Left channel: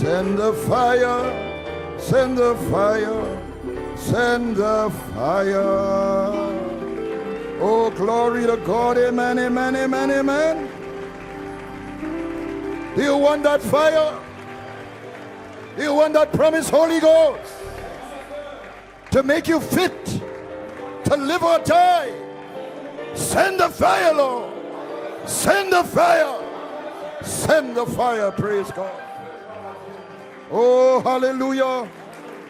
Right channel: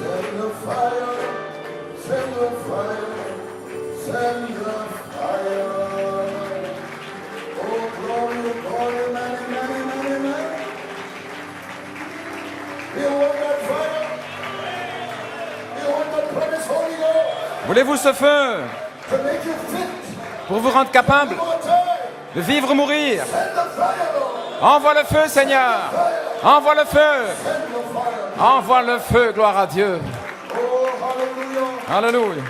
Send the fire, send the fire, send the fire. Oh, glory to God, amen, amen, amen, amen. You want that fire? You want that promise, Holy Ghost? Voulez-vous ce feu To make you fit, pour vous rendre to capable live or die. de vivre ou mourir? Send the fire, Lord. Envoie le feu, Send Seigneur. the fire. Envoie le feu. Send the fire. Envoie le feu, gloire à Dieu. Oh, hallelujah. Alléluia.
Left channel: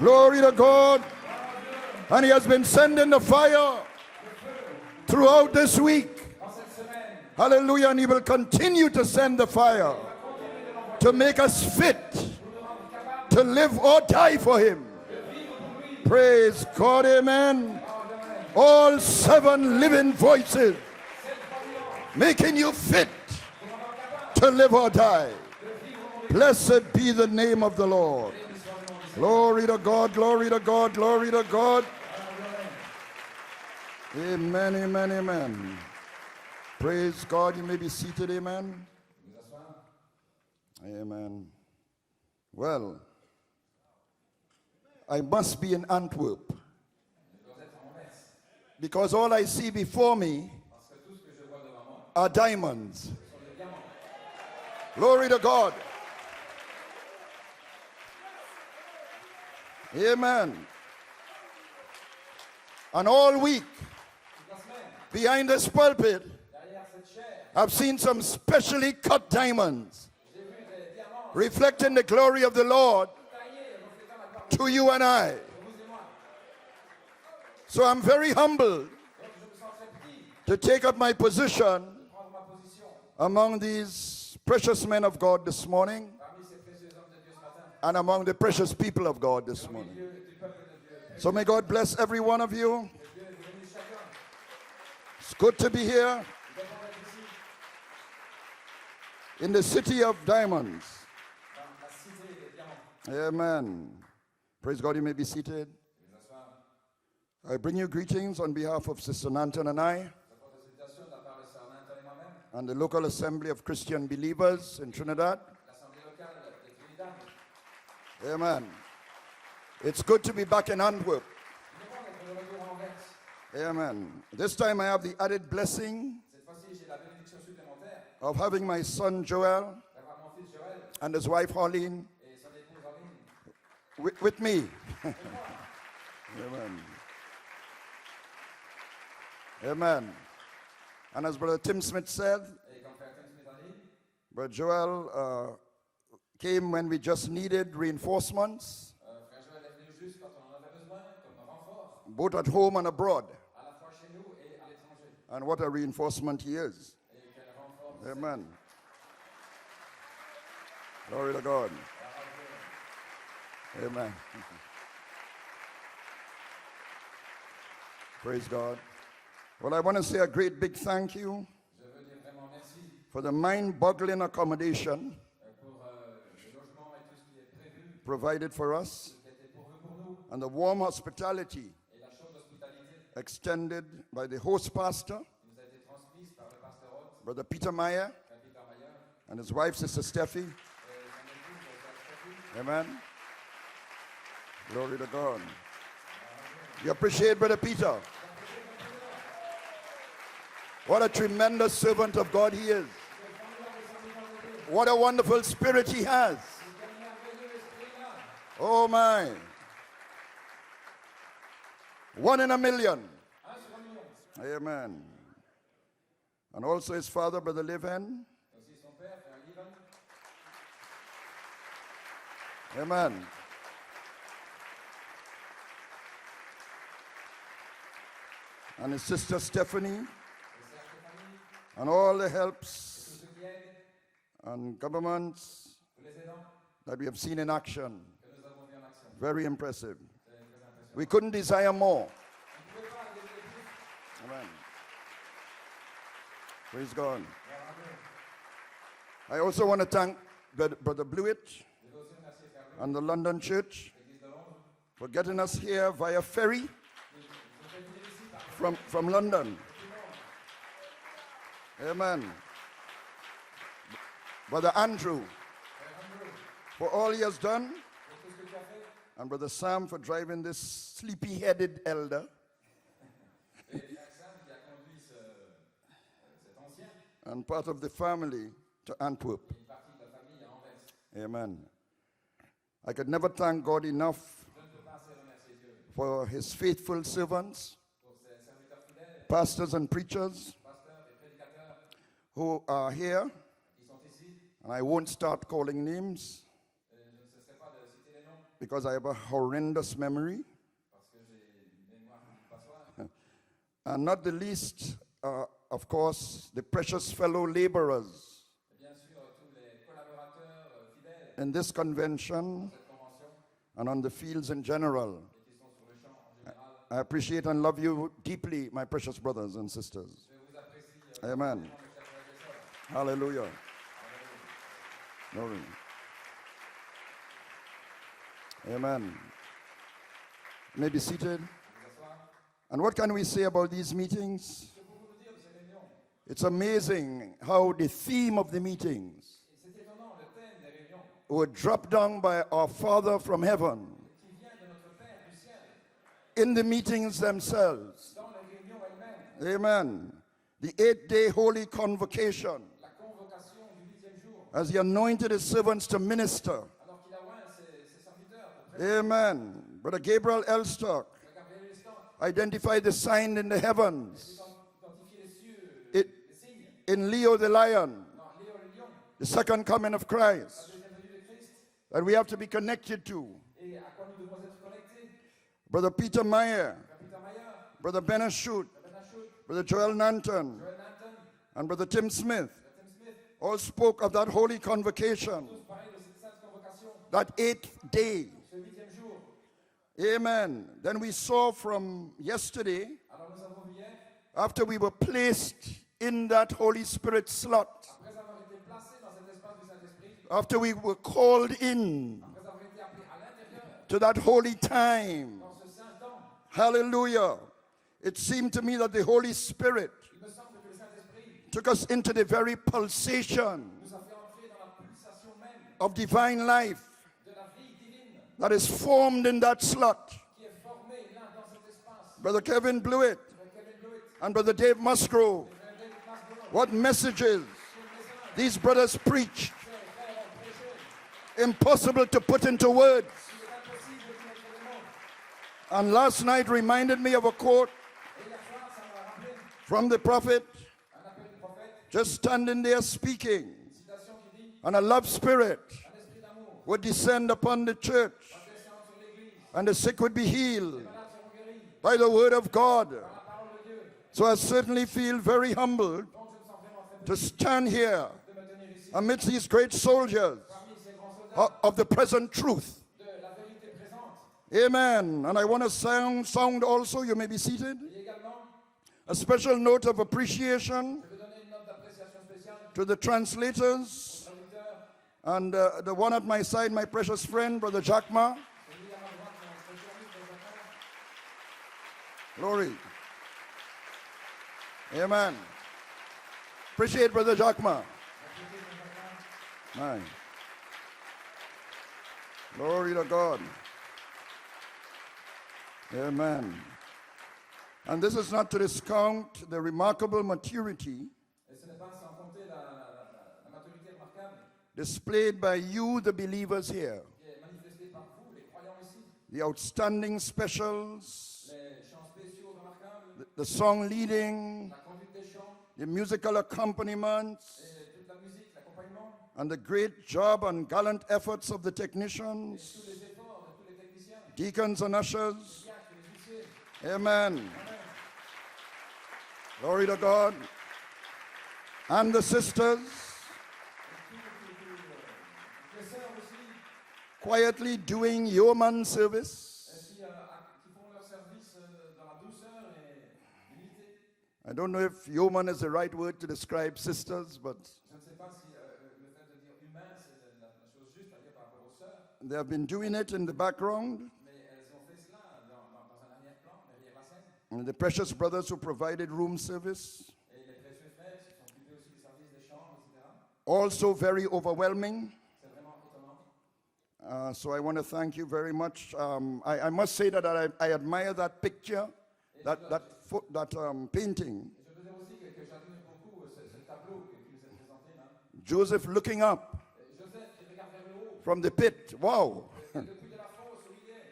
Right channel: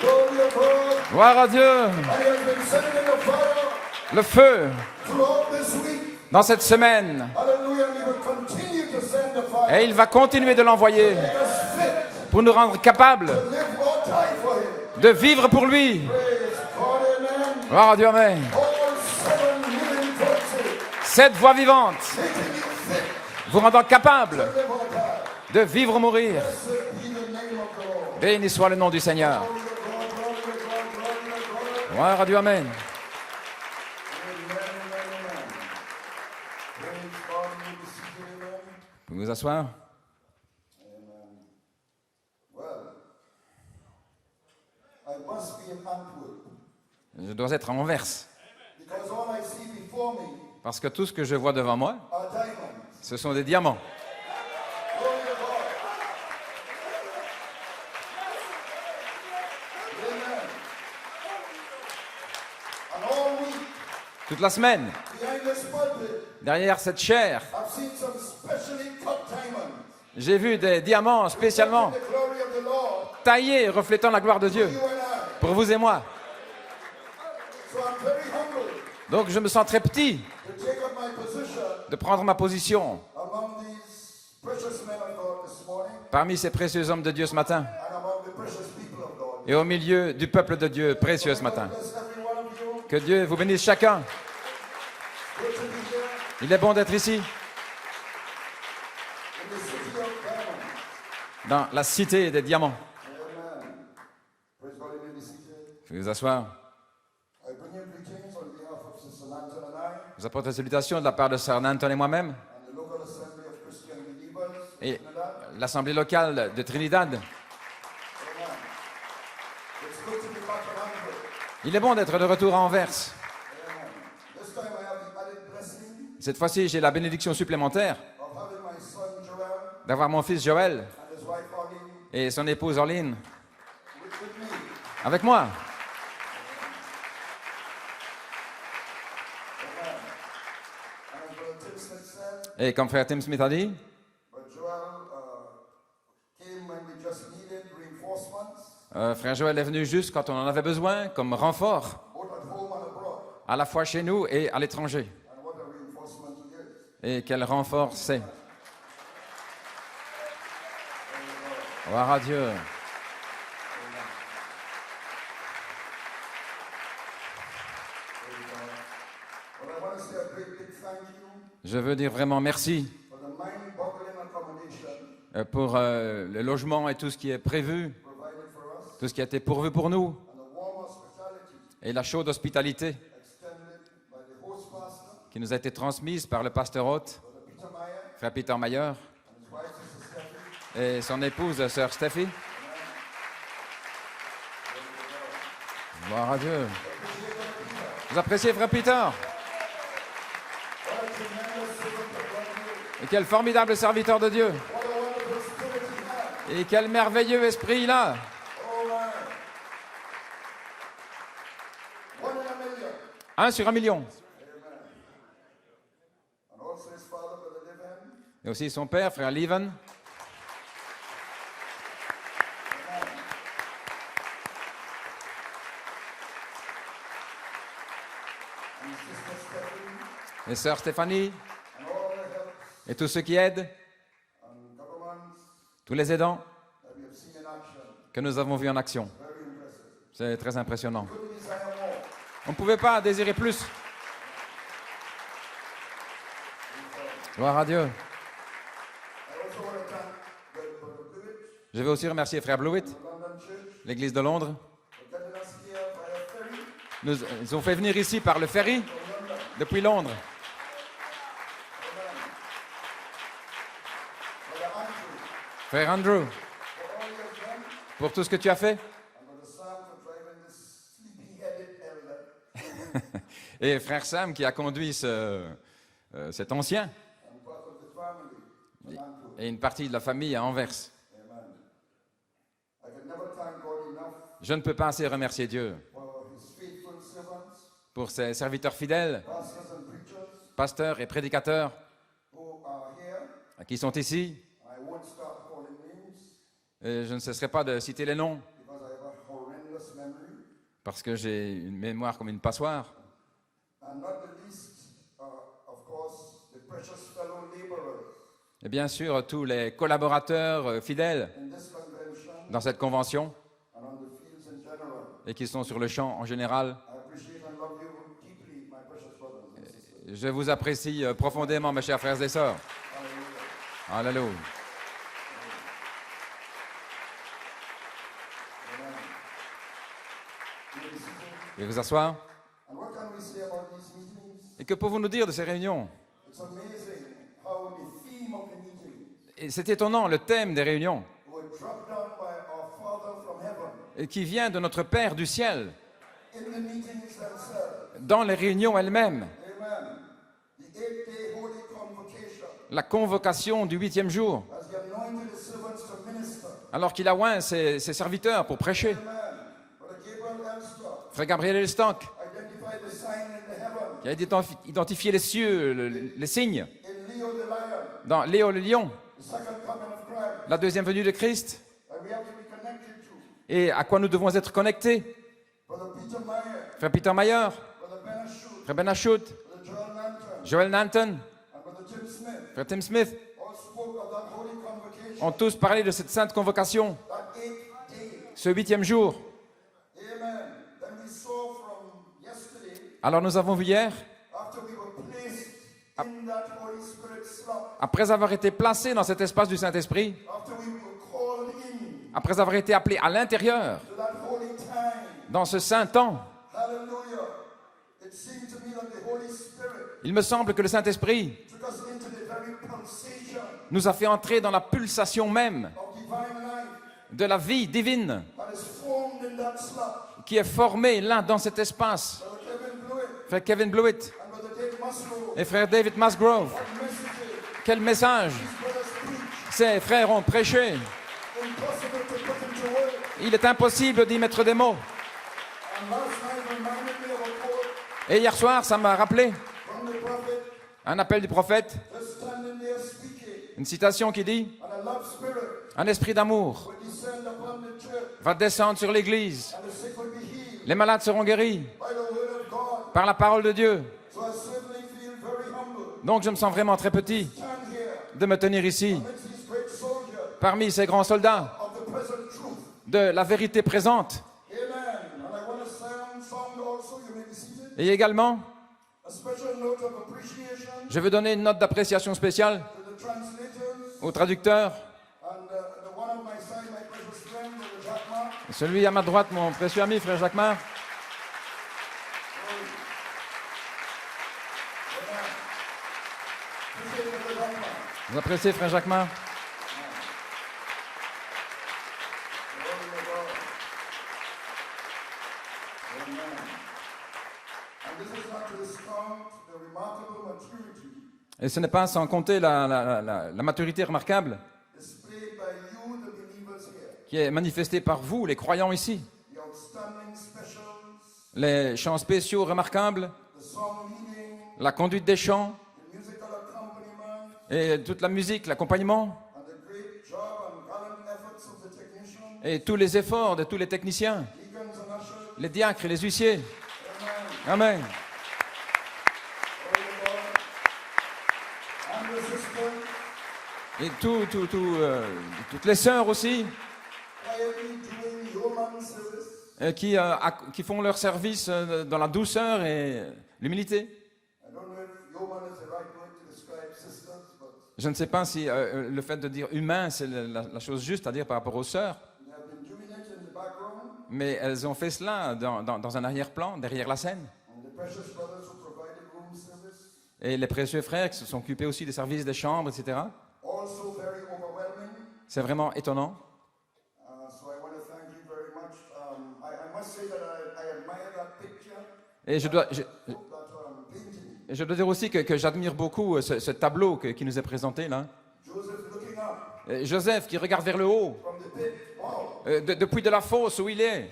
Glory to God. Gloire à Dieu. And he has been sending the fire Le feu throughout this week. dans cette semaine. Hallelujah. And he will continue to send the Et il fire va continuer de l'envoyer to make us fit pour nous rendre capables to live or die for him. de vivre pour lui. Praise God. Amen. Gloire à Dieu, amen. All 7 living voices 7 voix vivantes making you fit vous rendant capable to live or die. de vivre ou mourir. Blessed be the name of the Lord. Béni soit le nom du Seigneur. Glory to God, glory to God, glory to God. Gloire à Dieu, amen. Amen, amen, amen. Praise God. You may be seated, amen. Vous pouvez vous asseoir. Amen. Well, I must be in Antwerp Je dois être en Anvers. because all I see before me Parce que tout ce que je vois devant moi, are diamonds. ce sont des diamants. Glory to God. Amen. And all week, Toute la semaine, behind this pulpit, derrière cette chair, I've seen some specially cut diamonds j'ai vu des diamants spécialement reflecting the glory of the Lord taillés, reflétant la gloire de Dieu to you and I. pour vous et moi. So I'm very humbled Donc je me sens très petit to take up my position de prendre ma position among these precious men of God this morning parmi ces précieux hommes de Dieu ce matin and among the precious people of God. et au milieu du peuple de Dieu précieux So ce may God matin. bless every one of you. Que Dieu vous bénisse chacun. It's good to be here Il est bon d'être ici, in the city of diamonds. dans la cité des diamants. Amen. Praise God, you may be seated. Vous pouvez vous asseoir. I bring you greetings on behalf of Sister Nanton and I Je vous apporte la salutation de la part de Sœur Nanton et moi-même and the local assembly of Christian believers in et Trinidad. l'Assemblée locale de Trinidad. Amen. It's good to be back in Antwerp. Il est bon d'être de retour à Anvers. Amen. This time I have the added blessing Cette fois-ci, j'ai la bénédiction supplémentaire of having my son Joel d'avoir mon fils Joël and his wife Arlene et son épouse Orline with me. avec moi. Amen. And as Brother Tim Smith said, Et comme frère Tim Smith a dit, Brother Joel came when we just needed reinforcements, frère Joël est venu juste quand on en avait besoin, comme renfort, both at home and abroad. à la fois chez nous et à l'étranger. And what a reinforcement he is. Et quel renfort c'est. Amen. Glory to God. Gloire à Dieu. Amen. Praise God. Well, I want to say a great big thank you Je veux dire vraiment merci for the mind-boggling accommodation pour le logement et tout ce qui est prévu, provided for us tout ce qui a été pourvu pour nous, and the warm hospitality et la chaude hospitalité extended by the host pastor, qui nous a été transmise par le pasteur hôte, Brother Peter Meyer, frère Peter Mayer, and his wife, Sister Steffi. et son épouse, sœur Steffi. Amen. Glory to God. Gloire à Dieu. You appreciate Brother Peter. Vous appréciez frère Peter? What a tremendous servant of God he is. Et quel formidable serviteur de Dieu. What a wonderful spirit he has. Et quel merveilleux esprit il a. Oh my. 1 in a million. 1 sur 1 million. Amen. And also his father, Brother Leven. Et aussi son père, frère Leven. Amen. And his sister Stephanie. Et sœur Stéphanie. And all the helps Et tous ceux qui aident. and governments Tous les aidants that we have seen in action. que nous avons vus en action. Very impressive. C'est très impressionnant. We couldn't desire more. On ne pouvait pas désirer plus. Praise God. Gloire à Dieu. I also want to thank Brother Blewett Je veux aussi remercier frère Blewett, and the London Church l'église de Londres. for getting us here via ferry Ils ont fait venir ici par le ferry from London. depuis Londres. Amen. Brother Andrew, Frère Andrew, for all he has done, pour tout ce que tu as fait. and Brother Sam for driving this sleepy-headed elder, Et frère Sam qui a conduit cet ancien and part of the family to Antwerp. et une partie de la famille à Anvers. Amen. I could never thank God enough Je ne peux pas assez remercier Dieu for his faithful servants, pour ses serviteurs fidèles, pastors and preachers pasteurs et prédicateurs who are here. qui sont ici. And I won't start calling names Et je ne cesserai pas de citer les noms because I have a horrendous memory. parce que j'ai une mémoire comme une passoire. And not the least, of course, the precious fellow laborers Et bien sûr, tous les collaborateurs fidèles in this convention dans cette convention and on the fields in general. et qui sont sur le champ en général. I appreciate and love you deeply, my precious brothers and sisters. Je vous apprécie profondément, mes chers frères et sœurs. Hallelujah. Alléluia. Glory. Amen. You may be seated. Et vous asseoir. And what can we say about these meetings? Et que pouvons-nous dire de ces réunions? It's amazing how the theme of the meetings Et c'est étonnant, le thème des réunions, were dropped down by our Father from heaven et qui vient de notre Père du ciel, in the meetings themselves. dans les réunions elles-mêmes. Amen. The 8-day holy convocation, La convocation du 8e jour, as he anointed his servants to minister. alors qu'il a oint ses serviteurs pour prêcher. Amen. Brother Gabriel Elstock Frère Gabriel Elstock, identified the sign in the qui heavens a identifié les cieux, les signes, in Leo the lion, dans Léo le lion, the second coming of Christ, la deuxième venue de Christ, that we have to be connected to. et à quoi nous devons être connectés. Brother Peter Meyer, Frère Peter Mayer, Brother Ben Ashut, Frère Ben Ashut, Brother Joel Nanton, Joel Nanton, and Brother Tim Smith Frère Tim Smith, all spoke of that holy convocation, ont tous parlé de cette sainte convocation, that 8th day. ce 8e jour. Amen. Then we saw from yesterday, Alors nous avons vu hier, after we were placed in that Holy Spirit slot, après avoir été placés dans cet espace du Saint-Esprit, after we were called in après avoir été appelés à l'intérieur, to that holy time, dans ce saint temps, hallelujah, it seemed to me that the Holy Spirit il me semble que le Saint-Esprit took us into the very pulsation nous a fait entrer dans la pulsation même of divine life de la vie divine that is formed in that slot. qui est formée là dans cet espace. Brother Kevin Blewett Frère Kevin Blewett and Brother Dave Musgrove, et frère David Musgrove, what messages quel message these brothers preach, ces frères ont prêché. impossible to put into words. Il est impossible d'y mettre des mots. And last night reminded me of a quote Et hier soir, ça m'a rappelé from the prophet, un appel du prophète, just standing there speaking, une citation qui dit and a love spirit « Un esprit d'amour would descend upon the church, va descendre sur l'Église. and the sick would be Les healed malades seront guéris by the word of God." par la parole de Dieu. So I certainly feel very humbled Donc je me sens vraiment très to petit stand here de me tenir ici, amidst these great soldiers parmi ces grands soldats of the present truth. de la vérité présente. Amen. And I want to sound also, you may be seated, Et également, a special note of appreciation je veux donner une note d'appréciation spéciale to the translators aux traducteurs. and the one at my side, my precious friend, Brother Jackma. Celui à ma droite, mon précieux ami, frère Jacquemart. Glory. Amen. Appreciate Brother Jackma. Vous appréciez, frère Jacquemart? Man. Glory to God. Amen. And this is not to discount the remarkable maturity Et ce n'est pas sans compter la maturité remarquable displayed by you, the believers here. qui est manifestée par vous, les croyants ici. The outstanding specials, Les chants spéciaux remarquables, the song leading, la conduite des chants the musical accompaniment, et toute la musique, l'accompagnement and the great job and gallant efforts of the technicians, et tous les efforts de tous les techniciens, deacons and ushers. les diacres et les huissiers. Amen. Amen. Glory to God. And the sisters, Et toutes les sœurs aussi quietly doing yeoman service. qui font leur service dans la douceur et l'humilité. I don't know if yeoman is the right word to describe sisters, but Je ne sais pas si le fait de dire humain, c'est la chose juste à dire par rapport aux sœurs, they have been doing it in the background. mais elles ont fait cela dans un arrière-plan, derrière la scène. And the precious brothers who provided room service, Et les précieux frères qui se sont occupés aussi des services des chambres, etc. also very overwhelming. C'est vraiment étonnant. So I want to thank you very much. I must say that I admire that picture, Et je painting. dois dire aussi que j'admire beaucoup ce tableau qui nous est présenté là. Joseph looking up Joseph qui regarde vers le haut, from the pit. Wow. depuis de la fosse où il est.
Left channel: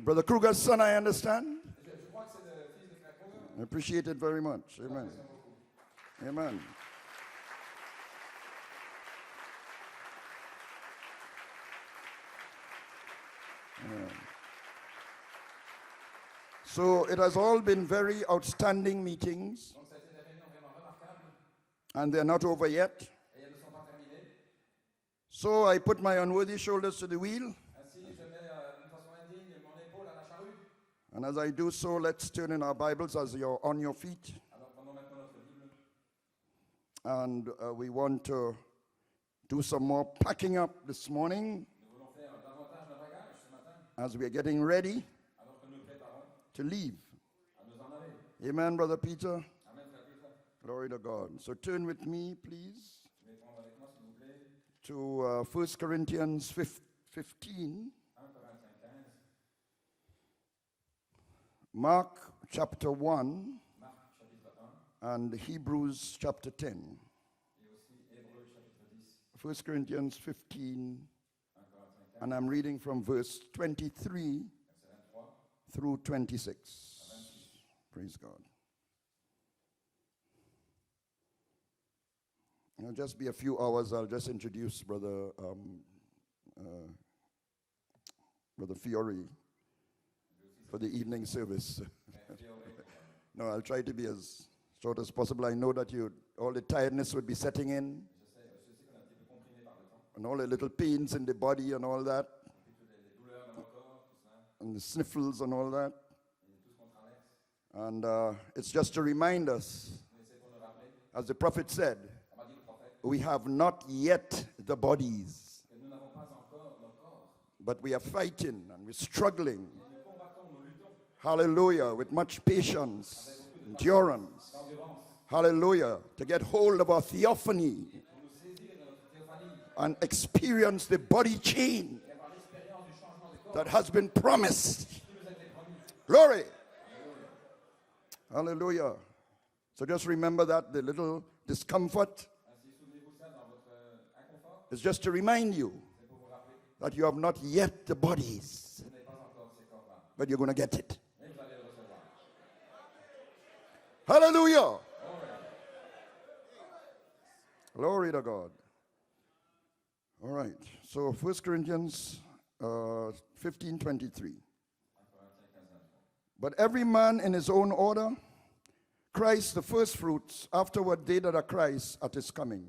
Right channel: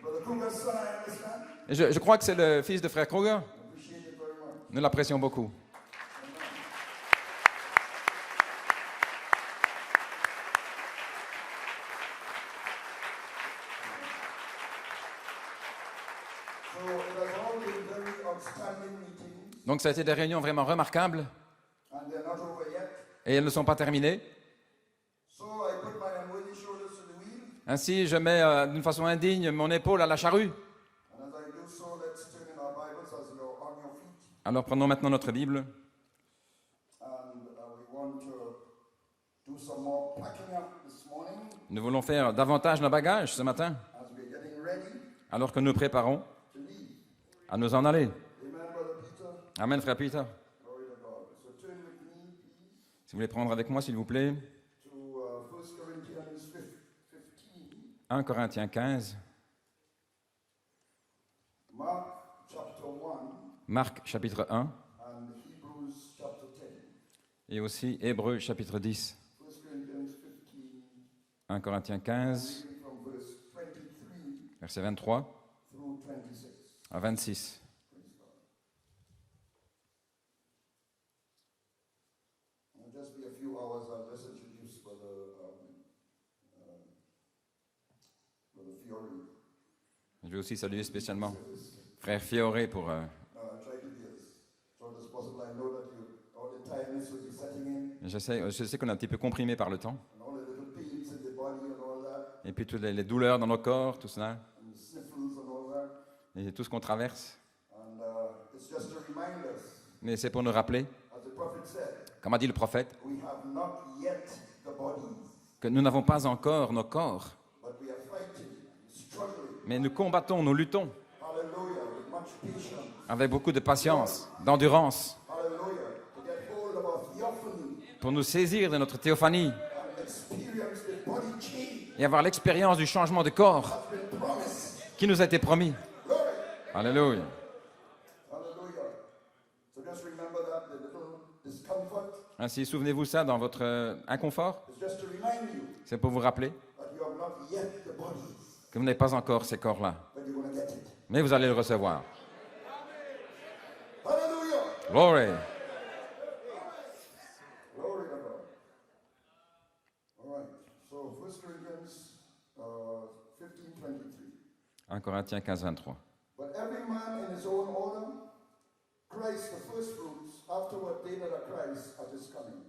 Brother Kruger's son, I understand. Et je crois que c'est le fils de frère Kruger. I appreciate it very much. Nous l'apprécions beaucoup. Amen. So it has all been very outstanding meetings, Donc ça a été des réunions vraiment remarquables and they're not over yet. et elles ne sont pas terminées. So I put my unworthy shoulders to the wheel, Ainsi, je mets d'une façon indigne mon épaule à la charrue. and as I do so, let's turn in our Bibles as you're on your feet, Alors prenons maintenant notre Bible and we want to do some more packing up this morning Nous voulons faire davantage nos bagages ce matin, as we're getting ready alors que nous préparons to leave. à nous en aller. Amen, Brother Peter. Amen, frère Peter. Glory to God. So turn with me, please, Si vous voulez prendre avec moi, s'il vous plaît, to 1 Corinthians 15, 1 Corinthiens 15, Mark chapter 1, Marc chapitre 1 and Hebrews chapter 10. et aussi Hébreux chapitre 10. 1 Corinthians 15, 1 Corinthiens and I'm 15, reading from verse 23 verset 23 through 26. à 26. Praise God. It'll just be a few hours. I'll just introduce Brother Fiore Je vais aussi for saluer the evening spécialement service. frère Fioré pour... I'll try to be as short as possible. I know that all the tiredness would be setting in, je sais qu'on est un petit peu comprimé par le temps. and all the little pains in the body and all that, Et puis toutes les douleurs dans nos corps, tout cela, and the sniffles and all that. et tout ce qu'on traverse. And it's just to remind us, Mais c'est pour nous rappeler, as the prophet said, comme a dit le prophète, we have not yet the bodies, que nous n'avons pas encore nos corps, but we are fighting and we're struggling. mais nous combattons, nous luttons Hallelujah, with much patience. avec beaucoup de patience, d'endurance, Hallelujah, to get hold of our theophany pour nous saisir de notre théophanie and experience the body change et avoir l'expérience du changement de that corps has been promised. qui nous a été promis. Glory. Alléluia. Hallelujah. So just remember that the little discomfort Ainsi, souvenez-vous ça dans votre inconfort, is just to remind you c'est pour vous rappeler that you have not yet the bodies, que vous n'avez pas encore ces corps-là, but you're going to get it. mais vous allez le recevoir. Hallelujah. Glory. Glory to God. All right. So 1 Corinthians 15:23. 1 Corinthiens 15, 23. But every man in his own order, Christ the first fruits, afterward they that are Christ at his coming.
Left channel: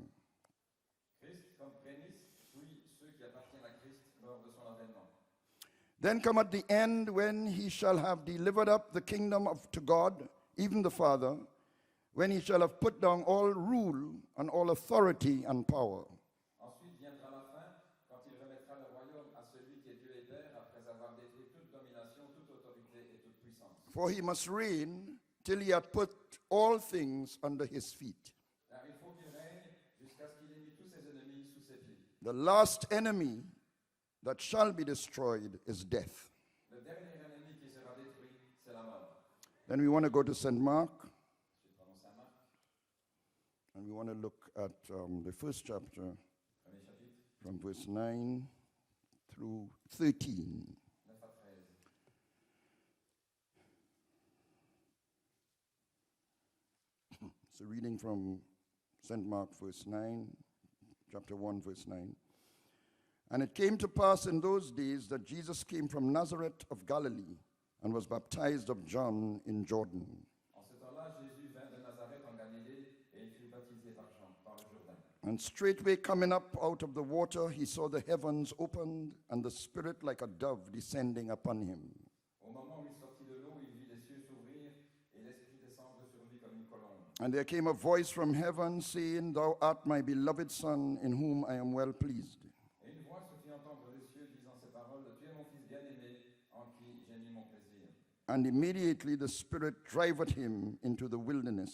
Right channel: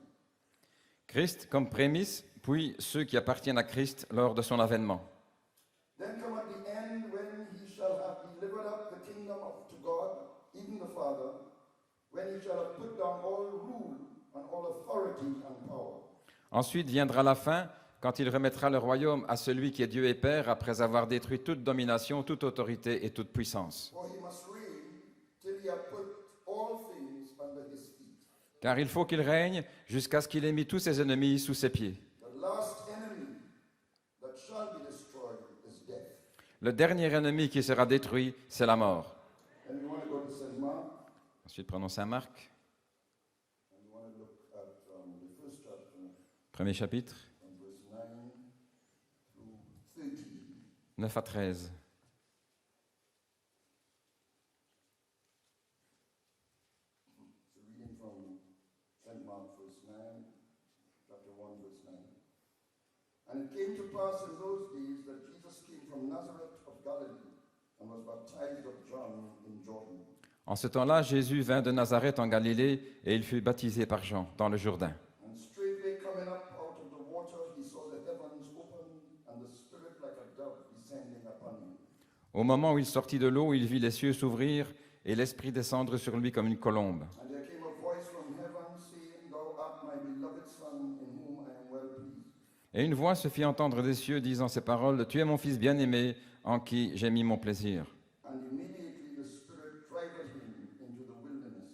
Christ comme prémisse, puis ceux qui appartiennent à Christ lors de son avènement. Then come at the end when he shall have delivered up the kingdom to God, even the Father, when he shall have put down all rule and all authority and power. Ensuite viendra la fin, quand il remettra le royaume à celui qui est Dieu et Père, après avoir détruit toute domination, toute autorité et toute puissance. For he must reign till he hath put all things under his feet. Car il faut qu'il règne jusqu'à ce qu'il ait mis tous ses ennemis sous ses pieds. The last enemy that shall be destroyed is death. Le dernier ennemi qui sera détruit, c'est la mort. Then we want to go to St. Mark, Ensuite, prenons Saint Marc, and we want to look at the first chapter premier chapitre, from verse 9 through 13. 9 à 13. It's a reading from St. Mark, verse 9, chapter 1, verse 9. And it came to pass in those days that Jesus came from Nazareth of Galilee and was baptized of John in Jordan. En ce temps-là, Jésus vint de Nazareth en Galilée et il fut baptisé par Jean dans le Jourdain. And straightway coming up out of the water, he saw the heavens opened and the Spirit like a dove descending upon him. Au moment où il sortit de l'eau, il vit les cieux s'ouvrir et l'Esprit descendre sur lui comme une colombe. And there came a voice from heaven saying, Thou art my beloved Son, in whom I am well pleased. Et une voix se fit entendre des cieux disant ces paroles, « Tu es mon Fils bien-aimé, en qui j'ai mis mon plaisir. » And immediately the Spirit driveth him into the wilderness.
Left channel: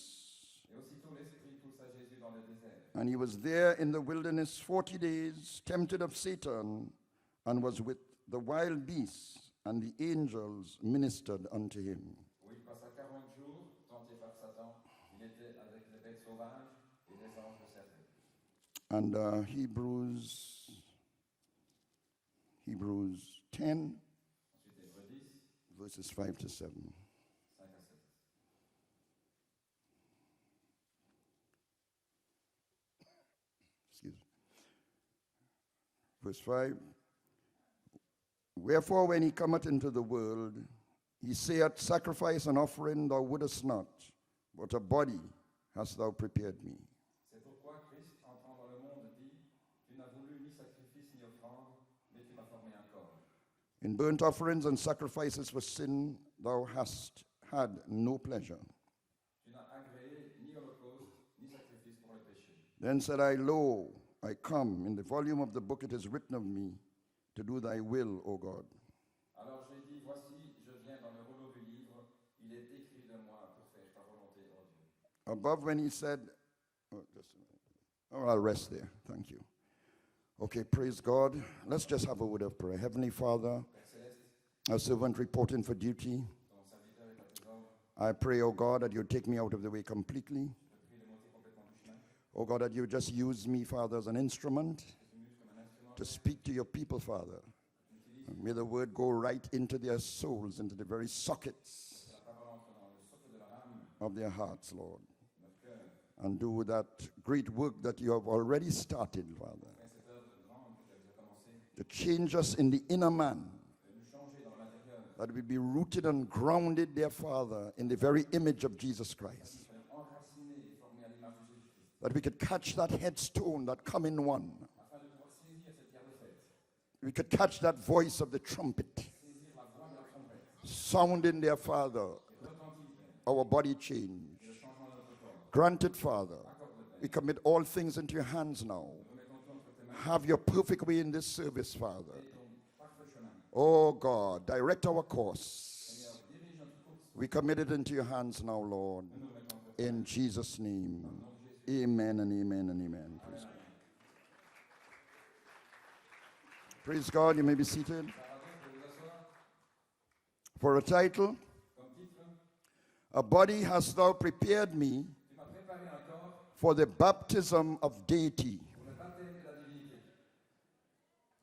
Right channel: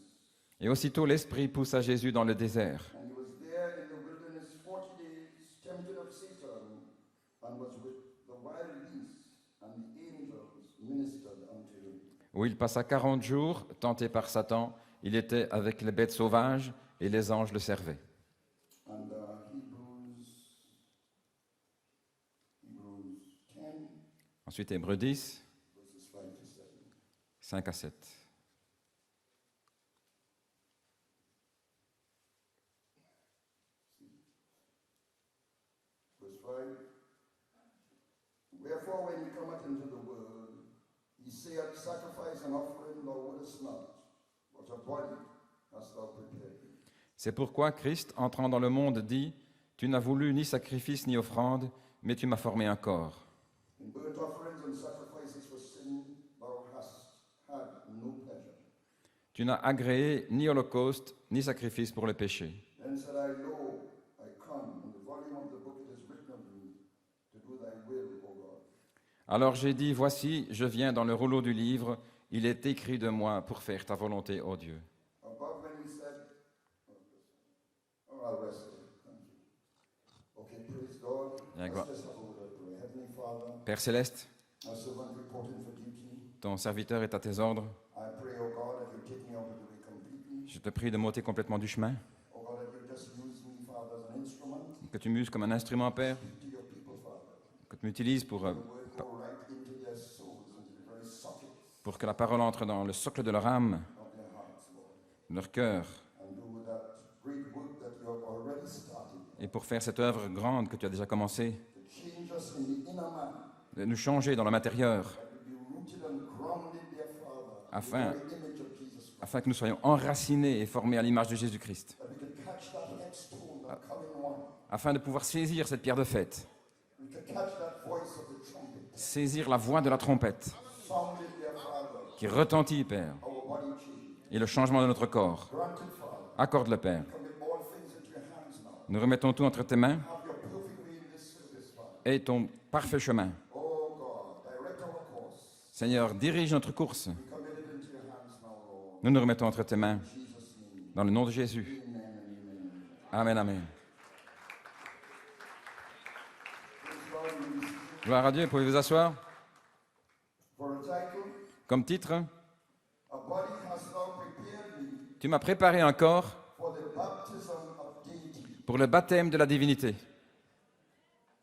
Et aussitôt l'Esprit poussa Jésus dans le désert. And he was there in the wilderness 40 days, tempted of Satan, and was with the wild beasts, and the angels ministered unto him. où il passa 40 jours, tenté par Satan. Il était avec les bêtes sauvages et les anges le servaient. And Hebrews 10, Ensuite, Hébreux 10, verses 5 to 7. 5 à 7. Excuse me. Verse 5. Wherefore, when he cometh into the world, he saith, Sacrifice and offering thou wouldest not, but a body hast thou prepared me. C'est pourquoi Christ, entrant dans le monde, dit « Tu n'as voulu ni sacrifice ni offrande, mais tu m'as formé un corps. In burnt offerings and sacrifices for sin thou hast had no pleasure. Tu n'as agréé ni holocauste, ni sacrifice pour le péché. Then said I, Lo, I come. In the volume of the book it is written of me, to do thy will, O God. Alors j'ai dit « Voici, je viens dans le rouleau du livre, il est écrit de moi pour faire ta volonté, ô Dieu. » Above when he said, I'll rest there. Thank you. Okay, praise God. Yeah, Let's God. just have a word of prayer. Heavenly Father, Père céleste, a servant reporting for duty, ton serviteur est à tes ordres. I pray, O God, that you take me out of the way completely. Je te prie de m'ôter complètement du chemin, O God, that you just use me, Father, as an instrument que tu m'uses comme un instrument, to Père, speak to your people, Father. que tu m'utilises pour May the word go right into their souls, into the very sockets que la parole entre dans le socle de leur âme, of their hearts, Lord, leur cœur, and do that great work that you have already started, et pour faire cette œuvre grande que tu as déjà commencée, to change us in the inner man, de nous changer dans le matérieur, that we be rooted and grounded, dear Father, in the Afin- very image of Jesus Christ. afin que nous soyons enracinés et formés à l'image de Jésus-Christ, That we could catch that headstone, that coming one. afin de pouvoir saisir cette pierre de fête, We could catch that voice of the trumpet, saisir la voix de la trompette sounding, dear Father, qui retentit, Père, our body change. et le changement de notre corps. Granted, Father. Accorde-le, Père. We commit all things into your hands now. Nous remettons tout entre tes mains Have your perfect way in this service, Father. et ton parfait chemin. Oh God, direct our course. Seigneur, dirige notre course. We commit it into your hands now, Lord. Nous nous remettons entre tes mains, In Jesus' name. dans le nom de Jésus. Amen and amen and amen. Amen, amen. Praise God, you may be seated. Gloire à Dieu, pouvez vous asseoir. For a title, Comme titre, A Body Hast Thou Prepared Me tu m'as préparé un corps for the Baptism of Deity. pour le baptême de la divinité.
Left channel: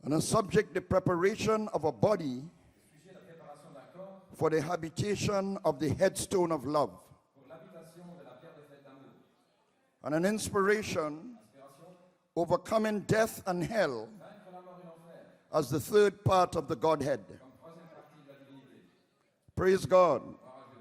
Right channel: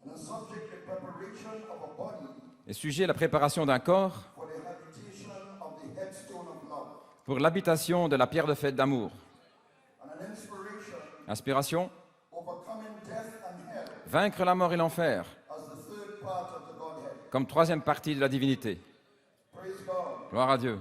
And a subject, the preparation of a body Et sujet, la préparation d'un corps for the habitation of the headstone of love. pour l'habitation de la pierre de fête d'amour. And an inspiration, Inspiration, overcoming death and hell vaincre la mort et l'enfer, as the third part of the Godhead. comme troisième partie de la divinité. Praise God. Gloire à Dieu.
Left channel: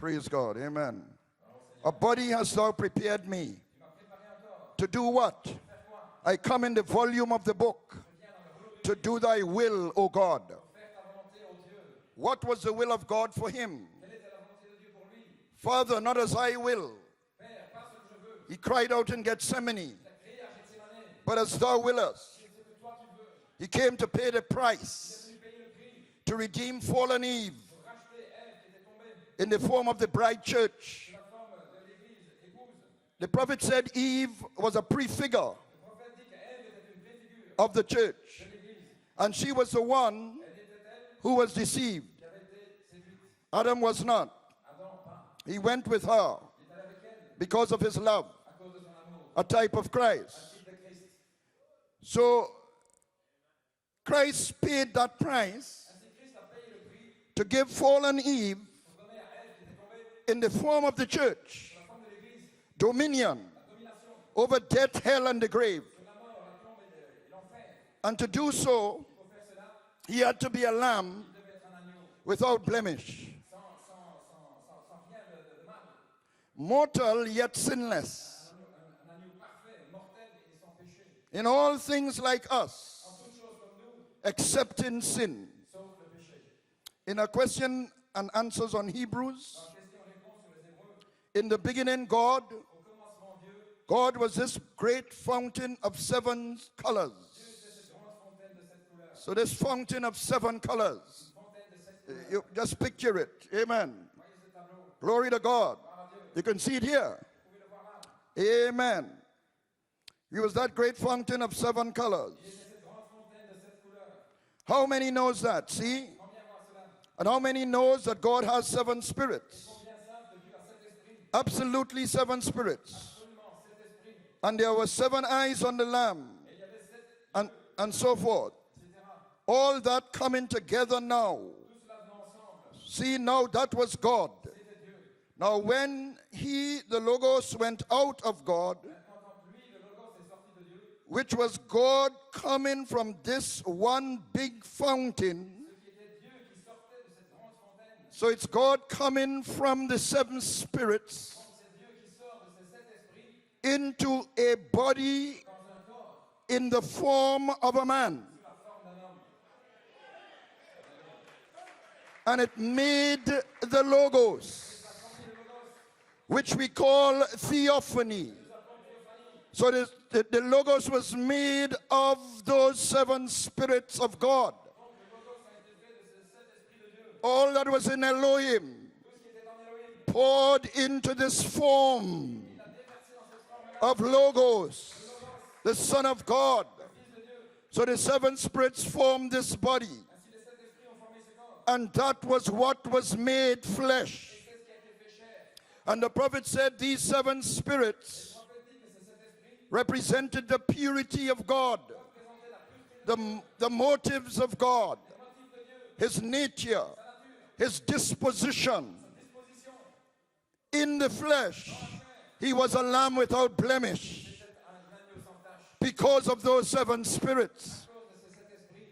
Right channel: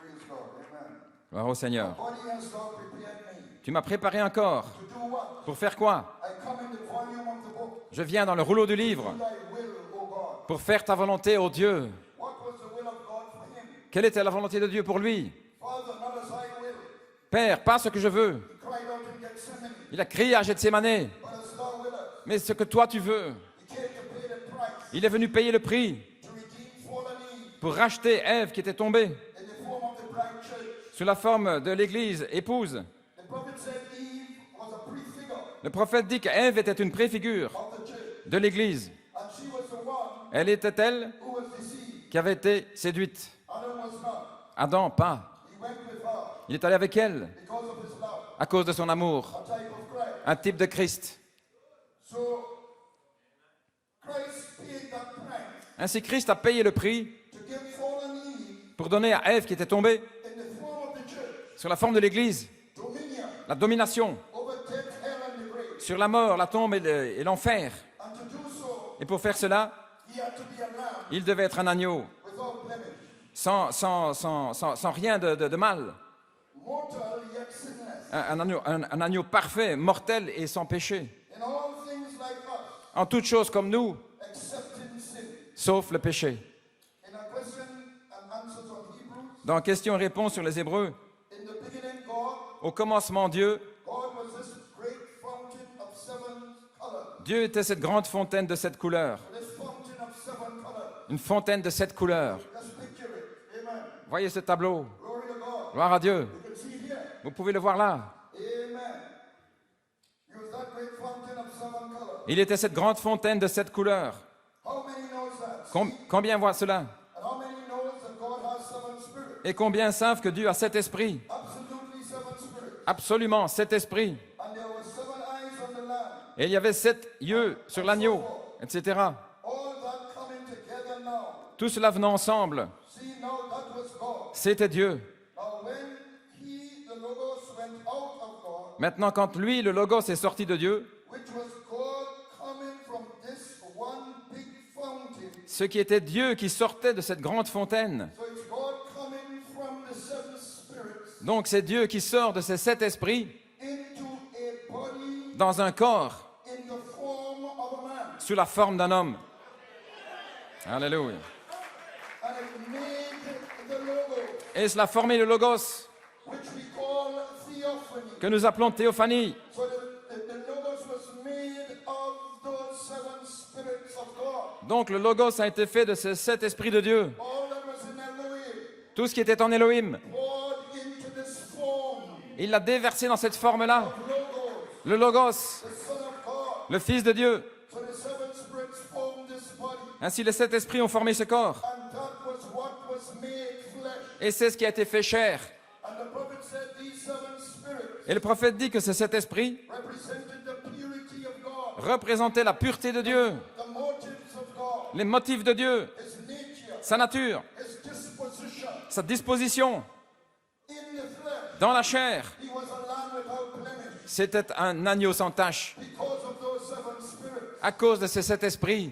Praise God. Amen. Gloire au A Seigneur. body hast thou prepared me. Tu m'as préparé un corps. To do what? Pour faire quoi? I come in the volume of the book. Je viens dans le rouleau du To livre do thy will, O God. pour faire ta volonté, ô Dieu. What was the will of God for him? Quelle était la volonté de Dieu pour lui? Father, not as I will. Père, pas ce que je veux. He cried out in Gethsemane, Il a crié à Gethsémané, but as thou willest. mais ce que toi tu veux. He came to pay the price, Il est venu payer le prix to redeem fallen Eve pour racheter Ève qui était tombée in the form of the bride church. sous la forme de l'Église épouse. The prophet said Eve was a prefigure Le prophète dit qu'Ève était une préfigure of the church, de l'Église. and she was the one Elle était elle who was deceived. qui avait été séduite. Adam was not. Adam, pas. He went with her Il est allé avec elle because of his love, à cause de son amour. a type of Christ. Un type de Christ. So Christ paid that price Ainsi, Christ a payé le prix to give fallen Eve pour donner à Ève qui était tombée in the form of the church sur la forme de l'Église dominion la domination over death, hell, and the grave. sur la mort, la tombe et l'enfer. And to do so, Et pour faire cela, he had to be a lamb il devait être un agneau without blemish, sans rien de mal. mortal yet sinless, Un agneau parfait, mortel et sans péché. in all things like us, En toutes choses comme nous, except in sin. sauf le péché. In a question and answers on Hebrews, Dans questions-réponses sur les Hébreux, in the beginning, God au commencement, Dieu was this great fountain of seven colors. Dieu était cette grande fontaine de 7 couleurs. So this fountain of seven colors, Une fontaine de 7 couleurs. you just picture it. Amen. Voyez ce tableau. Glory to God. Gloire à Dieu. You can see it here. Vous pouvez le voir là. Amen. He was that great fountain of 7 colors. Il était cette grande fontaine de 7 couleurs. How many knows that? See? Combien voient cela? And how many knows that God has 7 spirits? Et combien savent que Dieu a 7 esprits? Absolutely 7 spirits. Absolument, 7 esprits. And there were 7 eyes on the lamb. Et il y avait 7 yeux And- sur and l'agneau, so forth. etc. All that coming together now. Tout cela venant ensemble, See, now that was God. c'était Dieu. Now when the Logos went out of God, Maintenant, quand lui, le Logos, est sorti de Dieu, which was God coming from this one big fountain. ce qui était Dieu qui sortait de cette grande fontaine. So it's God coming from the 7 spirits Donc c'est Dieu qui sort de ces 7 esprits into a body dans un corps, in the form of a man. sous la forme d'un homme. Alléluia. And it made the Logos, Et cela a formé le Logos, which we call theophany. que nous appelons théophanie. So the Logos was made of those 7 spirits of God. Donc le Logos a été fait de ces 7 esprits de Dieu. All that was in Elohim Tout ce qui était en Elohim, poured into this form il l'a déversé dans cette forme-là. of Logos, Le Logos, the Son of God. le Fils de Dieu. So the 7 spirits formed this body. Ainsi les 7 esprits ont formé ce corps. And that was what was made flesh. Et c'est ce qui a été fait chair. And the prophet said these 7 spirits Et le prophète dit que ces 7 esprits represented the purity of God, représentaient la pureté de Dieu, the motives of God, les motifs de Dieu, his nature, sa nature, his disposition. sa disposition. In the flesh, Dans la chair, he was a lamb without blemish c'était un agneau sans tache. because of those 7 spirits. À cause de ces 7 esprits,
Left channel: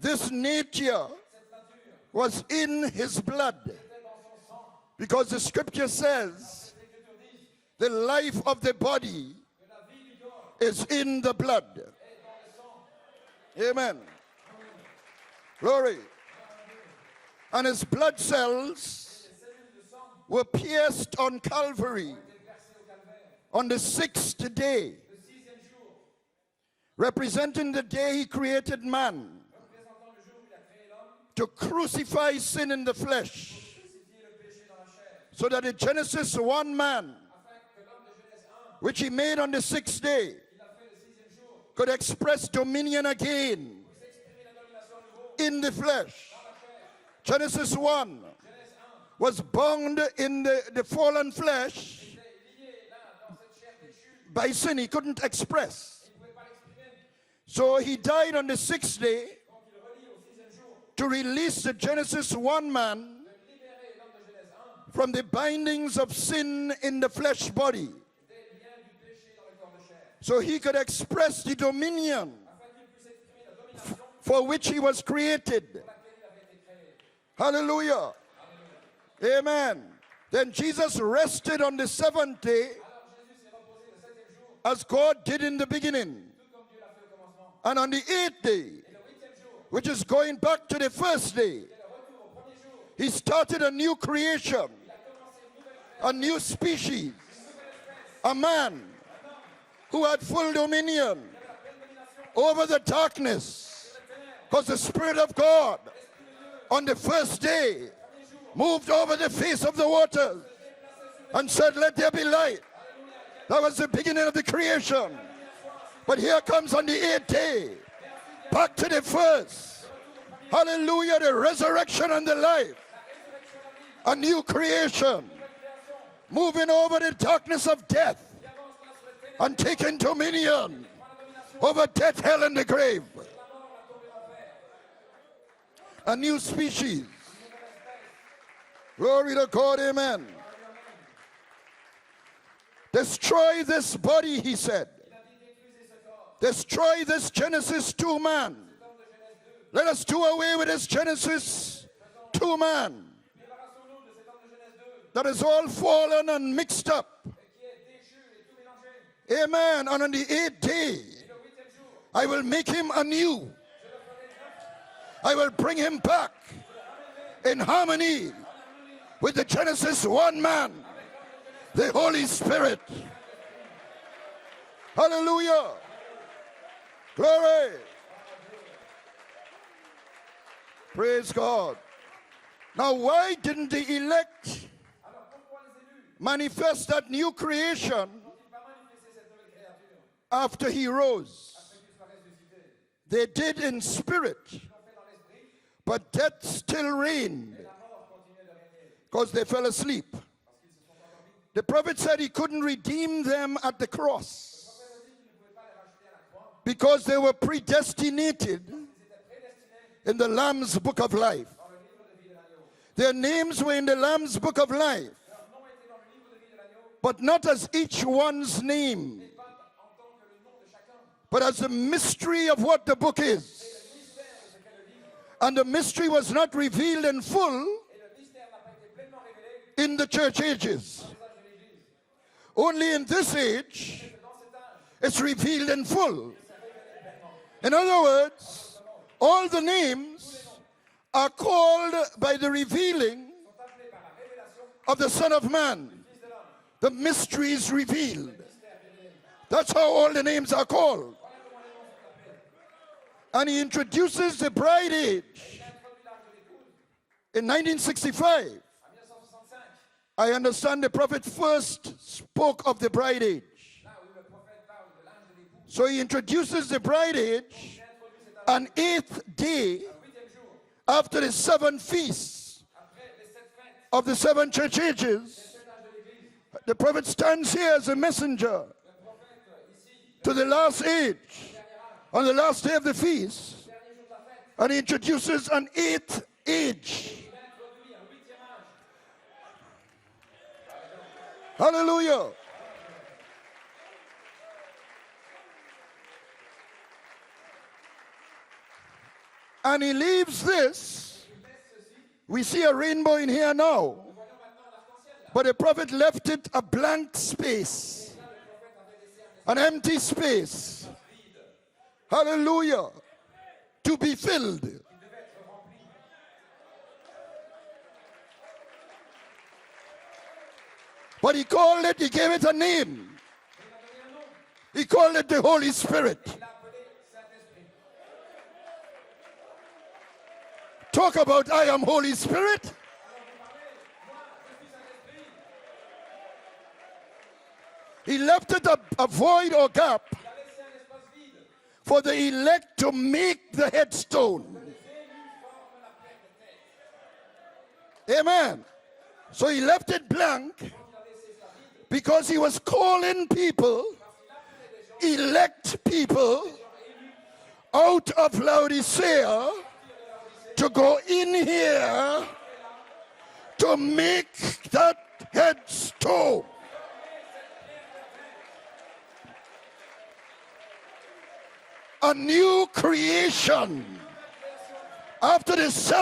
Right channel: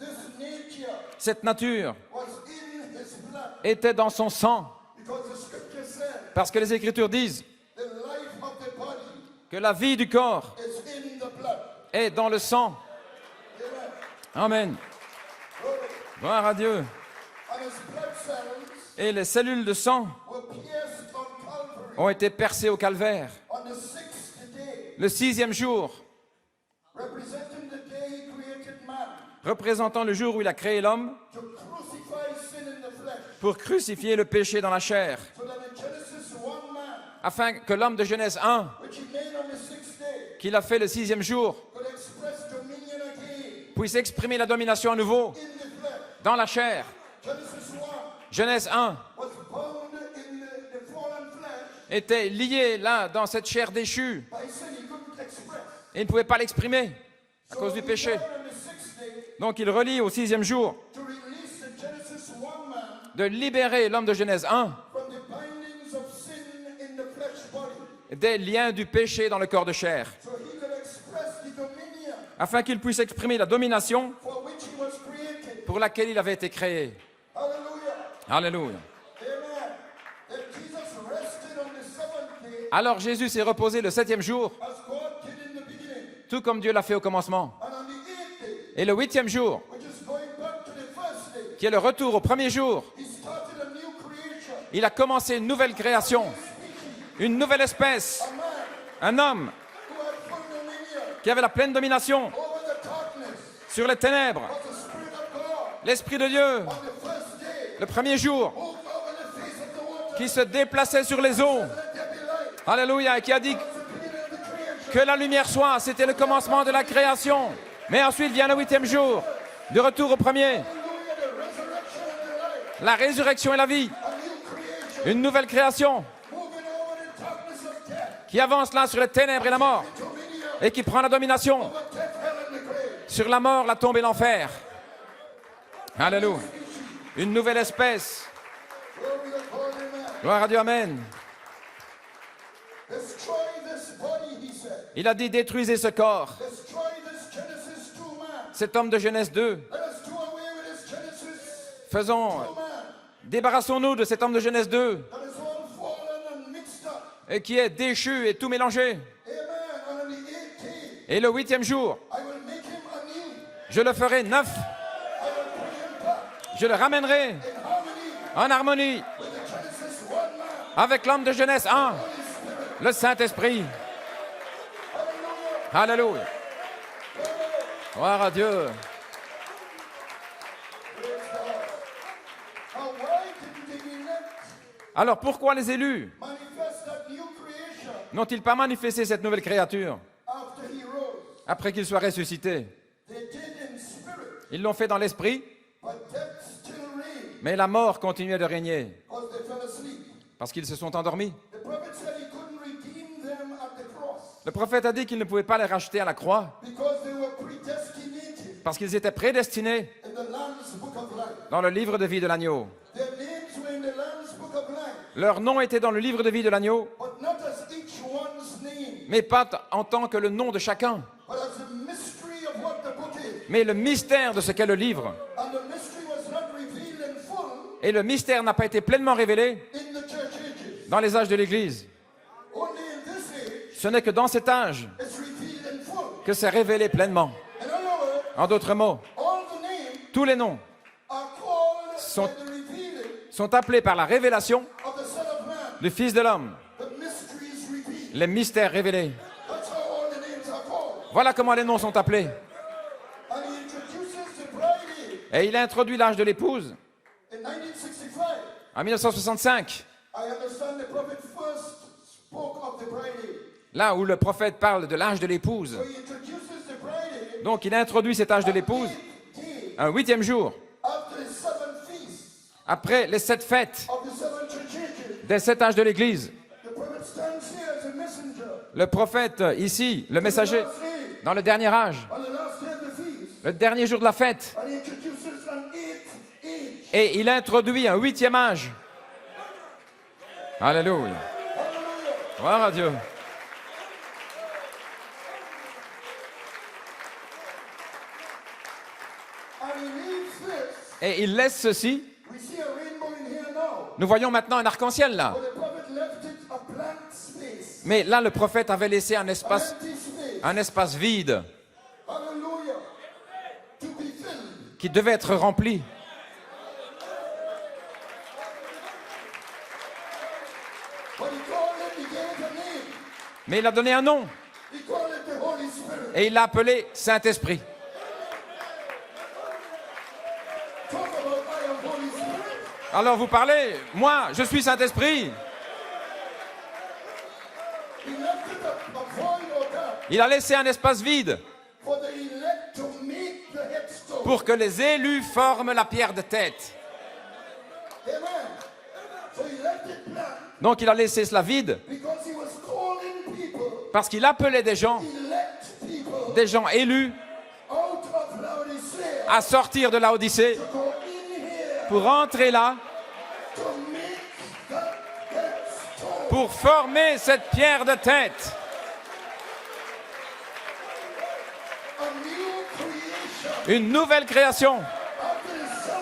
This nature cette nature was in his blood était dans son sang. because the scripture says Parce que les Écritures disent the life of the body que la vie du corps is in the blood. est dans le sang. Amen. Amen. Glory. Gloire à Dieu. And his blood cells Et les cellules de sang were pierced on Calvary ont été percées au calvaire. on the 6th day, Le 6e jour, representing the day he created man représentant le jour où il a créé l'homme to crucify sin in the flesh, pour crucifier le péché dans la chair, so that in Genesis 1 man, afin que l'homme de Genèse 1, which he made on the 6th day, qu'il a fait le 6e jour, could express dominion again puisse exprimer la domination à nouveau in the flesh. dans la chair. Genesis 1 Genèse 1 was bound in the fallen flesh était lié là dans cette chair déchue by sin. He couldn't express. et il ne pouvait pas l'exprimer à So cause du he péché. died on the 6th day Donc il relie au 6e jour to release the Genesis 1 man de libérer l'homme de Genèse 1 from the bindings of sin in the flesh body, des liens du péché dans le corps de chair, so he could express the dominion afin qu'il puisse exprimer la domination for which he was created. pour laquelle il avait été créé. Hallelujah. Alléluia. Amen. Then Jesus rested on the 7th day Alors Jésus s'est reposé le 7e jour, as God did in the beginning. tout comme Dieu l'a fait au commencement. And on the 8th day, Et le 8e jour, which is going back to the first day, qui est le retour au premier jour, he started a new creation, il a commencé une nouvelle a création, new species, une nouvelle espèce, a man un homme who had full dominion qui avait la pleine domination over the darkness. sur les ténèbres. Because the Spirit of God L'Esprit de Dieu, on the first day le premier jour, moved over the face of the water qui se déplaçait sur les and eaux. said, "Let there be light." Alléluia, et qui a dit That was the beginning of the creation. que la lumière soit. C'était le But here commencement de comes la on the création. 8th day. Mais ensuite vient le Back to 8e the jour, first. de retour au premier. Hallelujah, the resurrection and the light. La résurrection et la vie, A new une creation nouvelle création moving over the darkness of death qui avance là sur les ténèbres et la and mort taking dominion et qui prend la domination over death, hell, and the grave. sur la mort, la tombe et l'enfer. A Alléluia. new species. Une nouvelle espèce. Glory to God, amen. Gloire à Dieu, amen. Destroy this body, he said. Il a dit détruisez ce corps. Destroy this Genesis 2 man. Cet homme de Genèse 2. Let us do away with this Genesis Faisons, 2 man débarrassons-nous de cet homme de Genèse 2 that is all fallen and mixed up. et qui est déchu et tout mélangé. Amen. And on the 8th day, Et le 8e jour, I will make him anew. je le ferai neuf. I will bring him back Je le ramènerai in harmony en harmonie with the Genesis 1 man, avec l'homme de Genèse the 1, Holy Spirit. le Saint-Esprit. Hallelujah. Alléluia. Glory. Gloire à Dieu. Praise God. Now, why didn't the elect Alors pourquoi les élus manifest that new creation n'ont-ils pas manifesté cette nouvelle créature after he rose? après qu'il soit ressuscité? They did in spirit, Ils l'ont fait dans l'esprit, but death still reigned mais la mort continuait de régner because they fell asleep. parce qu'ils se sont endormis. The prophet said he couldn't redeem them at the cross Le prophète a dit qu'il ne pouvait pas les racheter à la croix because they were predestinated parce qu'ils étaient prédestinés in the Lamb's book of life. dans le livre de vie de l'agneau. Their names were in the Lamb's book of life, Leur nom était dans le livre de vie de l'agneau, but not as each one's name, mais pas en tant que le nom de chacun, but as the mystery of what the book is. mais le mystère de ce qu'est le livre. And the mystery was not revealed in full Et le mystère n'a pas été pleinement révélé in the church ages. dans les âges de l'Église. Only in this age, Ce n'est que dans cet âge it's revealed in full. que c'est révélé pleinement. In other words, En d'autres mots, all the names tous les noms are called Sont- by the revealing sont appelés par la révélation of the Son of Man. du Fils de l'homme, The mysteries revealed. les mystères révélés. That's how all the names are called. Voilà comment les noms sont appelés. And he introduces the bride age Et il a introduit l'âge de l'épouse in 1965. en 1965, I understand the prophet first spoke of the bride age. là où le prophète parle de l'âge de l'épouse. So he introduces the bride age Donc il a introduit cet âge de on l'épouse 8th day un 8e jour, after the 7 feasts après les 7 fêtes of the 7 church ages. des 7 âges de l'Église. The prophet stands here as a messenger Le prophète ici, le to the messager, last age, dans le dernier âge, on the last day of the feast, le dernier jour de la fête. and he introduces an 8th age. Et il introduit un 8e âge. Alléluia. Hallelujah. Gloire à Dieu. And he leaves this. Et il laisse ceci. We see a rainbow in here now. Nous voyons maintenant un arc-en-ciel là. But the prophet left it a blank space, Mais là, le prophète avait laissé an empty space. un espace vide Hallelujah. To be filled. qui devait être rempli. But he called it, he gave it a name. Mais il a donné un nom He called it the Holy Spirit. et il l'a appelé Saint-Esprit. Talk about I am Holy Spirit. Alors vous parlez, moi, je suis Saint-Esprit. He left it a void or gap Il a laissé un espace vide for the elect to make the headstone. pour que les élus forment la pierre de tête. Amen. So he left it blank Donc il a laissé cela vide because he was calling people, parce qu'il appelait des gens élus out of Laodicea à sortir de la Odyssée to go in here pour entrer là, to make that headstone. pour former cette pierre de tête. A new creation Une nouvelle création. after the 7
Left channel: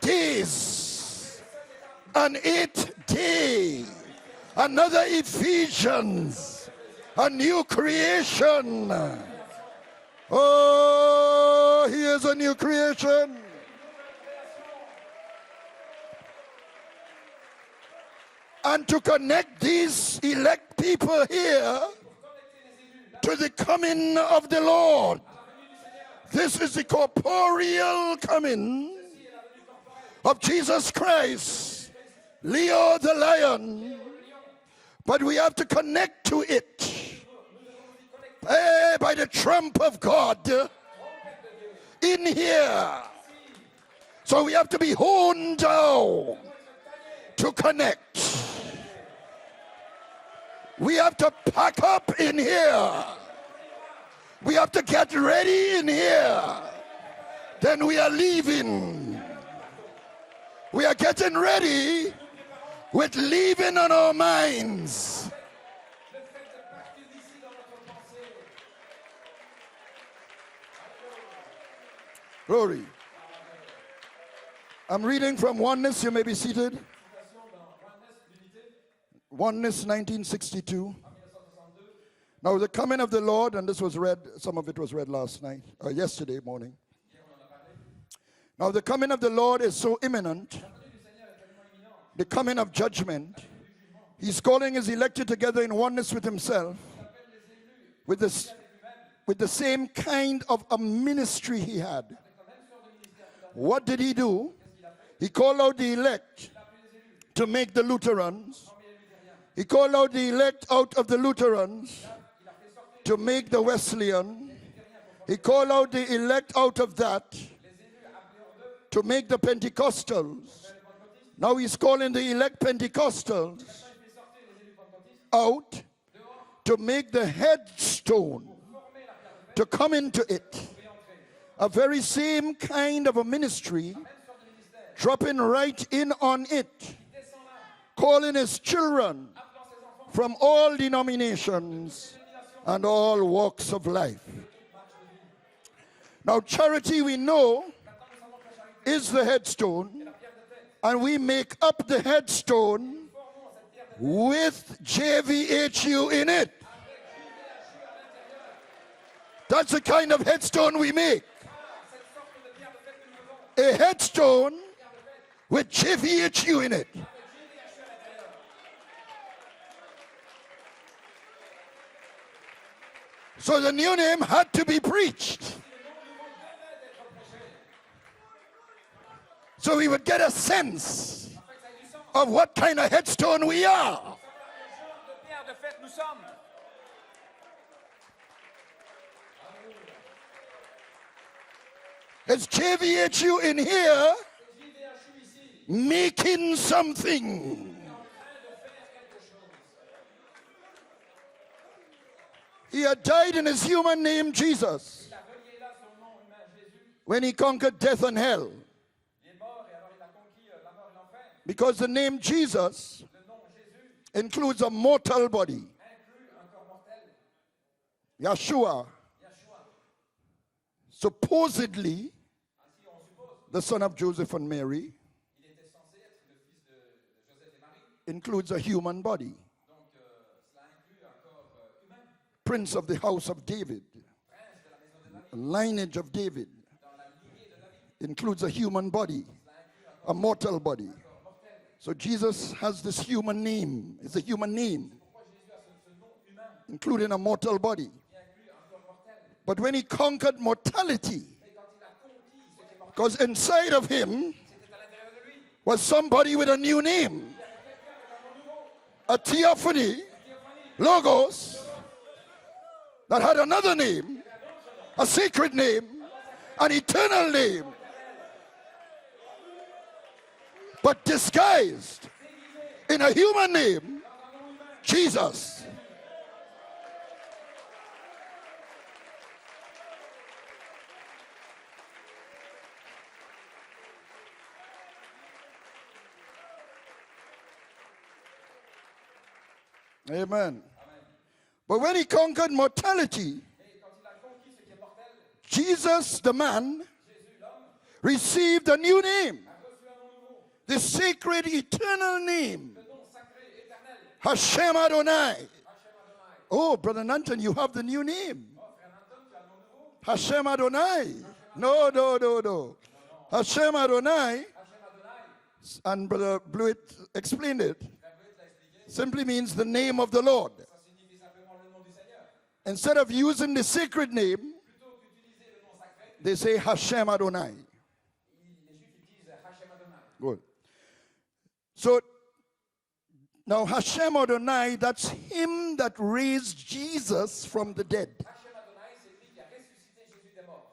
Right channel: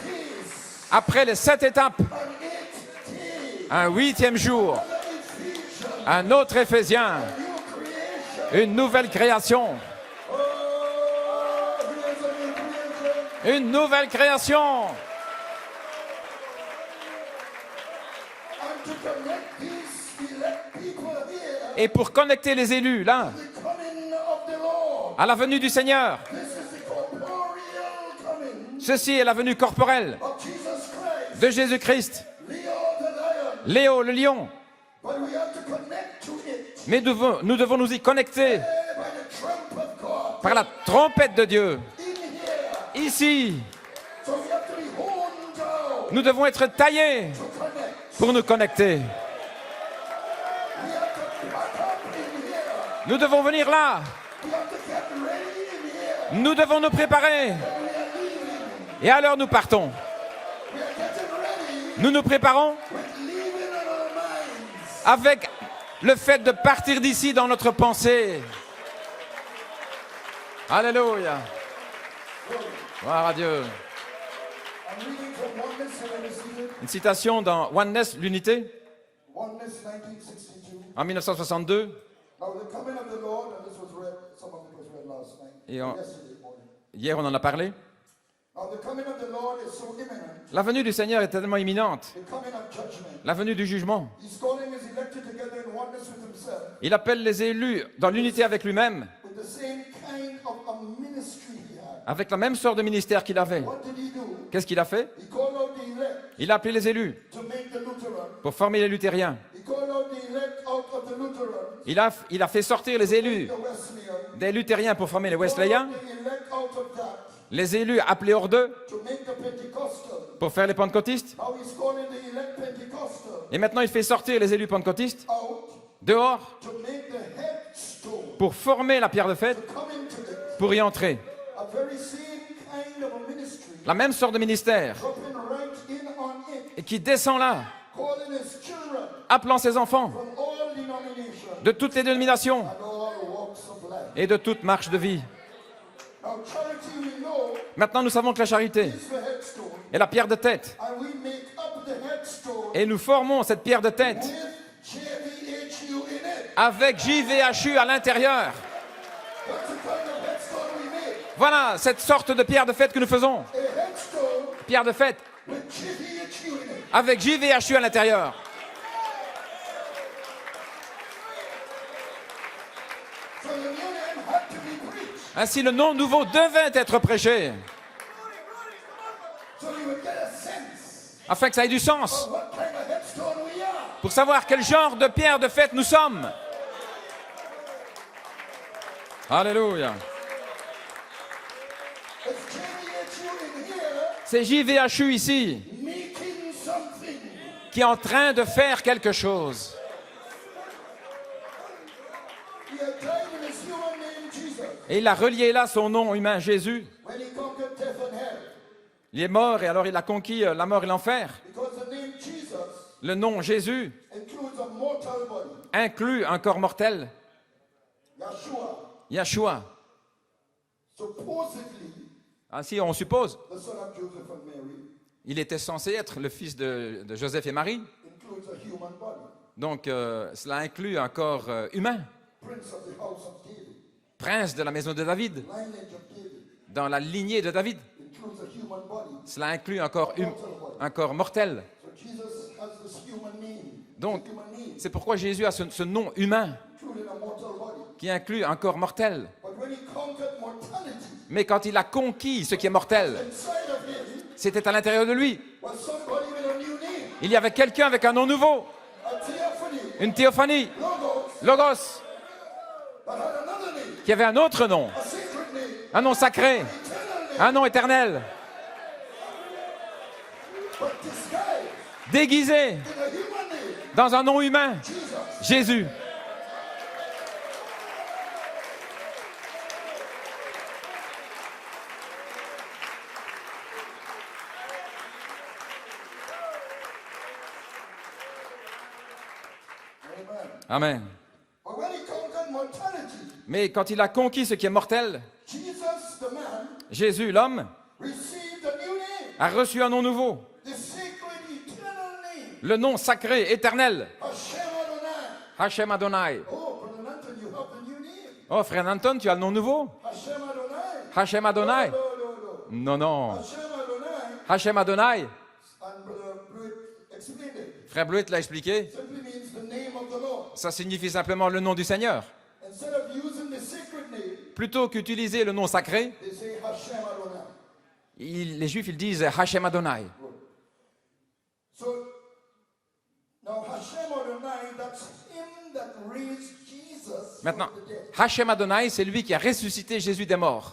days. Après les 7 étapes, An 8th day. un 8e jour, Another Ephesians. un autre Éphésien, A new creation. une nouvelle création. Oh, here's a new creation. Une nouvelle création. And to connect these elect people here Et pour connecter les élus là, to the coming of the Lord. à la venue du Seigneur, This is the corporeal coming ceci est la venue corporelle of Jesus Christ. de Jésus-Christ. Leo the lion. Léo le lion. But we have to connect to it. Mais nous devons nous y connecter By the trump of God. par la trompette de Dieu. In here. Ici, So we have to be honed down nous devons être taillés to connect. pour nous connecter. We have to pack up in here. Nous devons venir là. We have to get ready in here. Nous devons nous préparer. Then we are leaving. Et alors nous partons. We are getting ready Nous nous préparons with leaving on our minds. avec le fait de partir d'ici dans notre pensée. Alléluia. Glory. Gloire à Dieu. I'm reading from Oneness. You may be seated. Une citation dans Oneness, l'unité, Oneness 1962. en 1962. Now the coming of the Lord, and this was read, some of it was read last night, Yeah. yesterday morning. Hier, on en a parlé. The coming of the Lord is so imminent, La venue du Seigneur est tellement imminente. the coming of judgment. La venue du jugement. He's calling his elected together in oneness with himself, Il appelle les élus dans l'unité avec lui-même, with the same kind of a ministry he had. avec la même sorte de ministère qu'il avait. What did he do? Qu'est-ce qu'il a fait? He called out the elect Il a appelé les élus to make the Lutheran. pour former les luthériens. He called out the elect out of the Lutheran Il a fait sortir les to élus make the Wesleyan. des luthériens pour former les He called Wesleyens. out the elect out of that Les élus appelés hors d'eux to make the Pentecostal. pour faire les pentecôtistes. Now he's calling the elect Pentecostal Et maintenant, il fait sortir les élus pentecôtistes out dehors to make the headstone, pour former la pierre de fête, to come into it. pour y entrer. A very same kind of a ministry, La même sorte de ministère dropping right in on it, et qui descend là, calling his children appelant ses enfants from all denominations de toutes les dénominations and all walks of life. et de toute marche de vie. Now charity, we know, Maintenant, nous savons que la charité is the headstone, est la pierre de tête. and we make up the headstone Et nous formons cette pierre de tête with JVHU in it. avec JVHU à l'intérieur. That's the kind of headstone we make. Voilà cette sorte de pierre de fête que nous faisons. A headstone Pierre de fête with JVHU in it. avec JVHU à l'intérieur. So the new name had to be preached. Ainsi, le nom nouveau devait être prêché So we would get a sense afin que ça ait du sens of what kind of headstone we are. pour savoir quel genre de pierre de fête nous sommes. Alléluia. Is JVHU in here C'est JVHU ici making something? qui est en train de faire quelque chose. He had died in his human name, Jesus, Et il a relié là son nom humain, Jésus. when he conquered death and hell. Il est mort et alors il a conquis la mort et l'enfer. Because the name Jesus Le nom Jésus includes a mortal body. inclut un corps mortel, Yeshua, Yeshua. supposedly Ainsi, on suppose, the son of Joseph and Mary, il était censé être le fils de Joseph et Marie. includes a human body. Donc, cela inclut un corps humain, Prince of the house of David, prince de la maison de David, lineage of David, dans la lignée de David. includes a human body, Cela inclut a mortal body. un corps mortel. So Jesus has this human name. Donc, It's a human name, c'est pourquoi Jésus a ce nom humain including a mortal body. qui inclut un corps mortel. But when he conquered mortality, Mais quand il a conquis ce qui est mortel, was inside of him c'était à l'intérieur de lui. was somebody with a new name, Il y avait quelqu'un avec un nom nouveau, a theophany, une théophanie, logos, Logos, that had another name, qui avait un autre nom, a sacred name, un nom sacré, an eternal un nom name, éternel, but disguised déguisé in a human name, dans un nom humain, Jesus. Jésus. Amen. Amen. But when he conquered mortality, Mais quand il a conquis ce qui est mortel, Jesus, the man, Jésus, l'homme, received a new name, a reçu un nom nouveau, the sacred eternal name, le nom sacré, éternel, Hashem Adonai. Hashem Adonai. Oh, Brother Nanton, you have the new name, Oh, frère Anton, tu as le nom nouveau, Hashem Adonai. Hashem Adonai. No. Non, non, Hashem Adonai, Hashem Adonai, and Brother Blewett explained it, frère Bleuet l'a expliqué, simply means the name of the Lord. ça signifie simplement le nom du Seigneur. Instead of using the sacred name, Plutôt qu'utiliser le nom sacré, they say Hashem Adonai. les Juifs ils disent Hashem Adonai. Good. So, now Hashem Adonai, that's him that raised Jesus Maintenant, from the dead. Hashem Adonai, c'est lui qui a ressuscité Jésus des morts.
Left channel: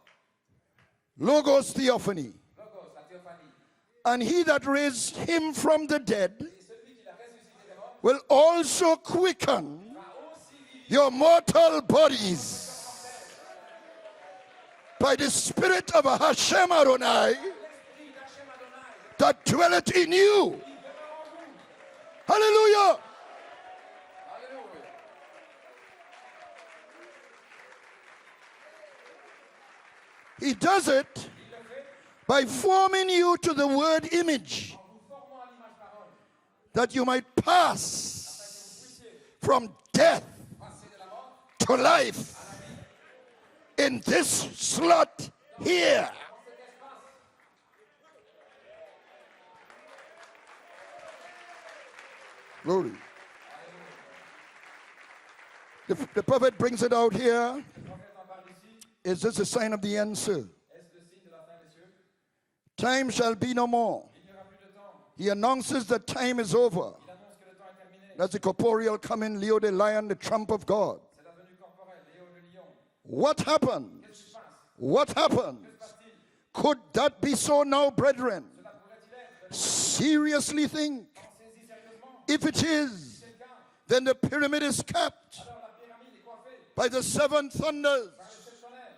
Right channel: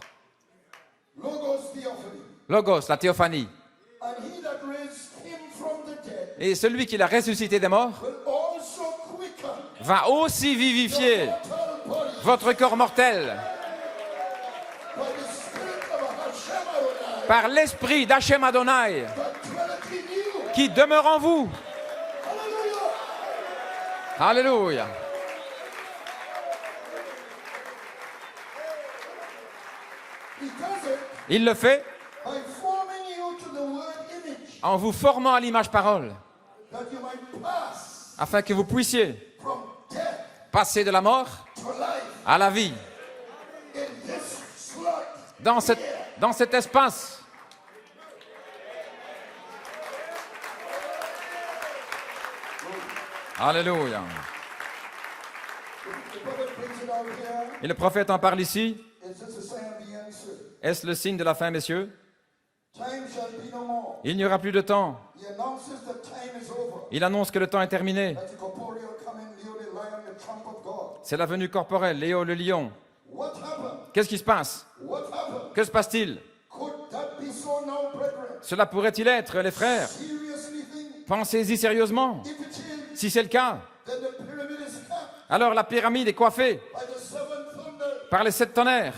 Logos Theophany. Logos, la théophanie. And he that raised him from the dead Et celui qui l'a ressuscité des morts will also quicken va aussi your vivifier mortal bodies votre corps mortel by the spirit of Hashem Adonai par l'esprit d'Hachem Adonai that dwelleth in you. qui demeure en vous. Hallelujah. Alléluia. He does it Il le fait by forming you to the word image, en vous formant à l'image parole, that you might pass afin que vous puissiez from death passer de la mort to life à la vie. in this slot Dans here. cet espace, Glory. Alléluia. The prophet brings it out here. Et le prophète en parle ici. Is this a sign of the end, sir? Est-ce le signe de la fin, messieurs? Time shall be no more. Il n'y aura plus de temps. He announces that time is over. Il annonce que le temps est terminé. That's the corporeal coming, Leo the lion, the trump of God. C'est la venue corporelle, Léo le lion. What happened? Qu'est-ce qui se passe? What happened? Que se passe-t-il? Could that be so now, brethren? Cela pourrait-il être, les frères? Seriously think. Pensez-y sérieusement. If it is, Si c'est le cas, then the pyramid is capped alors la pyramide est coiffée by the seven thunders. par les 7 tonnerres.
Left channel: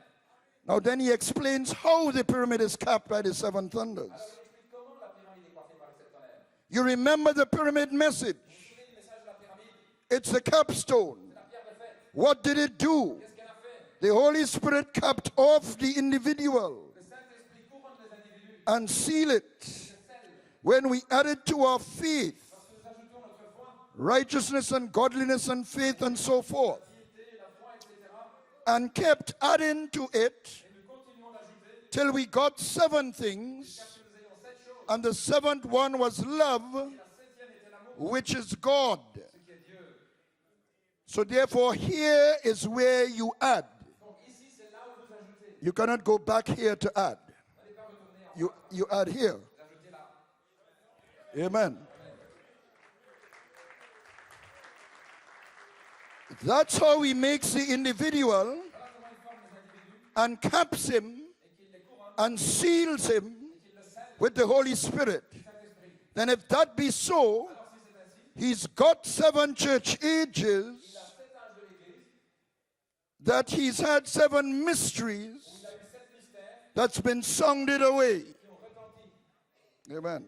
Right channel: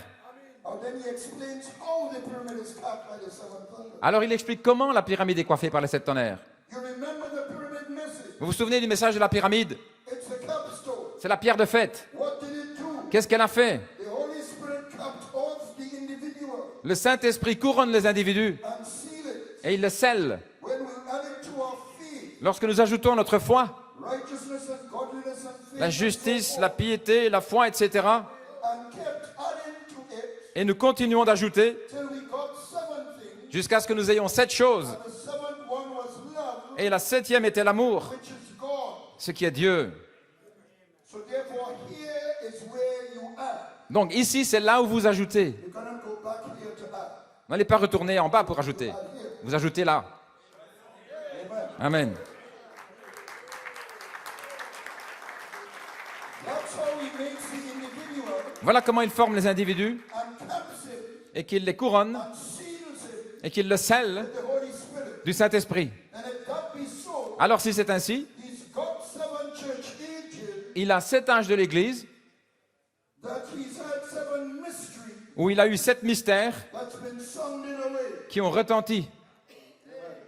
Oh, then he explains how the pyramid is capped by the seven thunders. Alors il explique comment la pyramide est coiffée par les 7 tonnerres. You remember the pyramid message? Vous vous souvenez du message de la pyramide? It's a capstone. C'est la pierre de fête. What did it do? Qu'est-ce qu'elle a fait? The Holy Spirit capped off the individual Le Saint-Esprit couronne les individus and seal it. et il le scelle. When we add it to our faith, Lorsque nous ajoutons notre foi, righteousness and godliness and la faith and justice, so la forth, piété, la foi, etc. and kept adding to it Et nous continuons d'ajouter till we got seven things, jusqu'à ce que nous ayons 7 choses. and the seventh one was love, Et la 7e était l'amour, which is God. ce qui est Dieu. So therefore, here is where you add. Donc ici, c'est là où vous ajoutez. You cannot go back here to add. Vous n'allez pas retourner en bas pour ajouter. You add here. Vous ajoutez là. Amen. Amen. That's how he makes the individual Voilà comment il forme les individus and caps him et qu'il les couronne and seals him et qu'il le scelle with the Holy Spirit. du Saint-Esprit. And if that be so, Alors si c'est ainsi, he's got seven church ages il a 7 âges de l'Église that he's had seven mysteries où il a eu 7 mystères that's been sounded away. qui ont retenti. Amen.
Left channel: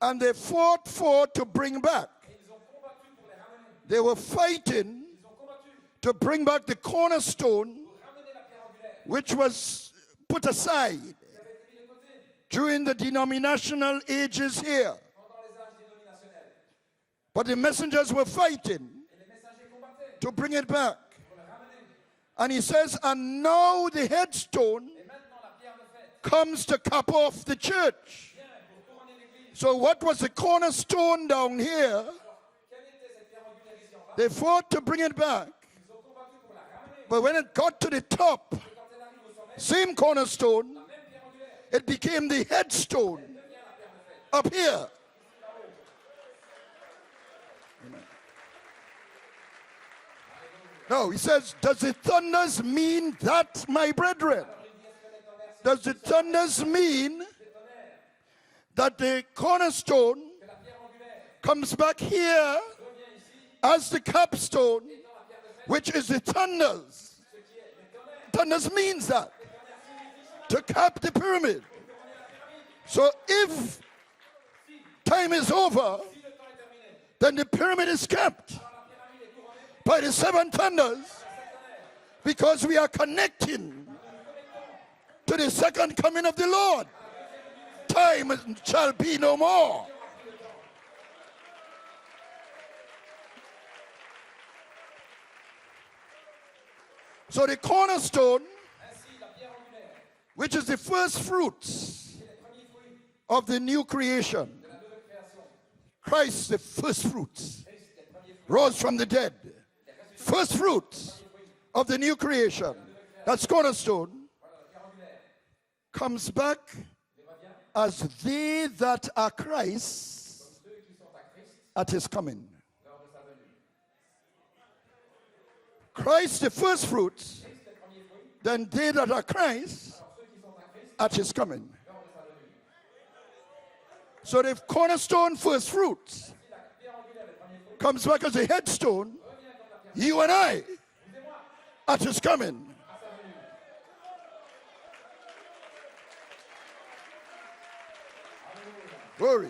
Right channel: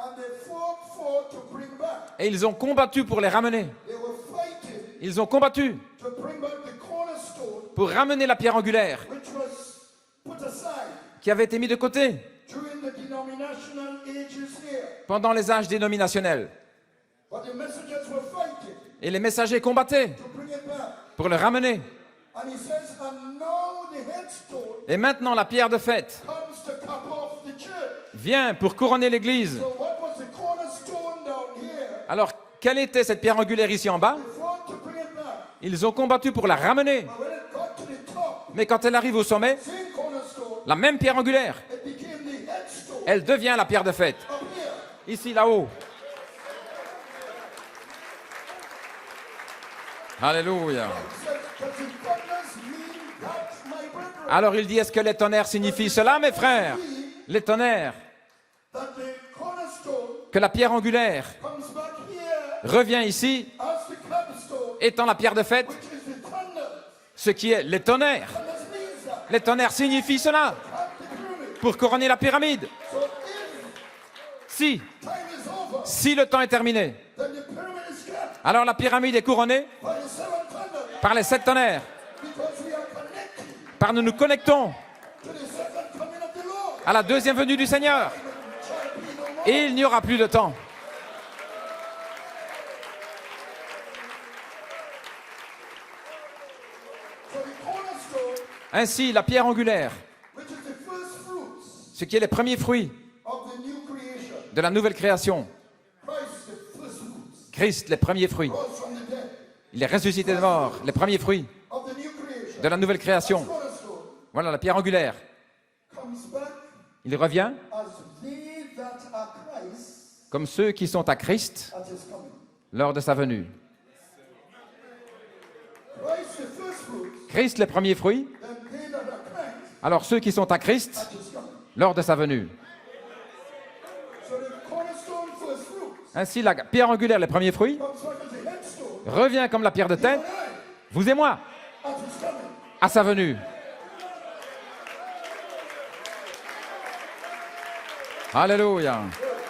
And they fought to bring back. Et ils ont combattu pour les ramener. They were fighting Ils ont combattu to bring back the cornerstone, pour ramener la pierre angulaire which was put aside qui avait été mise de côté during the denominational ages here. pendant les âges dénominationnels. But the messengers were fighting Et les messagers combattaient to bring it back. pour le ramener. And he says, and now the headstone Et maintenant, la pierre de fête comes to cap off the church. vient pour couronner l'Église. So what was the cornerstone down here? Alors, quelle était cette pierre angulaire ici en bas? They fought to bring it back. Ils ont combattu pour la ramener. But when it got to the top, Mais quand elle arrive au sommet, same cornerstone, la même pierre angulaire, it became the headstone elle devient la pierre de fête. up here. Ici, là-haut. Alléluia. No, he says, does the thunders mean that, my brethren? Alors il dit, est-ce que les tonnerres signifient Does the cela, mes thunders frères? mean Les tonnerres, that the cornerstone que la pierre angulaire comes back here revient ici, as the capstone, étant la pierre de fête, which is the thunders? ce qui est les tonnerres. Thunders means that, Les tonnerres signifient cela, to cap the pyramid. pour couronner la pyramide. So if Si time is over, le temps est terminé, then the pyramid is kept alors la pyramide est couronnée by the seven thunders, par les 7 tonnerres, because we are connecting par nous connectons to the second coming of the Lord. à la deuxième venue du Seigneur. Time shall be no Et il n'y more. aura plus de temps. So the cornerstone, Ainsi, la pierre angulaire, which is the first fruits ce qui est les premiers fruits of the new creation, de la nouvelle création, Christ, the first fruits, Christ, les premiers fruits, rose from the dead, il est ressuscité de mort, les premiers fruits of the new creation. de la nouvelle création. That's cornerstone. Voilà, la pierre angulaire. Comes back Il revient as they that are Christ comme ceux qui sont à Christ at his coming. lors de sa venue. Christ, the first fruits, Christ, les premiers fruits, then they that are Christ alors ceux qui sont à Christ at his coming. lors de sa venue. So the cornerstone first fruits Ainsi, la pierre angulaire, les premiers fruits, comes back as a headstone, revient comme la pierre de you tête, and I, vous et moi, at his coming. à sa venue. Alléluia. Glory.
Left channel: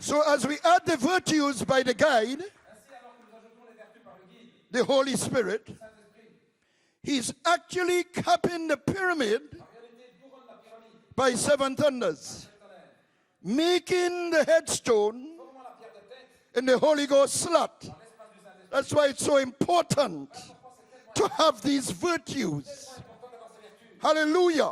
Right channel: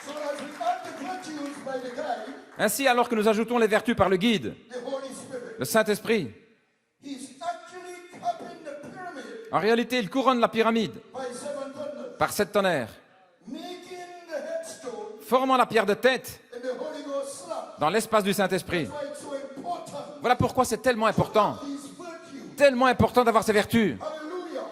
So as we add the virtues by the guide, Ainsi, alors que nous ajoutons les vertus par le guide, the Holy Spirit, le Saint-Esprit, he's actually capping the pyramid en réalité, il couronne la pyramide by seven thunders, par 7 tonnerres, making the headstone formant la pierre de tête in the Holy Ghost slot. dans l'espace du Saint-Esprit. That's why it's so important Voilà pourquoi c'est tellement to important, have these virtues. tellement important d'avoir ces vertus. Hallelujah.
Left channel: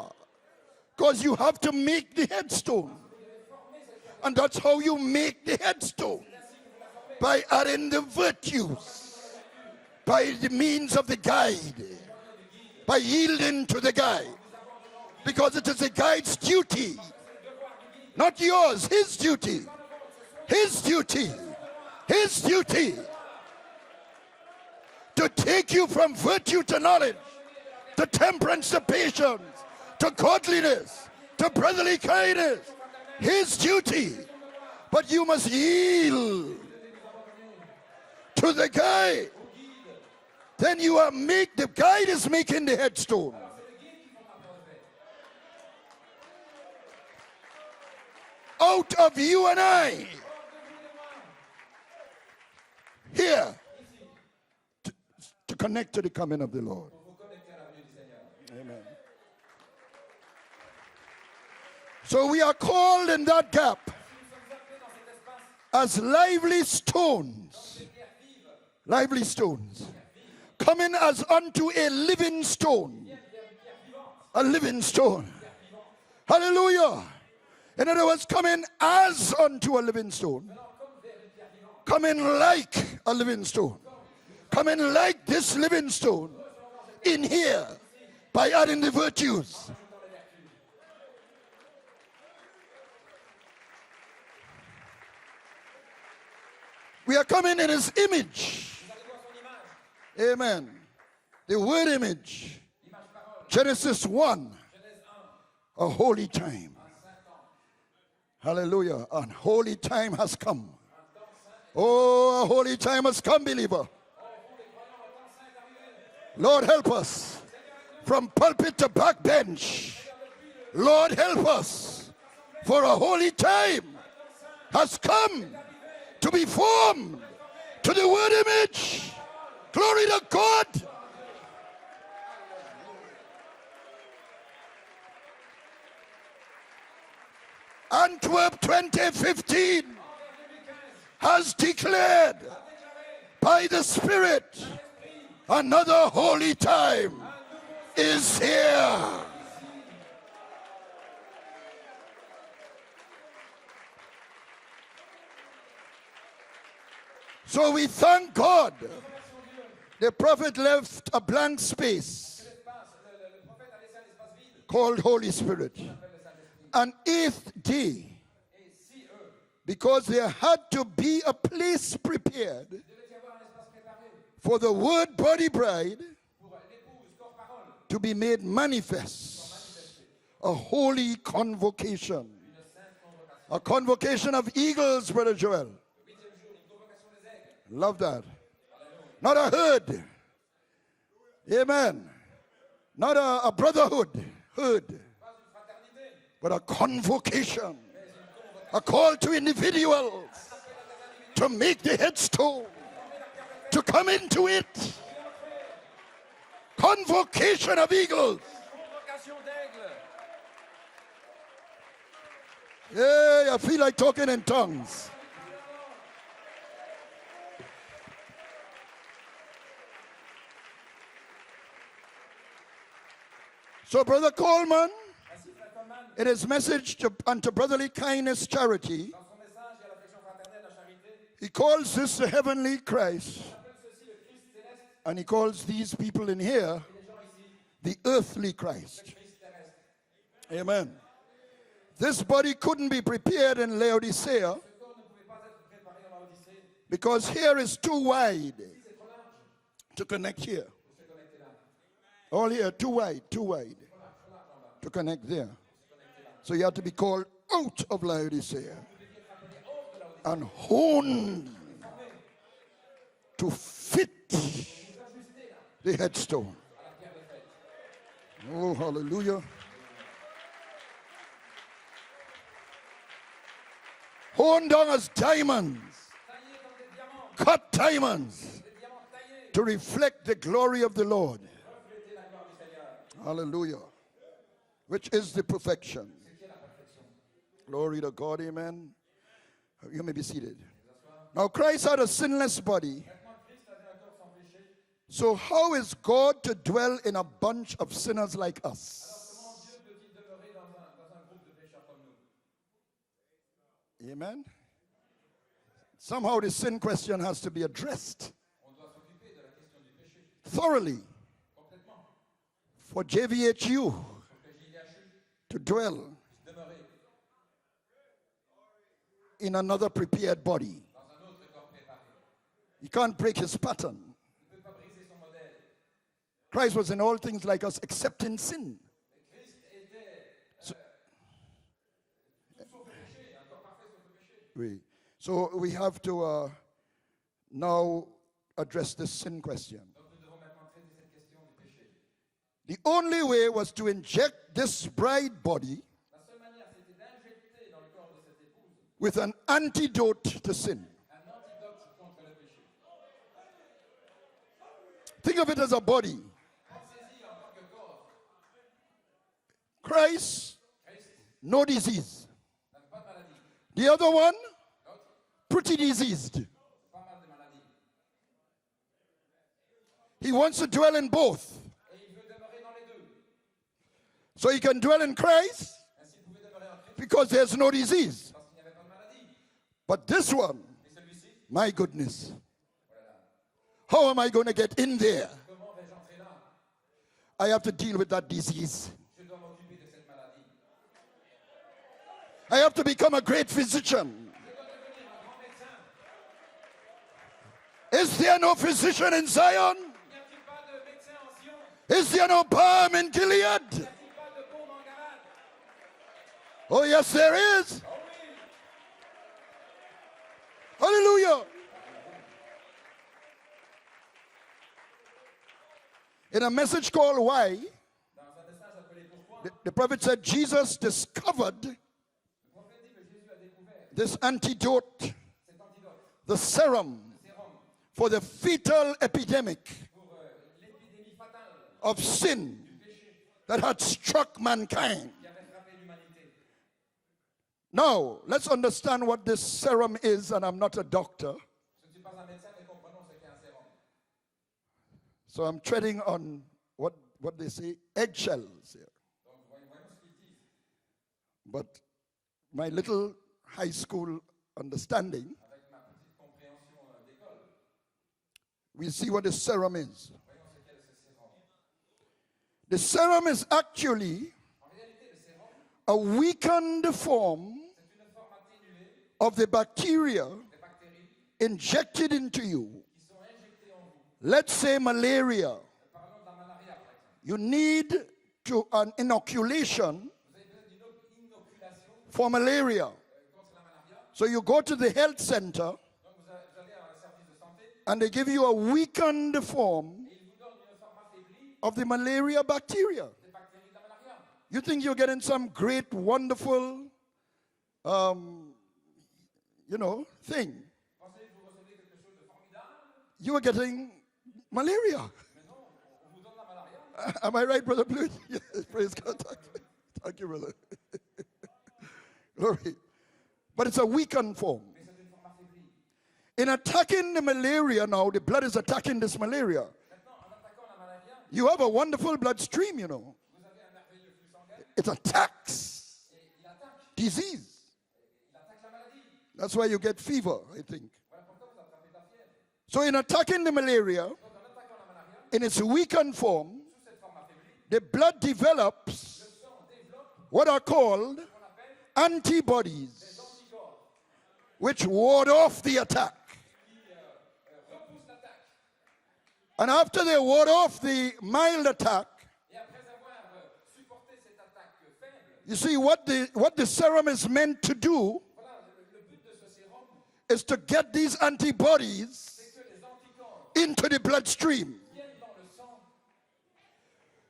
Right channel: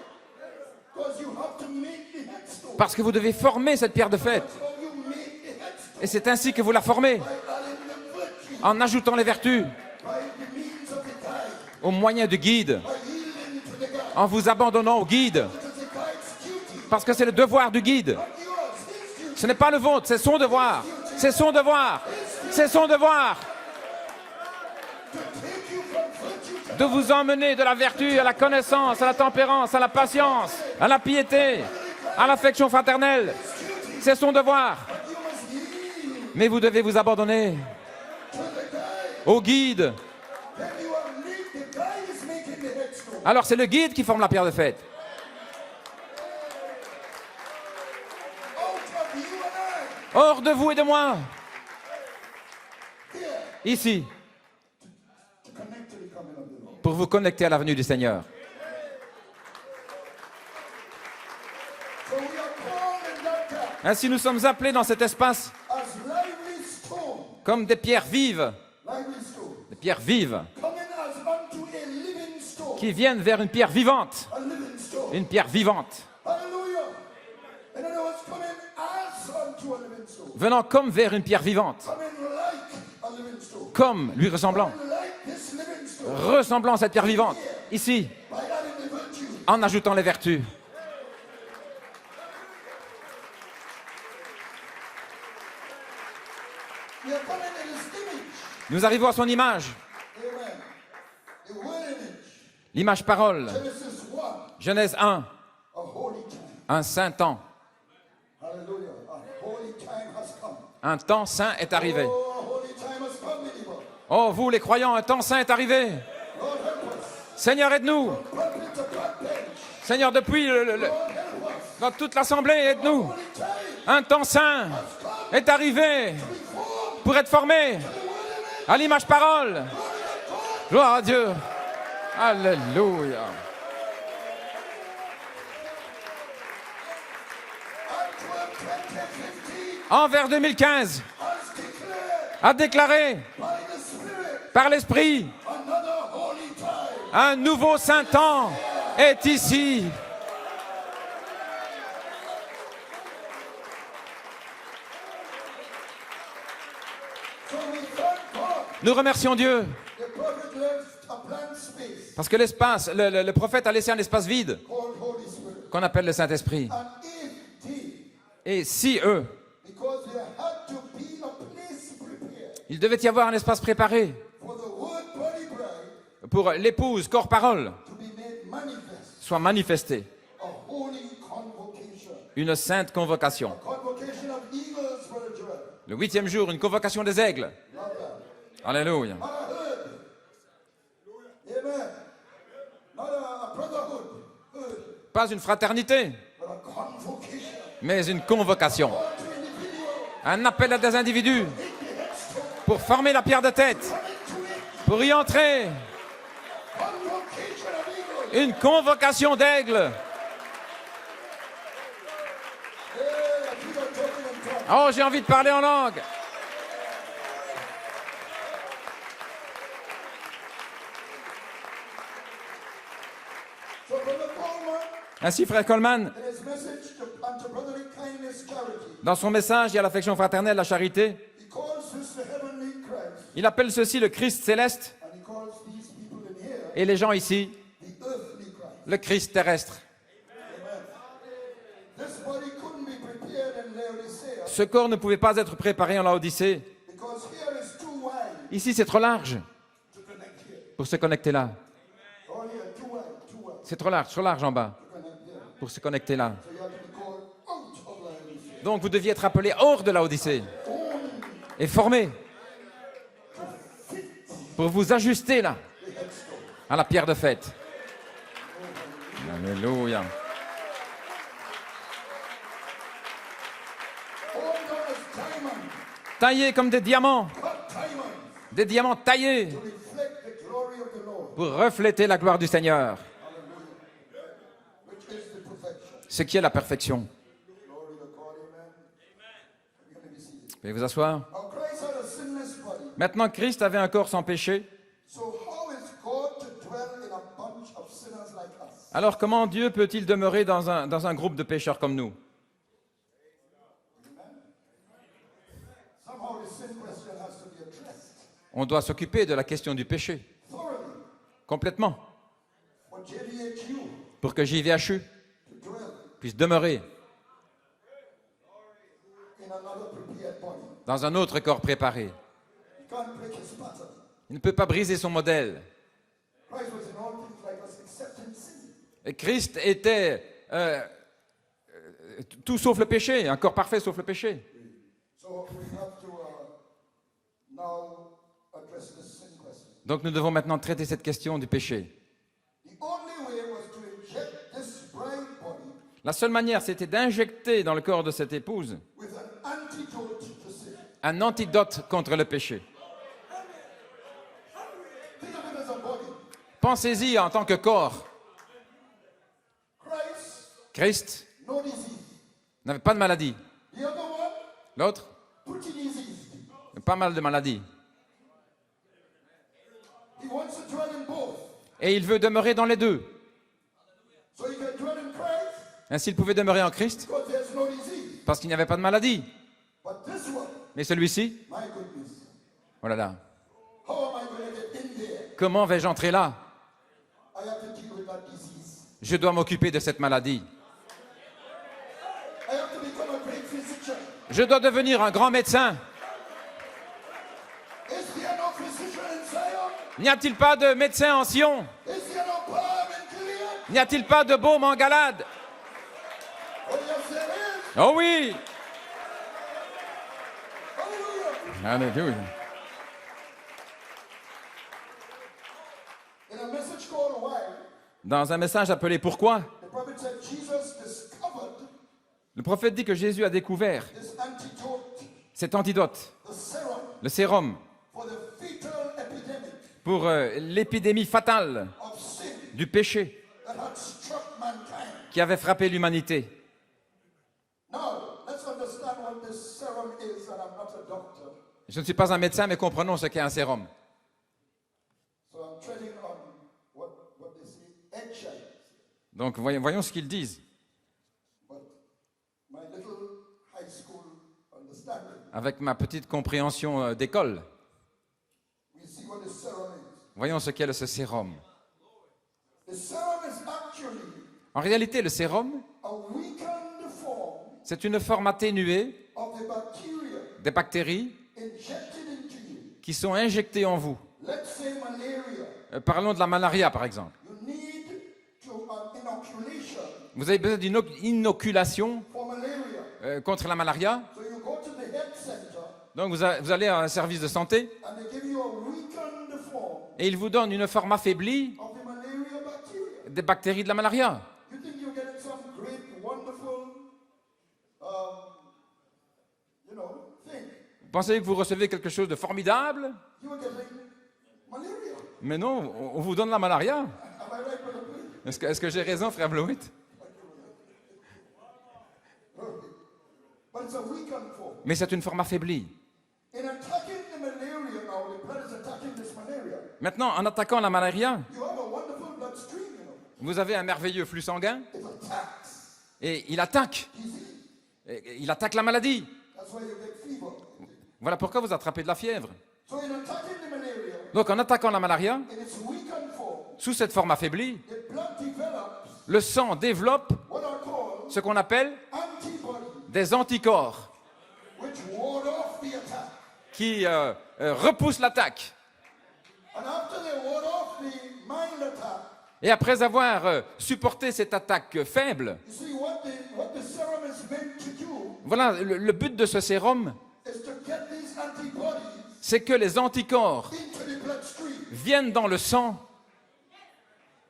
Because you have to make the headstone. Parce que vous devez former cette pierre de And fête. that's how you make the Et headstone. c'est ainsi que vous la formez, By adding the virtue. en ajoutant les vertus, By the means of the guide. au moyen du guide, By yielding to the en guide. vous abandonnant au guide. Because it is the guide's duty. Parce que c'est le devoir du guide. Not yours, his duty. Ce n'est pas le vôtre, c'est son devoir. His duty. C'est son devoir. His duty. C'est son devoir To take you from virtue to de knowledge. vous emmener de la vertu à la connaissance, à la tempérance, à la patience, à la piété, à l'affection fraternelle. His duty. C'est son devoir. But you must yield Mais vous devez vous abandonner to the guide. au guide. Then you are the guide is making the headstone. Alors c'est le guide qui forme la pierre de fête. Out of you and I. Hors de vous et de moi, Here. ici, To connect to the coming of the Lord. pour vous connecter à la venue du Seigneur. So we are called in that gap Ainsi nous sommes appelés dans cet espace as lively stone. comme des pierres vives, Lively stone. pierres vives, Coming as unto a living qui stone. viennent vers une pierre vivante, A living stone. une pierre vivante, Hallelujah. In other words, coming as unto a living stone. venant comme vers une pierre vivante, Coming like a living stone. comme lui ressemblant, Coming like this living stone. ressemblant à cette pierre vivante, here. ici, By adding the virtue. en ajoutant les vertus. We are coming in his image. Nous arrivons à son image, Amen. The word image. l'image parole. Genesis 1. Genèse 1, A holy time. un saint temps. Hallelujah. A holy time has come. Un temps saint est arrivé. Oh, a holy time has come, believer. Oh, vous les croyants, un temps saint est arrivé. Lord, help us. Seigneur, aide-nous. From pulpit to backbench. Seigneur, depuis Lord, help us. dans toute l'assemblée, For a aide-nous. holy time Un temps saint has come est arrivé to be formed pour être formé to the word à image. l'image parole. Glory to God. Gloire à Dieu. Alléluia. Antwerp 2015 Envers 2015 has declared a déclaré by the Spirit par l'Esprit another holy time. un nouveau saint Is temps here. est ici. So we thank God. Nous remercions Dieu The prophet left a blank space parce que l'espace, le prophète a laissé un espace vide called Holy Spirit. qu'on appelle le Saint-Esprit. An eighth day, Et si eux, because there had to be a place prepared il devait y avoir un espace préparé for the word body bride pour l'épouse, corps, parole, to be made manifest. soit manifesté. A holy convocation. Une sainte convocation. A convocation of eagles, Brother Joel. Le 8e jour, une convocation des aigles. Love that. Alléluia. Not a herd. Amen. Not a brotherhood. Herd. Pas une fraternité, But a convocation. mais une A convocation. call to individual Un appel à des individus to make the headstone. pour former la pierre de tête, To come into it. pour y entrer. Convocation of eagles. Une convocation d'aigles. Hey, I feel like talking in tongues. Oh, j'ai envie de parler en langue. So, Brother Coleman, Ainsi, frère Coleman, in his message unto brotherly kindness charity, dans son message et à l'affection fraternelle, la charité, he calls this the heavenly Christ, il appelle ceci le Christ céleste and he calls these people in here et les gens ici, the earthly Christ. le Christ terrestre. Amen. This body couldn't be prepared in Laodicea Ce corps ne pouvait pas être préparé en Laodicée. because here is too wide Ici, c'est trop large to connect here. pour se connecter là. All here, too wide C'est trop large en bas to connect there. pour se connecter là. So you have to be called out of Laodicea. Donc, vous deviez être appelé hors de Laodicée Honed et formé to fit pour vous ajuster là, the headstone. à la pierre de fête. Oh, hallelujah. Alléluia. Honed down as diamonds, Taillés comme des diamants taillés to reflect the glory of the Lord. pour refléter la gloire du Seigneur, Hallelujah. Which is the perfection. ce qui est la perfection. Glory to God, amen. You may be seated. Veuillez vous asseoir. Now Christ had a sinless body, Maintenant, Christ avait un corps sans péché, So how is God to dwell in a bunch of sinners like us? Alors comment Dieu peut-il demeurer dans un groupe de pécheurs comme nous? Amen. Somehow the sin question has to be addressed On doit s'occuper de la question du péché, thoroughly complètement, for JVHU pour que JVHU to dwell puisse demeurer in another prepared body. dans un autre corps préparé. He can't break his pattern. Il ne peut pas briser son modèle. Christ was in all things like us except in sin. Et Christ était tout sauf le péché, un corps parfait sauf le péché. Oui. So we have to now address this sin question. Donc nous devons maintenant traiter cette question du péché. The only way was to inject this bride body La seule manière, c'était d'injecter dans le corps de cette épouse with an antidote to sin. un antidote contre le péché. Think of it as a body. Pensez-y en tant que corps. Christ, Christ no disease. n'avait pas de maladie. The other one, L'autre, pretty diseased. pas mal de maladies. He wants to dwell in both. Et il veut demeurer dans les deux. So he can dwell in Christ Ainsi, il pouvait demeurer en Christ because there's no disease. parce qu'il n'y avait pas de maladie. But this one, Mais celui-ci, my goodness, oh là là, how am I going to get in there? comment vais-je entrer là? I have to deal with that disease. Je dois m'occuper de cette maladie. I have to become a great physician. Je dois devenir un grand médecin. Is there no physician in Zion? N'y a-t-il pas de médecin en Sion? Is there no balm in Gilead? N'y a-t-il pas de baume en Galade? Oh, yes, there is. Oh oui! Hallelujah. Alléluia. In a message called Why, Dans un message appelé Pourquoi, the prophet said Jesus discovered le prophète dit que Jésus a découvert this antidote, cet antidote, the serum le sérum, for the fetal epidemic pour l'épidémie fatale of sin du péché that had struck mankind. qui avait frappé l'humanité. Now, let's understand what this serum is, and I'm not a doctor, Je ne suis pas un médecin, mais comprenons ce qu'est un sérum. so I'm treading on what they say, eggshells here. Donc voyons ce qu'ils disent. But my little high school understanding, Avec ma petite compréhension d'école, we see what this serum is. voyons ce qu'est ce sérum. The serum is actually En réalité, le sérum, a weakened form c'est une forme atténuée of the bacteria des bactéries injected into you. qui sont injectées en vous. Let's say malaria. Parlons de la malaria, par exemple. You need an inoculation Vous avez besoin d'une inoculation for malaria. contre la malaria. So you go to the health center Donc vous allez à un service de santé and they give you a weakened form et ils vous donnent une forme affaiblie of the malaria bacteria. des bactéries de la malaria. You think you're getting some great, wonderful, thing. Vous pensez que vous recevez quelque chose de formidable? You are getting malaria. Mais non, on vous donne la malaria. Am I right, Brother Blewett? Est-ce que j'ai raison, frère Blewett? Thank you, brother. Glory. But it's a weakened form. Mais c'est une forme affaiblie. In attacking the malaria now, the blood is attacking this malaria. Maintenant, en attaquant la malaria, You have a wonderful bloodstream, vous avez un merveilleux flux sanguin It attacks et il attaque. disease. Il attaque la maladie. That's why you get fever, I think. Voilà pourquoi vous attrapez de la fièvre. So in attacking the malaria, Donc en attaquant la malaria, in its weakened form, sous cette forme affaiblie, the blood develops le sang développe what are called ce qu'on appelle antibodies, des anticorps which ward off the attack. qui repoussent l'attaque. And after they ward off the mild attack, Et après avoir supporté cette attaque faible, you see what the serum is meant to do voilà, le but de ce sérum, is to get these antibodies c'est que les anticorps into the bloodstream. viennent dans le sang.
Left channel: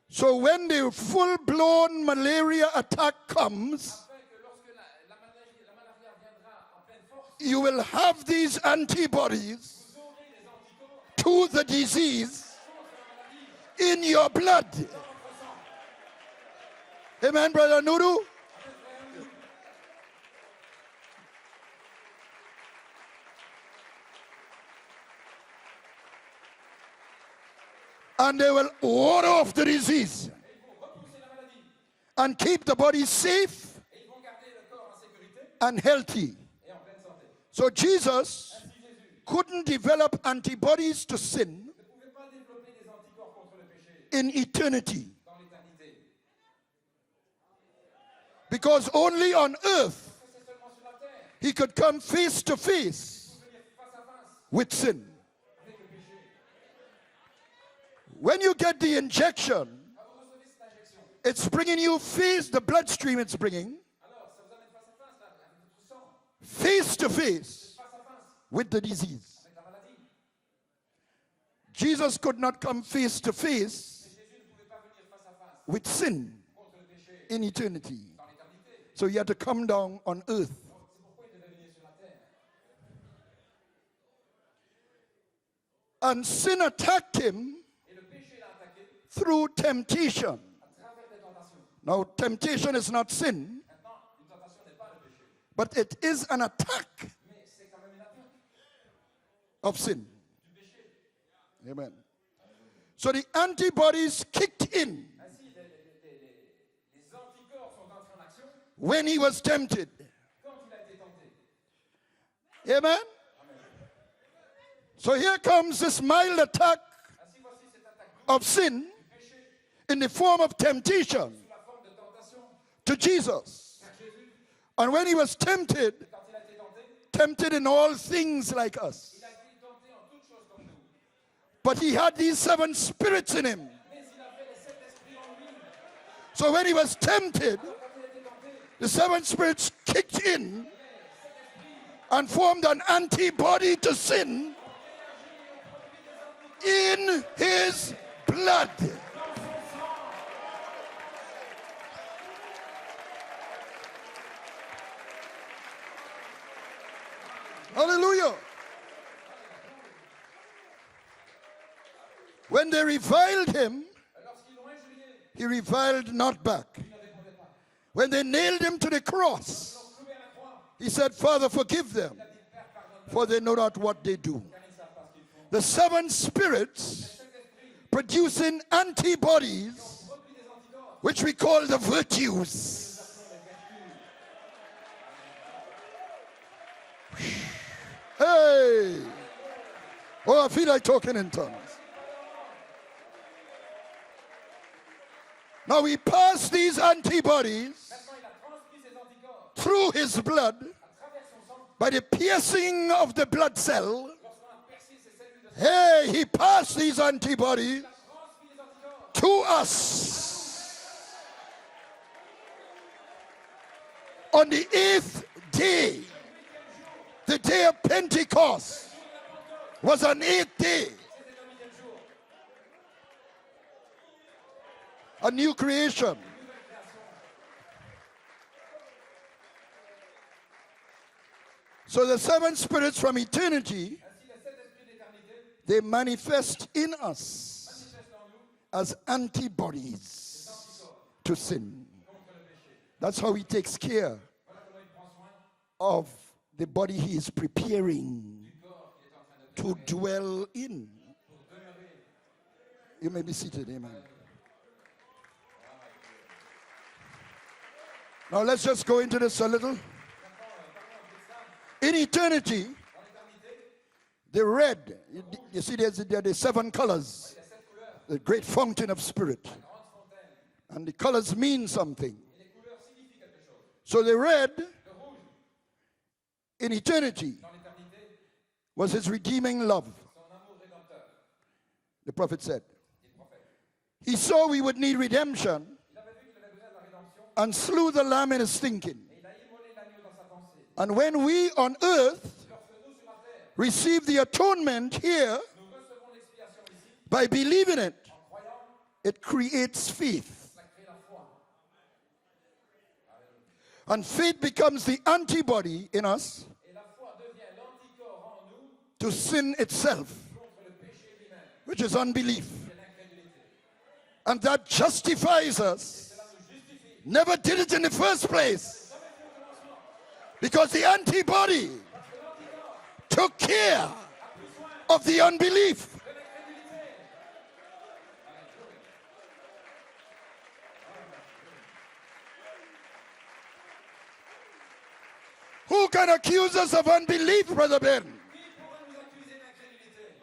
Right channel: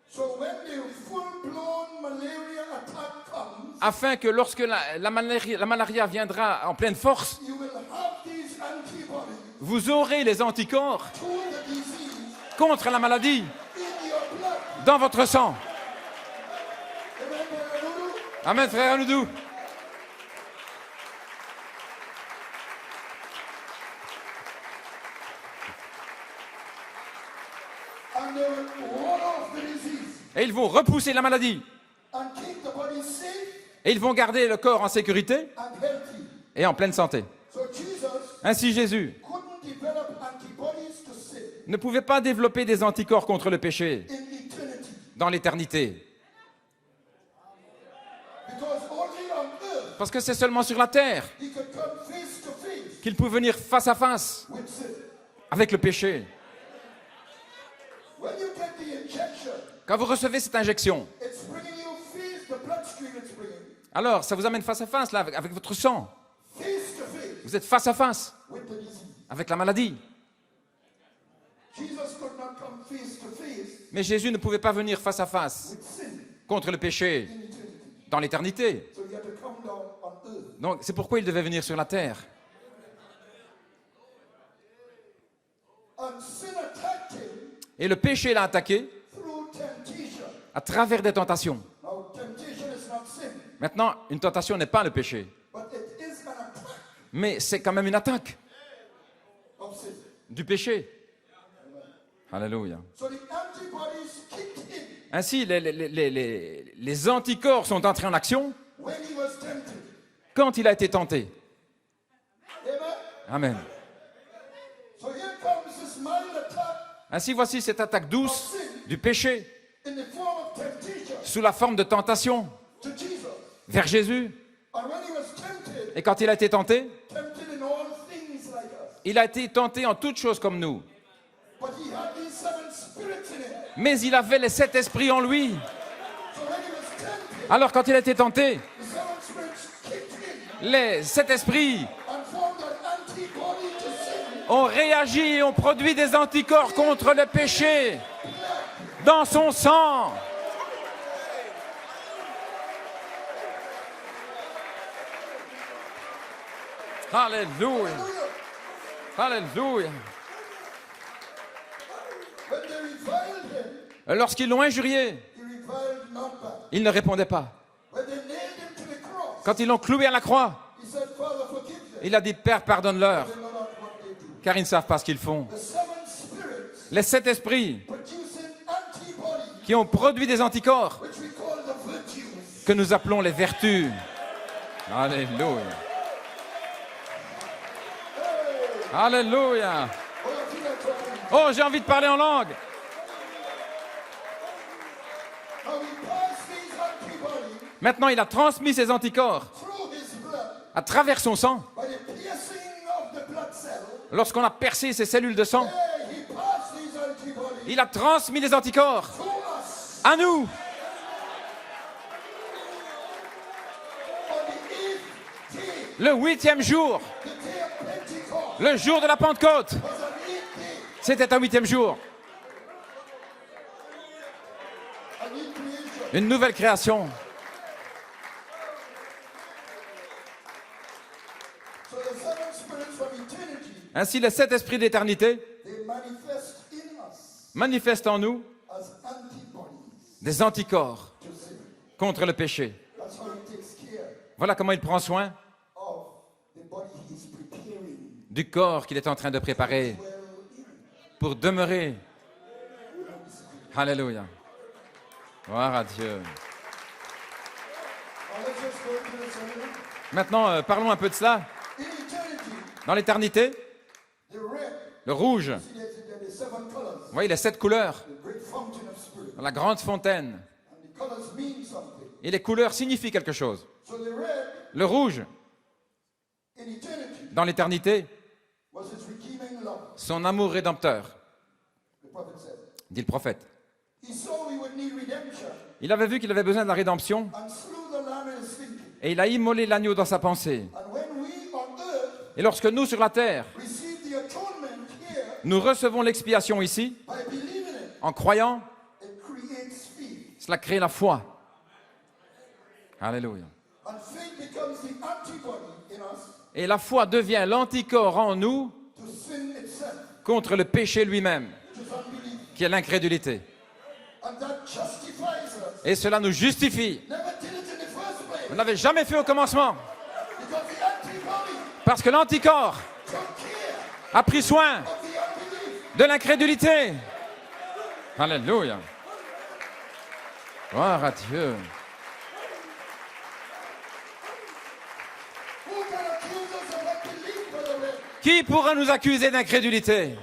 So when the full-blown malaria attack comes, Afin que lorsque la malaria viendra en pleine force, you will have these antibodies vous aurez les anticorps to the disease contre la maladie in your blood. dans votre sang. Amen, Brother Nudu? Amen, frère Anoudou. And they will ward off the disease Et ils vont repousser la maladie. and keep the body safe Et ils vont garder le corps en sécurité and healthy. et en pleine santé. So Jesus Ainsi, Jésus couldn't develop antibodies to sin ne pouvait pas développer des anticorps contre le péché in eternity dans l'éternité. because only on earth Parce que c'est seulement sur la terre he could come face to face qu'il peut venir face à face with sin. avec le péché. When you get the injection, Quand vous recevez cette injection, it's bringing you face, the bloodstream it's bringing, alors ça vous amène face à face là, avec votre sang. face to Vous face êtes face à face with the disease. avec la maladie. Jesus could not come face to face Mais Jésus ne pouvait pas venir face à face with sin contre le péché in eternity. dans l'éternité. So he had to come down on earth. Donc c'est pourquoi il devait venir sur la terre. And sin attacked him Et le péché l'a attaqué through temptation. à travers des tentations. Now, temptation is not sin, Maintenant, une tentation n'est pas le péché, but it is an attack mais c'est quand même une attaque of sin. du péché. Amen. Alléluia. So the antibodies kicked in Ainsi, les anticorps sont entrés en action when he was tempted. quand il a été tenté. Amen. Amen. So here comes this mild attack Ainsi, voici cette attaque of douce sin du péché in the form of temptation sous la forme de tentation to Jesus. vers Jésus. And when he was tempted, Et quand il a été tenté, tempted in all things like us. il a été tenté en toutes choses comme nous. But he had these 7 spirits in him. Mais il avait les 7 esprits en lui. So when he was tempted, Alors quand il a été tenté, the 7 spirits kicked in les 7 esprits and formed an antibody to sin ont réagi et ont produit des anticorps contre in le péché his blood. dans son sang. Alléluia. Hallelujah. Alléluia. When they reviled him, Lorsqu'ils l'ont injurié, he reviled not back. il ne répondait pas. When they nailed him to the cross, Quand ils l'ont cloué à la croix, he said, Father, forgive them, il a dit, Père, for pardonne-leur, they know not what they do. car ils ne savent pas ce qu'ils font. The 7 spirits Les 7 esprits producing antibodies, qui ont produit des anticorps which we call the virtues. que nous appelons les vertus. Alléluia. Hey! Alléluia. Oh, I feel like talking in tongues. Oh, j'ai envie de parler en langue. Now we pass these antibodies Maintenant, il a transmis ses anticorps through his blood à travers son sang. by the piercing of the blood cell. Lorsqu'on a percé ses cellules de sang, Hey, he passed these antibodies il a transmis les anticorps to us à nous. on the 8th day. Le 8e jour, The day of Pentecost le jour de la Pentecôte, was an 8th day, c'était un 8e jour. a new creation. Une nouvelle création. So the 7 spirits from eternity, Ainsi, les 7 esprits d'éternité they manifest in us manifestent en nous as antibodies des anticorps to sin. contre le péché. That's how he takes care Voilà comment il prend soin of the body he is preparing du corps qu'il est en train de préparer to dwell in. pour demeurer. You may be seated. Alléluia. Gloire à Dieu. Now let's just go into this a little. Maintenant, parlons un peu de cela. In eternity, Dans l'éternité, the red, le rouge, you see there are the 7 colors, vous voyez les 7 couleurs, the great fountain of spirit. la grande fontaine. And the colors mean something. Et les couleurs signifient quelque chose. So the red Le rouge, in eternity dans l'éternité, was his redeeming love, son amour rédempteur, the prophet said. dit le prophète. He saw we would need redemption Il avait vu qu'il avait besoin de la rédemption and slew the lamb in his thinking. et il a immolé l'agneau dans sa pensée. And when we on earth Et lorsque nous, sur la terre, receive the atonement here nous recevons l'expiation ici, by believing it, en croyant, it creates faith. cela crée la foi. Alléluia. And faith becomes the antibody in us Et la foi devient l'anticorps en nous to sin itself, contre le péché lui-même, which is unbelief. qui est l'incrédulité. And that justifies us. Et cela nous justifie. Never did it in the first On place ne l'avait jamais fait au commencement, because the antibody parce que l'anticorps took care a pris soin of the unbelief. de l'incrédulité. Alléluia. Gloire à Dieu. Who can accuse us of unbelief, Brother Ben? Qui pourra nous accuser d'incrédulité?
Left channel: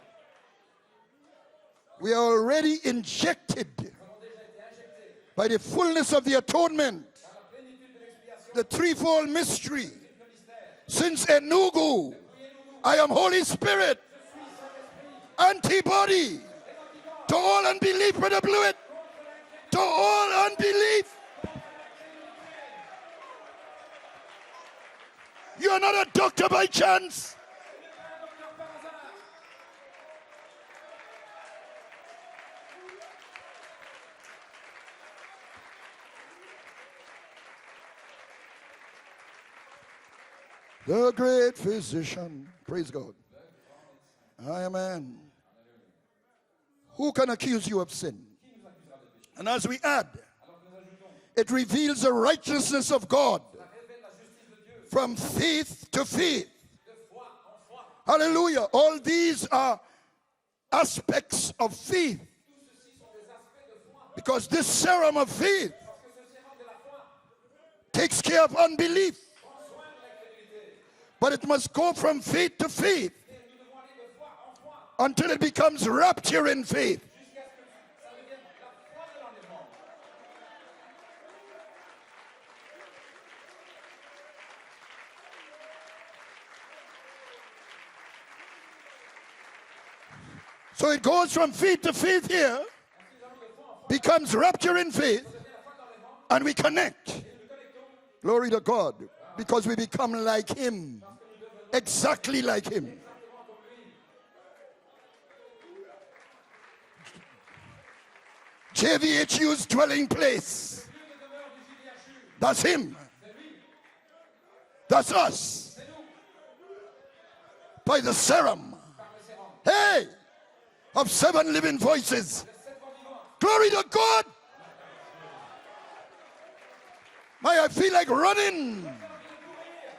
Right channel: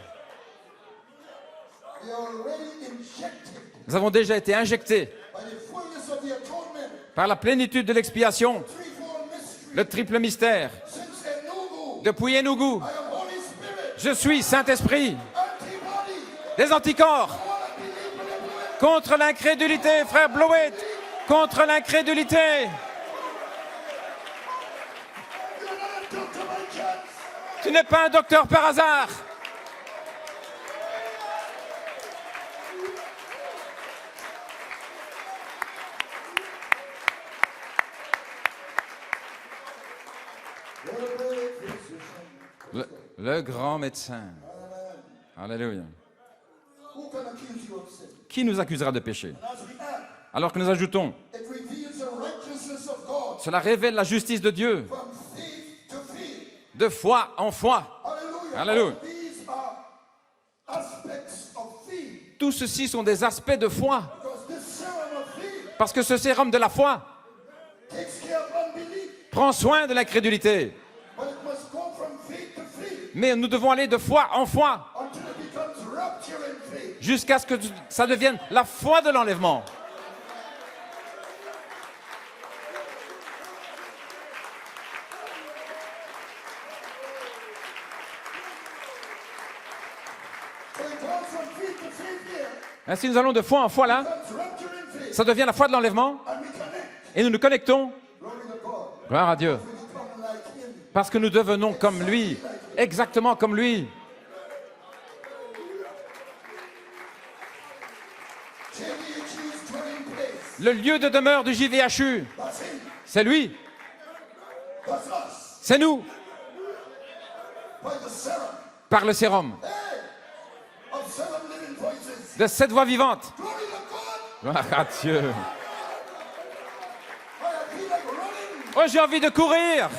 We are already injected Nous avons déjà été injectés by the fullness of the atonement, par la plénitude de l'expiation, the threefold mystery. le triple mystère. Since Enugu, Depuis Enugu, I am Holy Spirit, je suis Saint-Esprit, antibody des anticorps to all unbelief, Brother Blewett. contre l'incrédulité, To frère all Bloé, unbelief. contre l'incrédulité. You are not a doctor by chance. Tu n'es pas un docteur par hasard. The great physician. Praise God. Le grand médecin. Amen. Alléluia. Who can accuse you of sin? Qui nous accusera de péché? And as we add, Alors que nous ajoutons, it reveals the righteousness of God cela révèle la justice de Dieu, from faith to faith. de foi en foi. Hallelujah. Hallelujah. All these are aspects of faith, Tout ceci sont des aspects de foi. because this serum of faith Parce que ce sérum de la foi takes care of unbelief. prend soin de l'incrédulité. But it must go from faith to faith Mais nous devons aller de foi en foi until it becomes rapture in faith. jusqu'à ce que ça devienne la foi de l'enlèvement. So it goes from faith to faith here, Ainsi nous allons de foi en foi là, becomes rapture in faith, ça devient la foi de l'enlèvement and we connect. et nous nous connectons Glory to God. Gloire à Dieu. Because we become like him. parce que nous devenons comme lui, Exactly like him. exactement comme lui. JVHU's dwelling place. Le lieu de demeure du JVHU, That's him. c'est lui, That's us. c'est nous, By the serum. par le sérum Hey! Of 7 living voices. de cette voix vivante. Glory to God. Gloire à Dieu. I feel like running. Oh, j'ai envie de courir.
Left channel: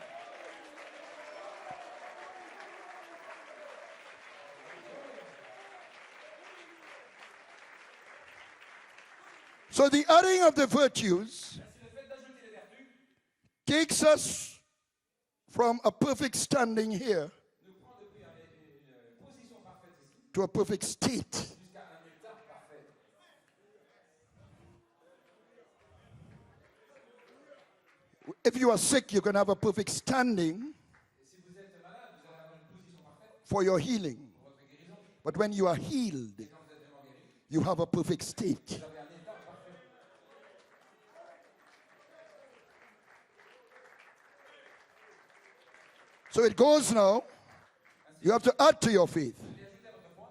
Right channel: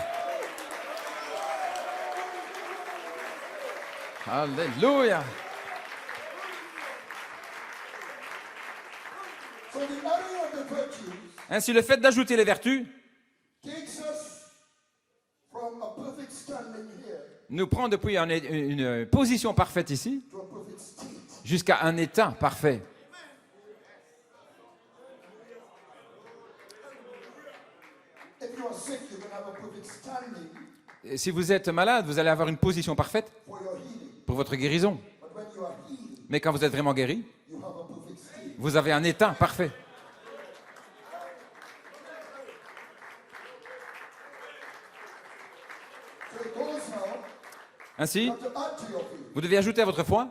Alléluia. So the adding of the virtues Ainsi, le fait d'ajouter les vertus takes us from a perfect standing here nous prend depuis une position parfaite ici to a perfect state. jusqu'à un état parfait. If you are sick, you can have a perfect standing Et si vous êtes malade, vous allez avoir une position parfaite for your healing. pour votre guérison. But when you are healed, Mais quand vous êtes vraiment guéri, you have a perfect state. vous avez un état parfait. So it goes now. Ainsi, You have to add to your faith. vous devez ajouter à votre foi.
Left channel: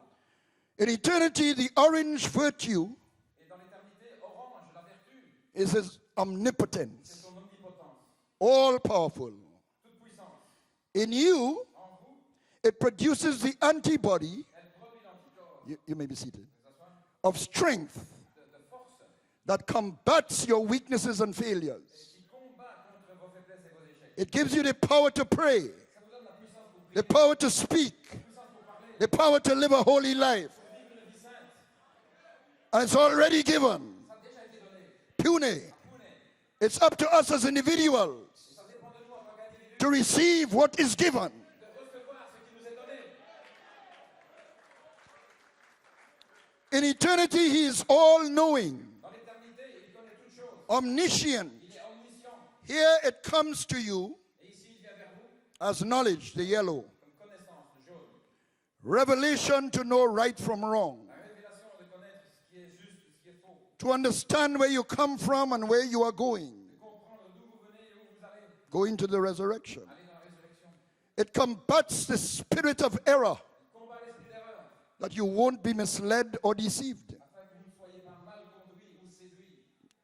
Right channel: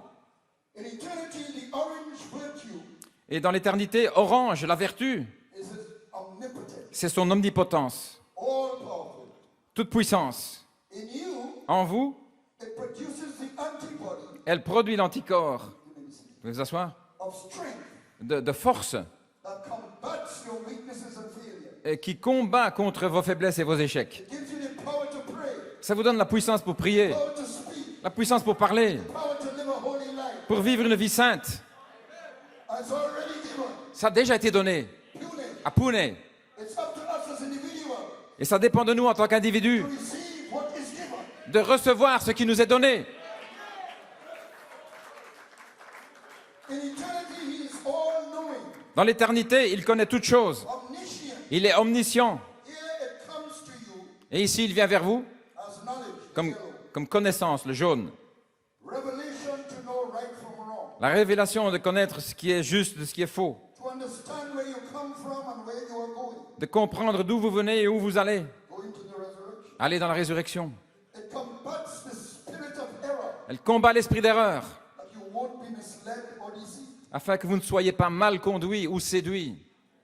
In eternity, the orange virtue Et dans l'éternité, orange, la vertu, is his omnipotence, c'est son omnipotence, all powerful. toute puissance. In you, En vous, it produces the antibody, elle produit l'anticorps. you may be seated, Vous pouvez vous asseoir? of strength De force that combats your weaknesses and failures. et qui combat contre vos faiblesses et vos échecs. It gives you the power to pray, Ça vous donne la puissance pour prier, the power to speak, la puissance pour parler, the power to live a holy life. pour vivre une vie sainte. And it's already given. Ça a déjà été donné Pune. à Pune. It's up to us as individuals Et ça dépend de nous en tant qu'individus to receive what is given. de recevoir ce qui nous est donné. In eternity, he is all-knowing, Dans l'éternité, il connaît toutes choses. omniscient. Il est omniscient. Here it comes to you Et ici, il vient vers vous as knowledge, the yellow. comme connaissance, le jaune. Revelation to know right from wrong. La révélation de connaître ce qui est juste de ce qui est faux. To understand where you come from and where you are going. De comprendre d'où vous venez et où vous allez. Going to the resurrection. Allez dans la résurrection. It combats the spirit of error, Elle combat l'esprit d'erreur that you won't be misled or deceived. afin que vous ne soyez pas mal conduits ou séduits.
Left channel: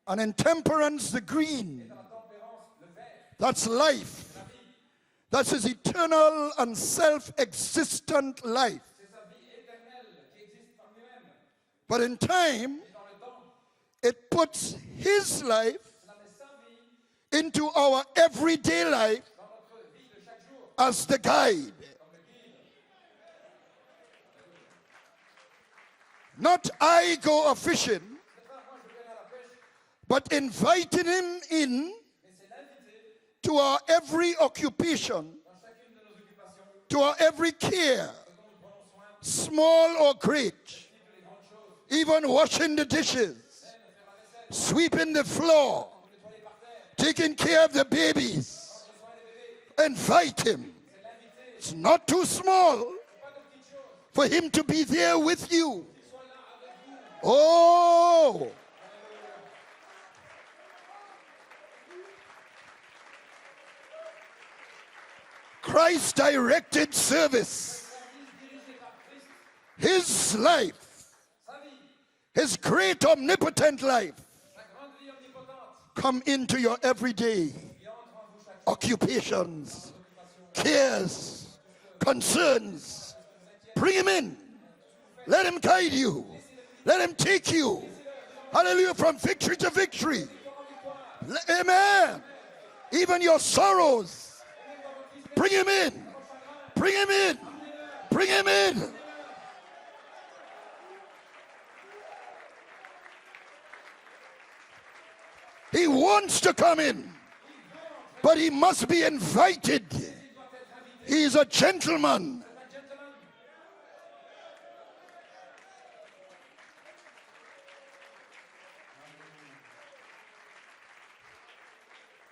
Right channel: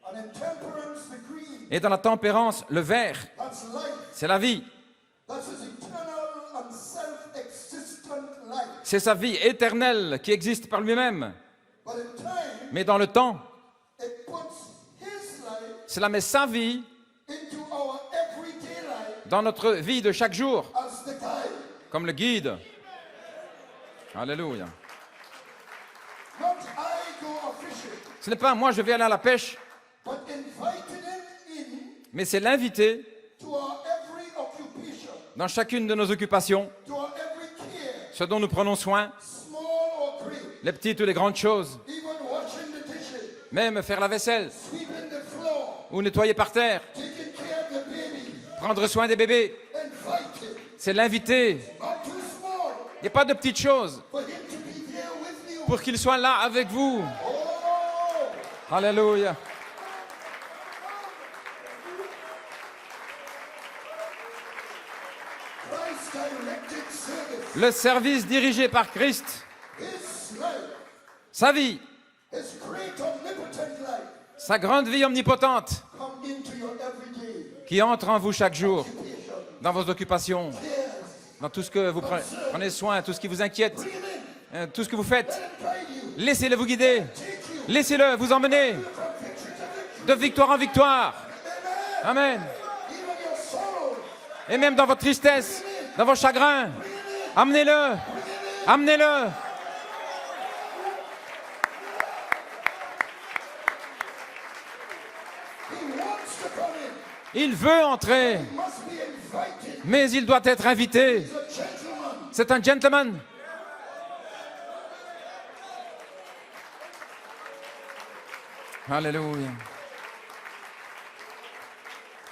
And in temperance, the green, Et dans la tempérance, le vert, that's life. c'est la vie. That's his eternal and self-existent life. C'est sa vie éternelle qui existe par lui-même. But in time, Mais dans le temps, it puts his life cela met sa vie into our everyday life dans notre vie de chaque jour, as the guide. comme le guide. Alléluia. Not I go a fishing, Ce n'est pas moi, je vais aller à la pêche, but inviting him in mais c'est l'inviter to our every occupation, dans chacune de nos occupations, to our every care, ce dont nous prenons soin, small or great, les petites ou les grandes choses, even washing the dishes, même faire la vaisselle sweeping the floor, ou nettoyer par terre, taking care of the babies. prendre soin des bébés. Invite him. C'est l'inviter. It's not too small Il n'y a pas de petites choses for him to be there with you. pour qu'il soit là avec vous. Oh, Alléluia. Christ directed service. Le service dirigé par Christ, His life, sa vie, his great omnipotent life, sa grande vie omnipotente come into your everyday qui entre en vous chaque jour, occupation, dans vos occupations, cares. dans tout ce que vous Concerns. prenez soin, tout ce qui vous inquiète, Bring him in. tout ce que vous faites. Let him guide you. Laissez-le vous Let guider. him take you. Laissez-le vous emmener Hallelujah, from victory to de victory. victoire en victoire. Amen. Amen. Even your sorrows. Et même dans votre tristesse, Bring him in. dans vos chagrins, Bring him in. amenez-le. Bring him in. Amenez-le. He wants to come in, Il veut but entrer, he must be invited. mais il doit être invité. He's a gentleman. C'est un gentleman. Alléluia.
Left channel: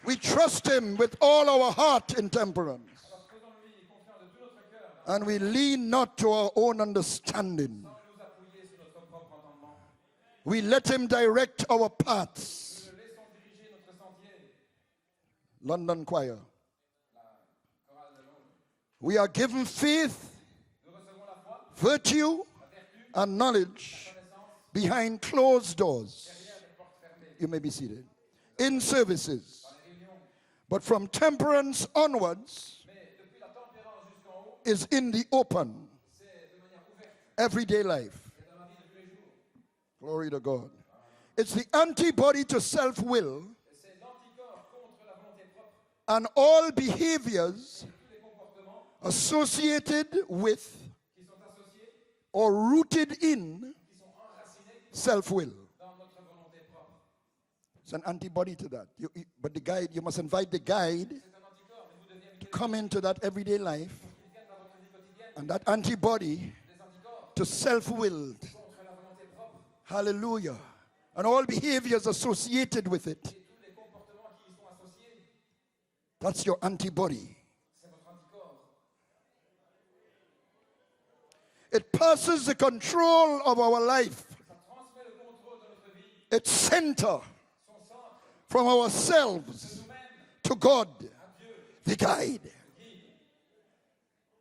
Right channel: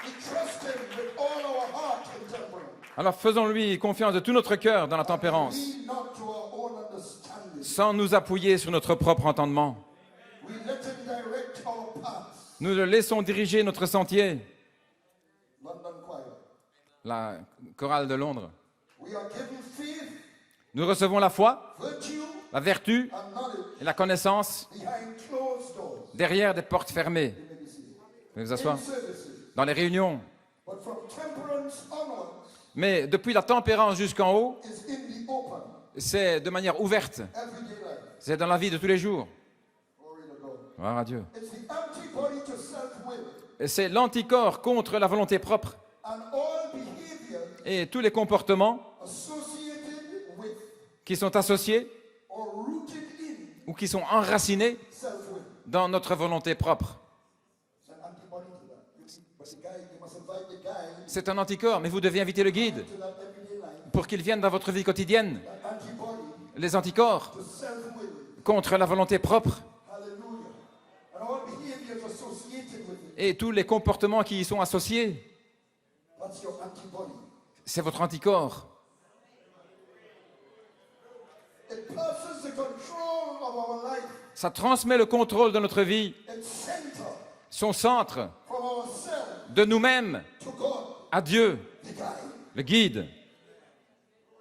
We trust him with all our heart in temperance. Alors faisons-lui confiance de tout notre cœur dans la And we tempérance, lean not to our own understanding. sans nous appuyer sur notre propre entendement. We let him direct our paths. Nous le laissons diriger notre sentier. London Choir. La chorale de Londres. We are given faith, Nous recevons la foi, virtue, la vertu and knowledge et la connaissance behind closed doors. derrière des portes fermées. You may be seated. Vous pouvez vous asseoir In services. dans les réunions. But from temperance onwards Mais depuis la tempérance jusqu'en haut, is in the open, c'est de manière ouverte. everyday life. C'est dans la vie de tous les jours. Glory to God. Gloire à Dieu. It's the antibody to self-will Et c'est l'anticorps contre la volonté propre and all behaviors et tous les comportements associated with qui sont associés or rooted in ou qui sont enracinés self-will. dans notre volonté propre. It's an antibody to that. But the guide, you must invite the guide C'est un anticorps, mais vous devez inviter le come guide into that everyday life. pour qu'il vienne dans votre vie quotidienne. And that antibody Les anticorps to self-will. contre la volonté propre Hallelujah. And all behaviors associated with it. et tous les comportements qui y sont associés. That's your antibody. C'est votre anticorps. It passes the control of our life. Ça transmet le contrôle de notre vie, It's center son centre, from ourselves de nous-mêmes to God, à Dieu, the guide. le guide.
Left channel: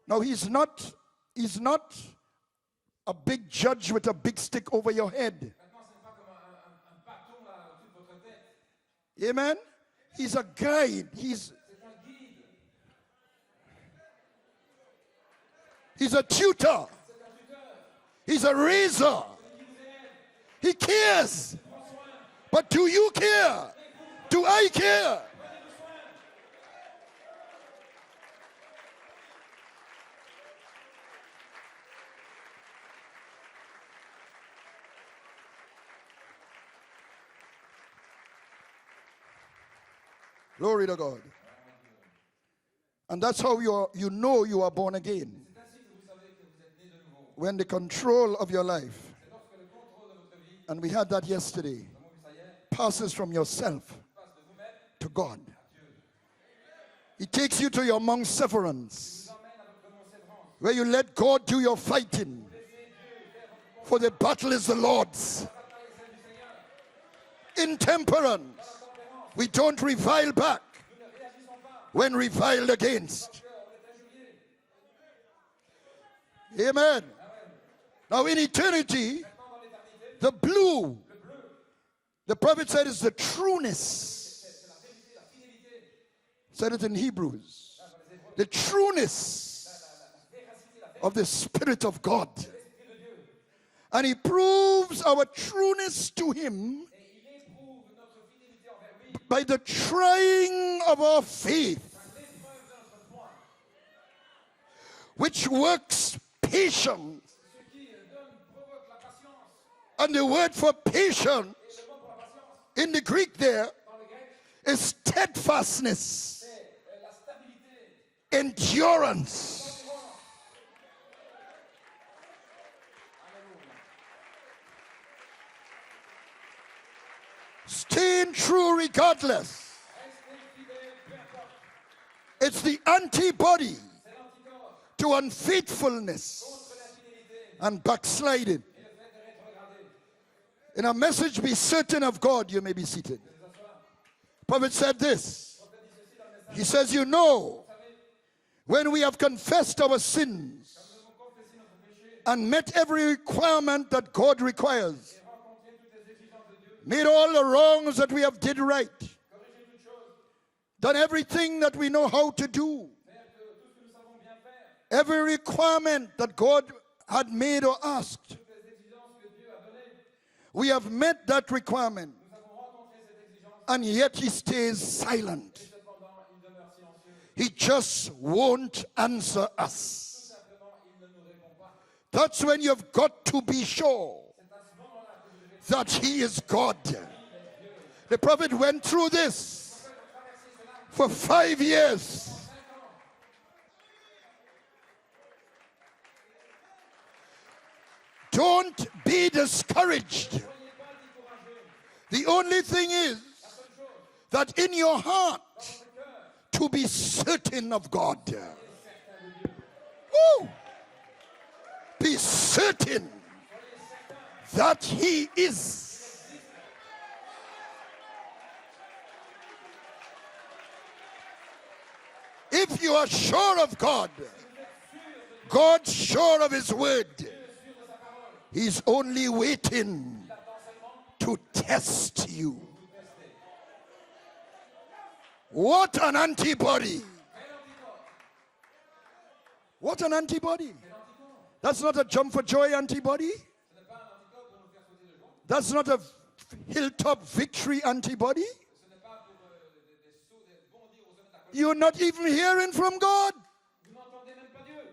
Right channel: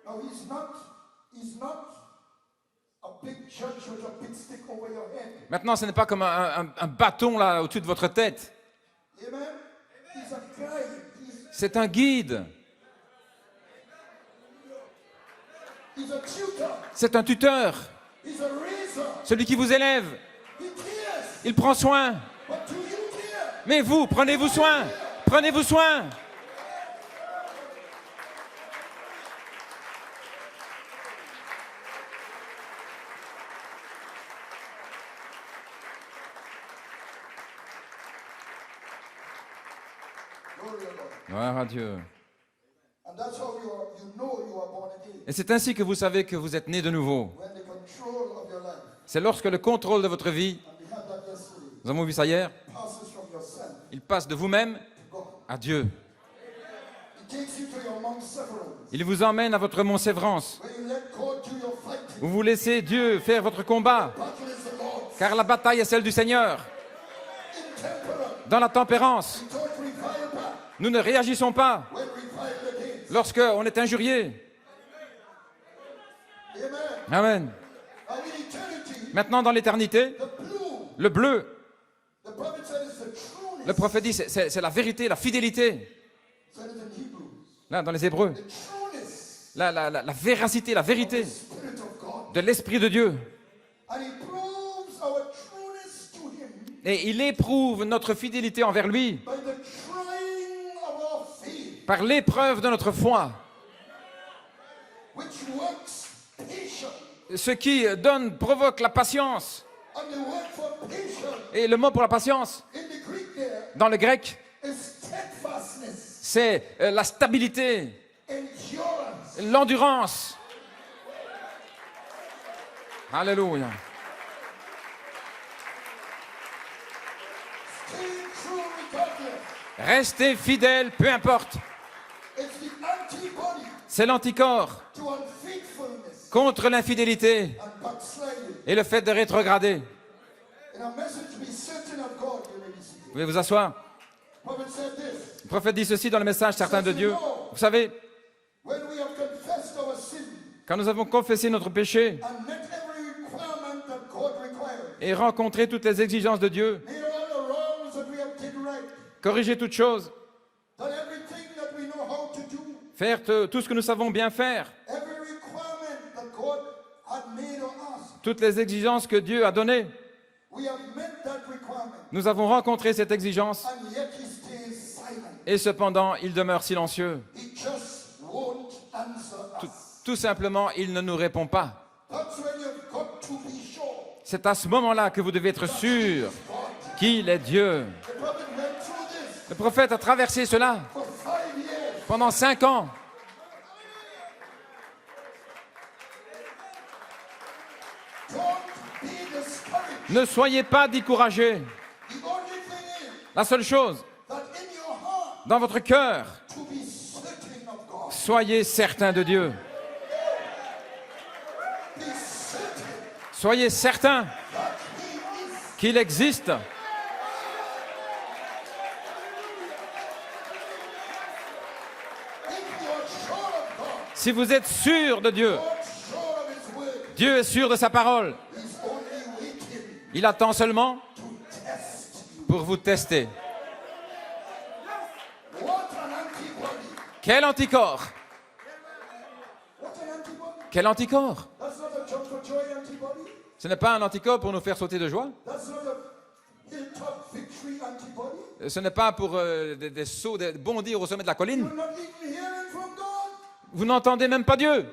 Now he's not a big judge with a big stick over your head. Maintenant, ce n'est pas comme un bâton là au-dessus de votre tête. Amen. He's a guide. C'est un guide. He's a tutor. C'est un tuteur. He's a raiser. Celui qui vous élève. He cares. Il prend soin. But do you care? Mais vous, prenez-vous Do I soin. care? Prenez-vous soin. Glory to God. Gloire à Dieu. And that's how you know you are born again. Et c'est ainsi que vous savez que vous êtes né de nouveau. When the control of your life, C'est lorsque le contrôle de votre vie, and we had that yesterday, nous avons vu ça hier, passes from yourself il passe de vous-même to God. à Dieu. He takes you to your Mount Severance, Il vous emmène à votre mont Sévrance. where you let God do your Vous fighting. vous laissez Dieu faire votre For combat, the battle is the Lord's. car la bataille est celle du Seigneur. In temperance, Dans la tempérance, we don't revile back nous ne réagissons pas when reviled against. lorsqu'on est injurié. Amen. Amen. Now in eternity, Maintenant, dans l'éternité, the blue, le bleu, the prophet said, is the le prophète dit, trueness. c'est la vérité, la fidélité. Said it in Hebrews. Là, dans les Hébreux, The trueness la véracité, la of vérité the Spirit of God. de l'Esprit de Dieu. And he proves our trueness to him Et il éprouve notre fidélité envers lui by the trying of our faith, par l'épreuve de notre foi, which works patient. Ce qui donne provoque la patience. And the word for patient Et le mot pour la patience, in the Greek there dans le grec, is steadfastness, c'est la stabilité, endurance. l'endurance. Alléluia. Staying true regardless. Restez fidèle, peu importe. It's the antibody C'est l'anticorps to unfaithfulness contre l'infidélité and backsliding. et le fait de rétrograder. In a message, be certain of God, you may be Vous seated. pouvez vous asseoir. Prophet said this. Le prophète dit ceci dans le message He certain de says, you Dieu. know, Vous savez, when we have confessed our sin quand nous avons confessé notre péché and met every requirement that God requires, et rencontré toutes les exigences de Dieu, made all the wrongs that we have did right, corrigé toutes choses, done everything that we know how to do, faire tout ce que nous savons bien faire, every requirement that God had made or asked, toutes les exigences que Dieu a données, we have met that requirement, nous avons rencontré cette exigence and yet he stays silent. et cependant il demeure silencieux. He just won't answer us. Tout simplement, il ne nous répond pas. That's when you've got to be sure C'est à ce moment-là que vous devez être that he sûr is God. qu'il est Dieu. The prophet went through Le this prophète a traversé cela for 5 years. pendant 5 ans. Don't be discouraged. Ne soyez pas découragés. The only thing is La seule chose, that in your heart dans votre cœur, to be certain of God. soyez certains de Dieu. Woo! Be certain Soyez certains that he is. qu'il existe. If you are sure of God, Si vous êtes sûr de Dieu, God's sure of his word. Dieu est sûr de sa parole. He's only waiting Il attend seulement to test you. pour vous tester. What an antibody. Quel anticorps? What an antibody. Quel anticorps? That's not a jump for joy antibody. Ce n'est pas un anticorps pour nous faire sauter de joie. That's not a hilltop victory antibody. Ce n'est pas pour des sauts, de bondir au sommet de la colline. You're not even hearing from God. Vous n'entendez même pas Dieu.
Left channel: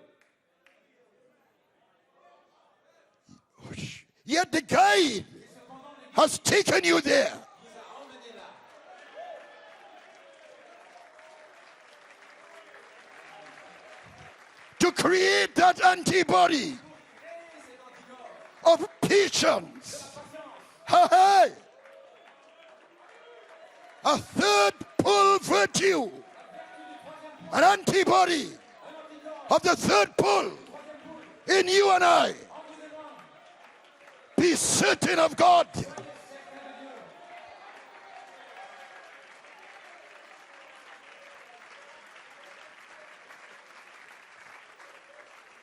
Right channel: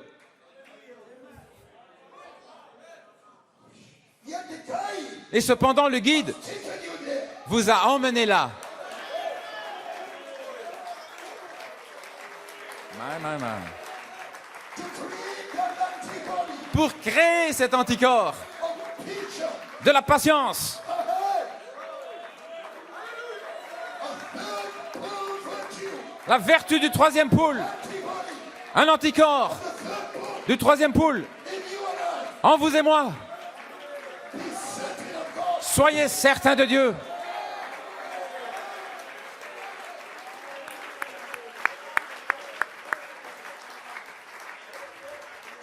Yet the guide Et cependant, le guide has taken you there. vous a emmené là. To create that antibody Pour créer cet anticorps of patience. de la patience. Hey, hey. A third pull virtue. La vertu du troisième poule. An antibody Un anticorps of the third pull du troisième poule. in you and I. En vous et moi. Be certain of God. Soyez certains de Dieu.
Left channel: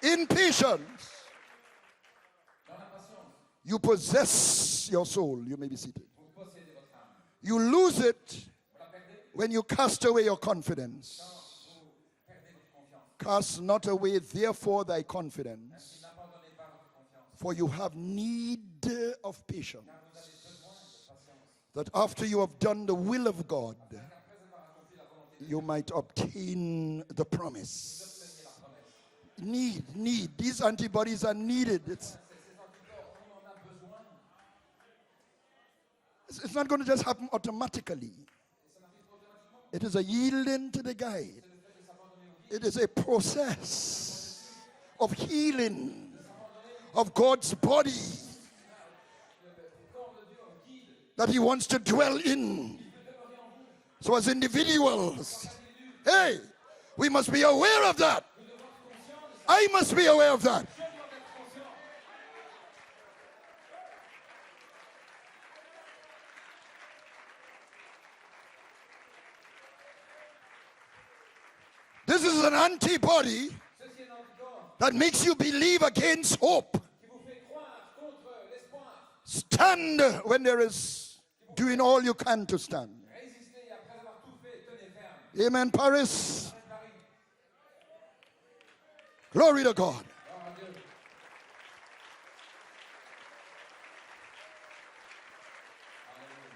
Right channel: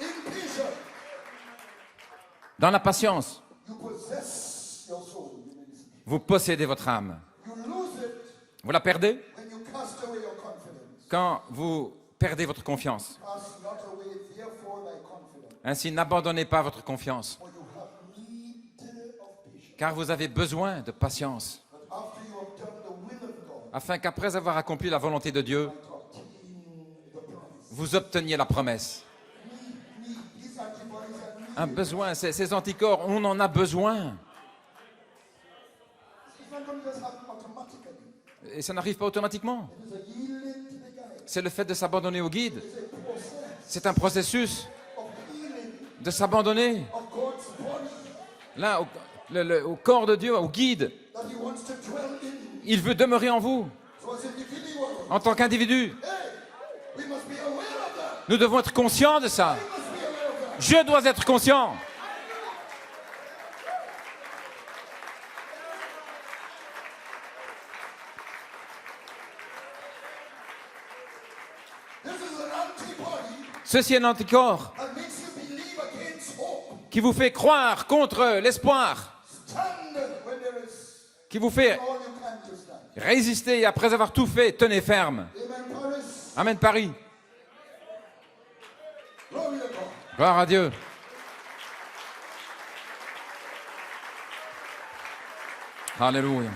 In patience, Dans la patience, you possess your soul. You may be seated. vous possédez votre âme. You lose it Vous la perdez when you cast away your confidence. quand vous perdez votre confiance. Cast not away, therefore, thy confidence, Ainsi, n'abandonnez pas votre confiance, for you have need of patience, car vous avez besoin de patience, that after you have done the will of God, afin qu'après avoir accompli la volonté de you Dieu, might obtain the promise. vous obteniez la promesse. Need. These antibodies are Un needed. besoin, ces anticorps, on en a besoin. It's not going to just happen automatically. Et ça n'arrive pas automatiquement. It is a yielding to the guide. C'est le fait de s'abandonner au guide. It is a process C'est un processus of healing de s'abandonner of God's body là au corps de Dieu, au guide. that he wants to dwell in. Il veut demeurer en vous So as individuals, en tant qu'individu. hey, we must be aware of that. Nous devons être conscients de ça. I must be aware of that. Je dois être conscient. This is an antibody Ceci est un anticorps that makes you believe against hope. qui vous fait croire contre l'espoir, Stand when there is qui vous fait doing all you can to stand. résister et après avoir tout fait, tenez ferme. Amen, Paris. Amen Paris. Glory to God. Gloire à Dieu. Alléluia.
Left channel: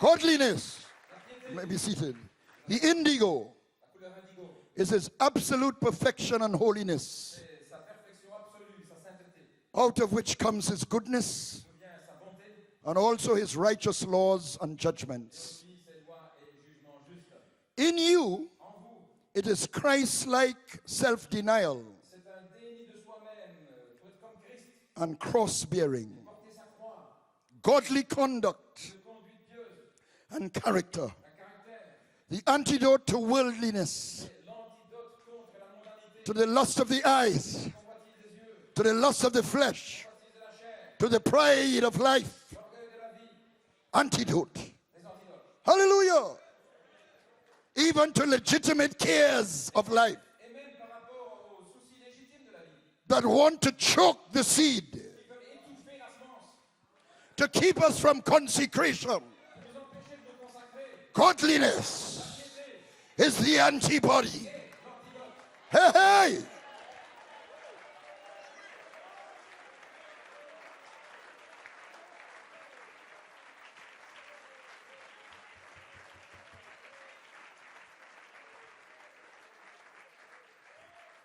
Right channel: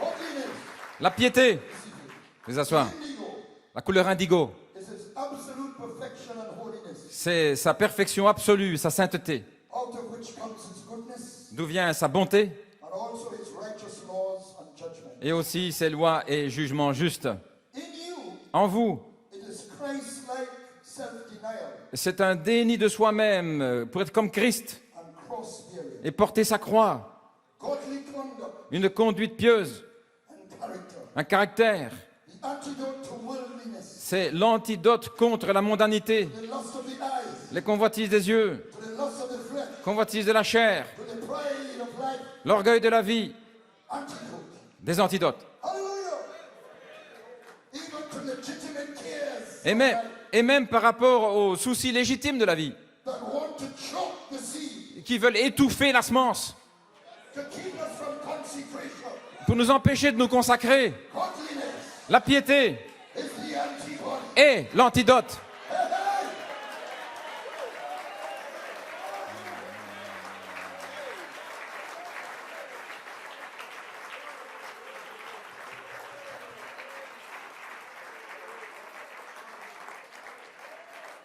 Godliness. La piété, Be seated. les asseoir. The indigo La couleur indigo, is his absolute perfection and holiness, C'est sa perfection absolue, sa sainteté, out of which comes his goodness d'où vient sa bonté and also his righteous laws and judgments. et aussi ses lois et jugements justes. In you, En vous, it is Christ-like self-denial c'est un déni de soi-même pour être comme Christ and cross-bearing, et porter sa croix, godly conduct une conduite pieuse, and character, un caractère. the antidote to worldliness, C'est l'antidote contre la mondanité, to the lust of the eyes, les convoitises des yeux, to the lust of the flesh, convoitises de la chair, to the pride of life. l'orgueil de la vie, Antidote. des antidotes. Hallelujah. Even to legitimate cares of life Et même par rapport aux soucis légitimes de la vie, that want to choke the seed, qui veulent étouffer la semence, to keep us from consecration. pour nous empêcher de nous consacrer. Godliness La piété is the antibody. est l'antidote. Hey, hey.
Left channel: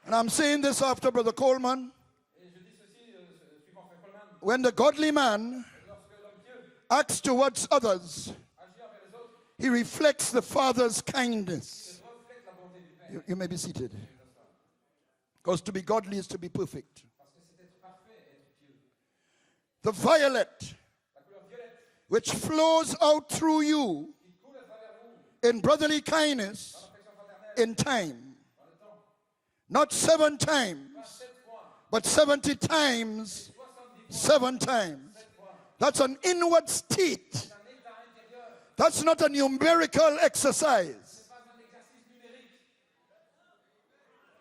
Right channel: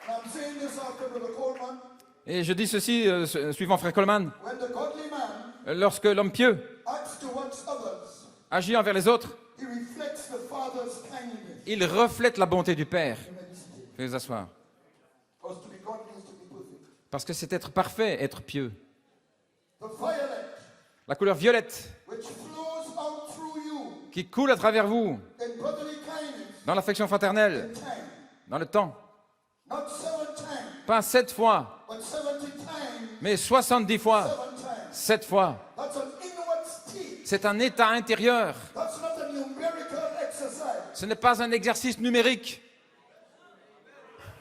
And I'm saying this after Brother Coleman. Et je dis ceci, suivant Frère Coleman, When the godly man lorsque l'homme pieux acts towards others, agit envers les autres, he reflects the Father's kindness. il reflète la bonté du Père. You may be seated. Veuillez vous asseoir. Because to be godly is to be perfect. Parce que c'est être parfait, être pieux. The violet, La couleur violette which flows out through you qui coule à travers vous, in brotherly kindness, dans l'affection fraternelle, in time. dans le temps. Not 7 times, Pas 7 fois, but 70 times, mais 70 fois, 7 times. 7 fois. That's an inward state. C'est un état intérieur. That's not a numerical exercise. Ce n'est pas un exercice numérique.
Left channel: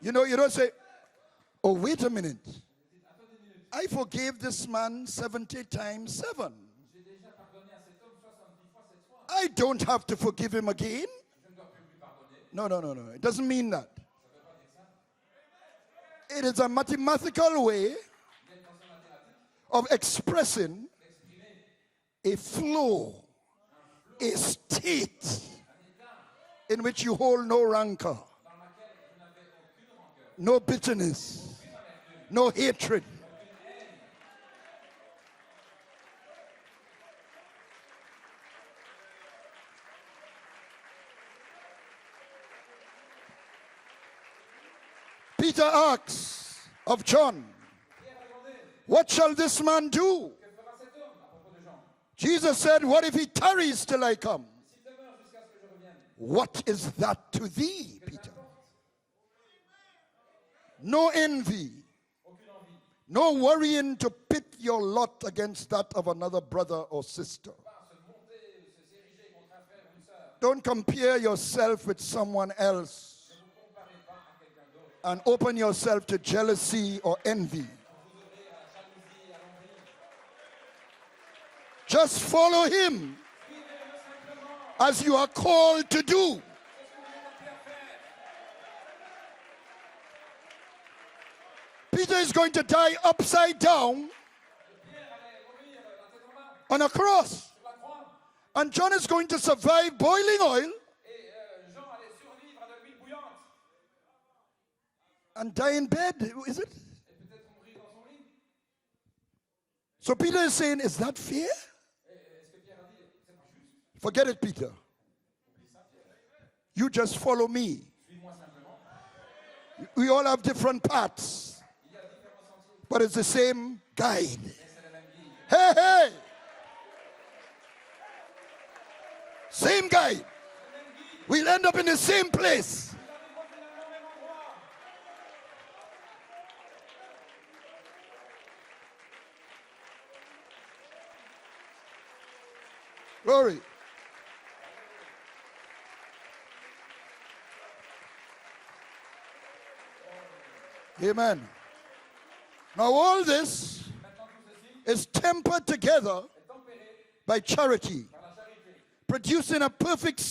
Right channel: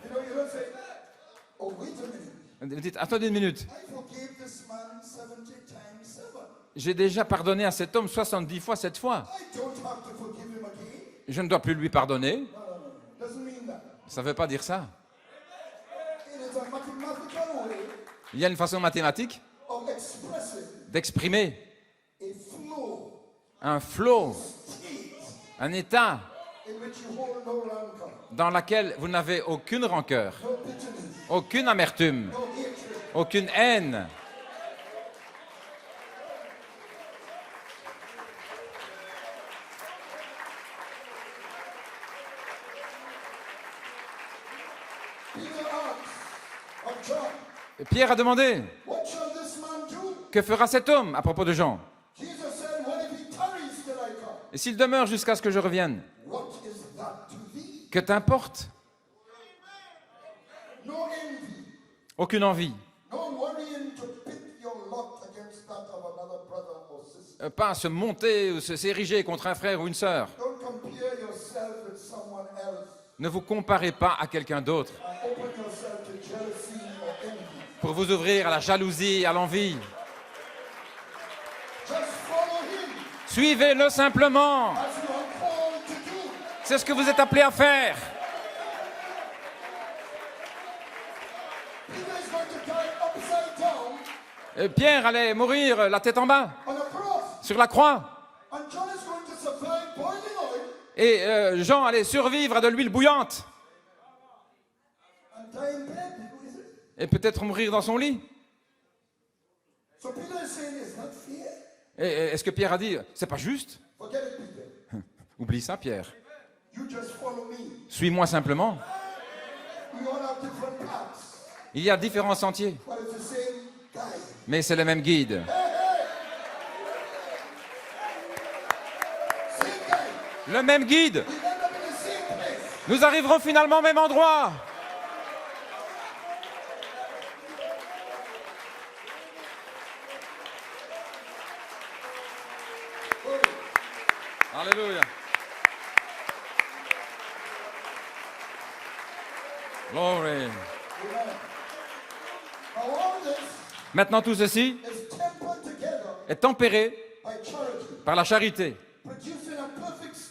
You don't say, oh, wait a minute. Vous dites, attendez une minute. I forgave this man 70 times 7. J'ai déjà pardonné à cet homme 70 fois 7 fois. I don't have to forgive him again. Je ne dois plus lui pardonner. No. It doesn't mean that. Ça ne veut pas dire ça. It is a mathematical way Il y a une façon mathématique of expressing d'exprimer a flow, un flow, a state un état in which you hold no rancor, dans lequel vous n'avez aucune rancœur, no bitterness, aucune amertume, no hatred. aucune haine. Peter asks of John, Pierre a demandé, what shall this man do? que fera cet homme à propos de Jean? Jesus said, what if he tarries till I come? Et s'il demeure jusqu'à ce que je revienne, What is that to thee? que t'importe? No envy, Aucune envie. no worrying to pit your lot against that of another brother or sister. Pas à se monter ou s'ériger contre un frère ou une sœur. Don't compare yourself with someone else Ne vous comparez pas à quelqu'un d'autre and open yourself to jealousy or envy. pour vous ouvrir à la jalousie et à l'envie. Just follow him Suivez-le simplement. as you are called to do. C'est ce que vous êtes appelé à faire. Peter is going to die upside down Pierre allait mourir la tête en bas on a cross, sur la croix. and John is going to survive boiling oil Et Jean allait survivre à de l'huile bouillante. and die in bed. Is it? Et peut-être mourir dans son lit. So Peter is saying, is that fair? Et est-ce que Pierre a dit, c'est pas juste? Forget it, Peter. Oublie ça, Pierre. You just follow me. Suis-moi simplement. We all have different paths, Il y a différents sentiers, but it's the same guide. mais c'est le même guide. Hey, hey! Same guide. Le même guide. We'll end up in the same place. Nous arriverons finalement au même endroit. Glory. Alléluia. Glory. Amen. Now all this Maintenant, tout ceci is tempered together est tempéré by charity, par la charité, producing a perfect qui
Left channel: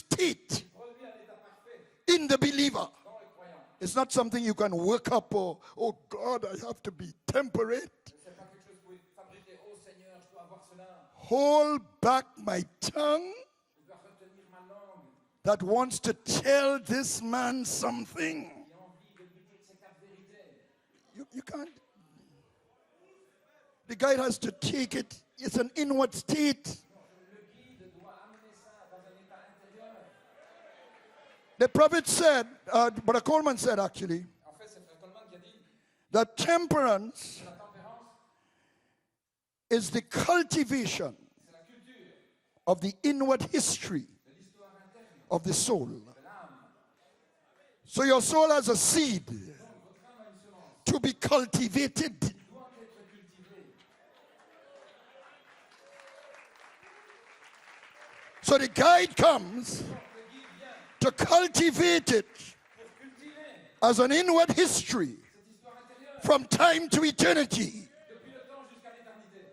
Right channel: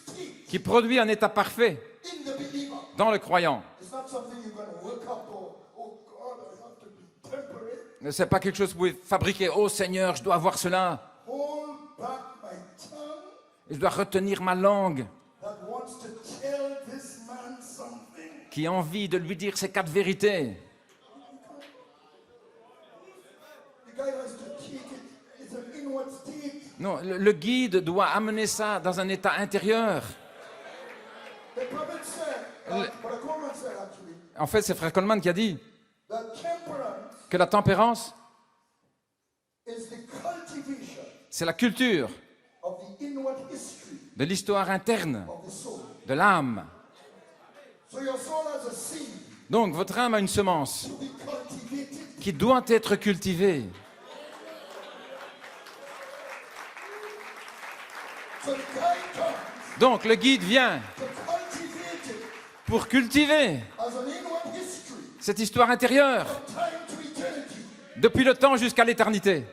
state produit un état parfait in the believer. dans le croyant. It's not something you can work up or, oh God, I have to be temperate. Ce n'est pas quelque chose que vous pouvez fabriquer. Oh Seigneur, je dois avoir cela. Hold back my tongue Je dois retenir ma langue. that wants to tell this man something. qui a envie de lui dire ces 4 vérités. You can't. The guy has to take it. It's an inward state. Non, le guide doit amener ça dans un état intérieur. The prophet said, Brother Coleman said actually, En fait, c'est Frère Coleman qui a dit that temperance que la tempérance, is the cultivation c'est la culture of the inward history de l'histoire interne, of the soul. de l'âme. So your soul has a seed Donc, votre âme a une semence to be cultivated. qui doit être cultivée. So the guide comes Donc, le guide vient to cultivate it pour cultiver as an inward history cette histoire intérieure from time to eternity. depuis le temps jusqu'à l'éternité.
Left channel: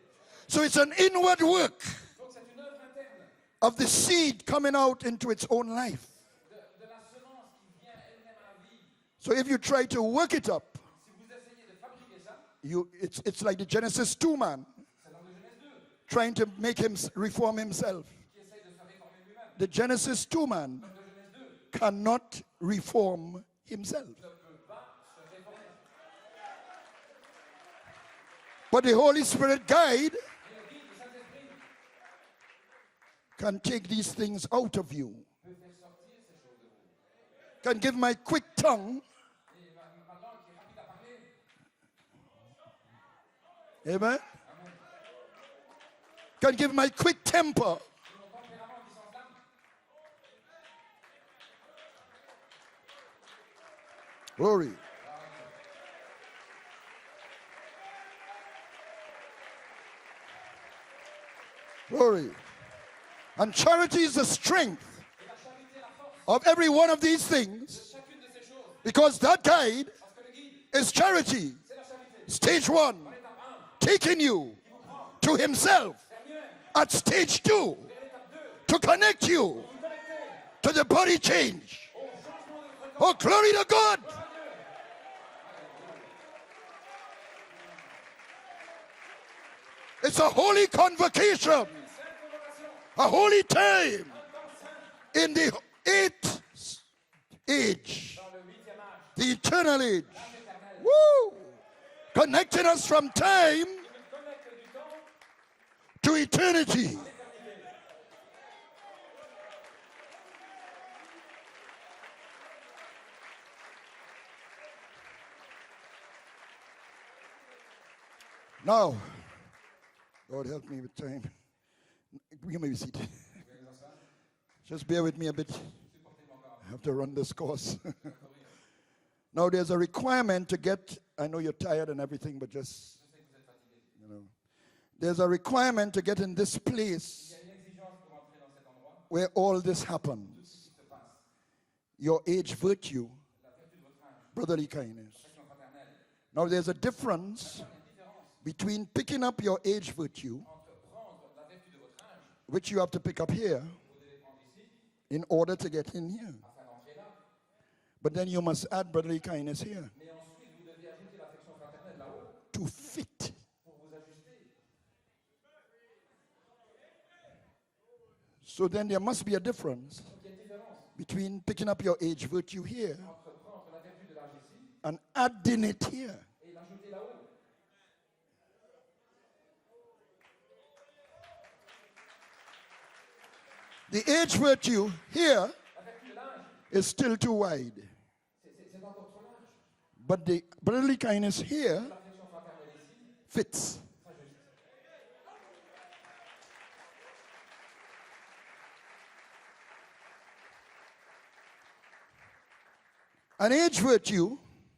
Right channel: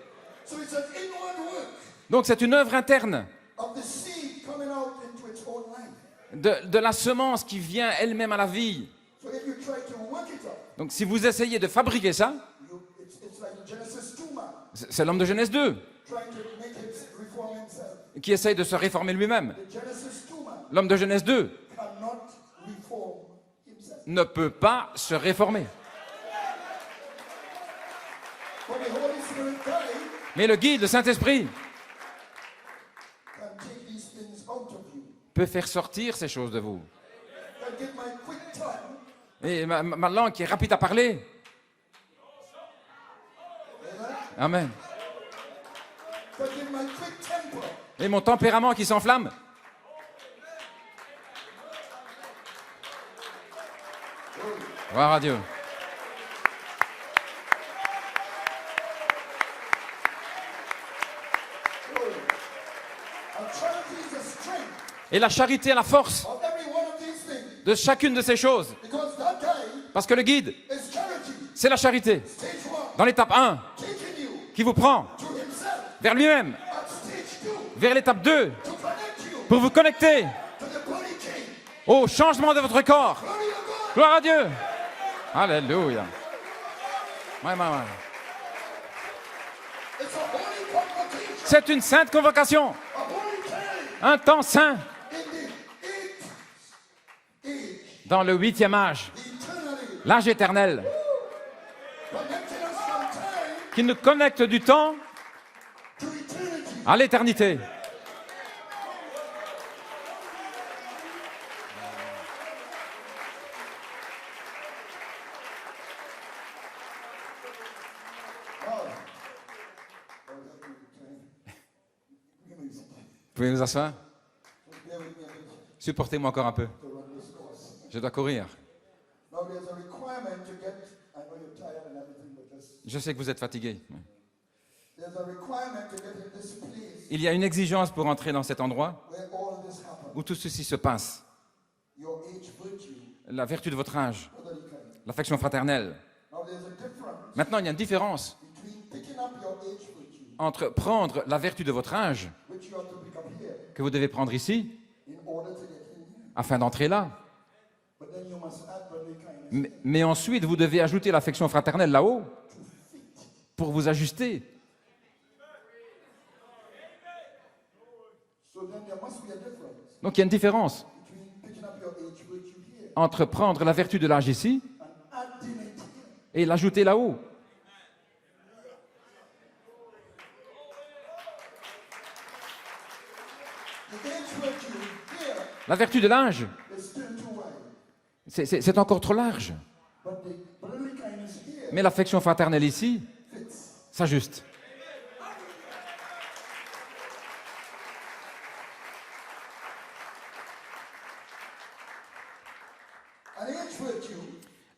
So it's an inward work Donc, c'est une œuvre interne of the seed coming out into its own life. de la semence qui vient elle-même à la vie. So if you try to work it up, Donc, si vous essayez de fabriquer ça, it's like the Genesis 2 man c'est l'homme de Genèse 2 trying to make him reform himself. qui essaye de se réformer lui-même. The Genesis 2 man L'homme de Genèse 2 cannot reform himself. ne peut pas se réformer. But the Holy Spirit guide Mais le guide, le Saint-Esprit, can take these things out of you. peut faire sortir ces choses de vous. Can give my quick tongue, Et ma langue qui est rapide à parler. amen, Amen. can give my quick temper, Et mon tempérament qui s'enflamme. glory, Gloire à Dieu. glory. And charity is the strength Et la charité est la force of every one of these things, de chacune de ces choses. because that guide Parce que le guide, is charity. c'est la charité. Stage 1, Dans l'étape 1, taking you qui vous prend to himself. vers lui-même. At stage 2, Vers l'étape 2, to connect you pour vous connecter to the body change. au changement de votre Oh, corps. glory to God. Gloire à Dieu. Alléluia. Ouais. It's a holy convocation, C'est une sainte convocation. a holy time Un temps saint in the 8th age, dans le 8e âge. the eternal age. L'âge éternel. Connecting us from time Qui nous connecte du temps to eternity. à l'éternité. Now, Lord help me with time. You may be seated. Vous pouvez vous asseoir? Just bear with me a bit. Supportez-moi encore un peu. I have to run this course. Je dois courir. Now, there's a requirement to get, I know you're tired and everything, but Je sais que vous êtes fatigué. there's a requirement to get in this place Il y a une exigence pour entrer dans cet endroit where all this où happens. tout ceci se passe. Your age virtue, La vertu de votre âge, brotherly kindness. l'affection fraternelle. Now, there's a difference Maintenant, il y a une différence between picking up your age virtue, entre prendre la vertu de votre âge, which you have to pick up here que vous devez prendre ici, in order to get in here. afin d'entrer là. But then you must add brotherly kindness here Mais ensuite, vous devez ajouter l'affection fraternelle là-haut to fit. pour vous ajuster. So then there must be a difference Donc, il y a une différence between picking up your age virtue here entre prendre la vertu de l'âge ici and adding it here. et l'ajouter là-haut. The age virtue here La vertu de l'âge, is still too wide. c'est encore trop large. But the brotherly kindness Mais here l'affection fraternelle ici fits. s'ajuste. An age virtue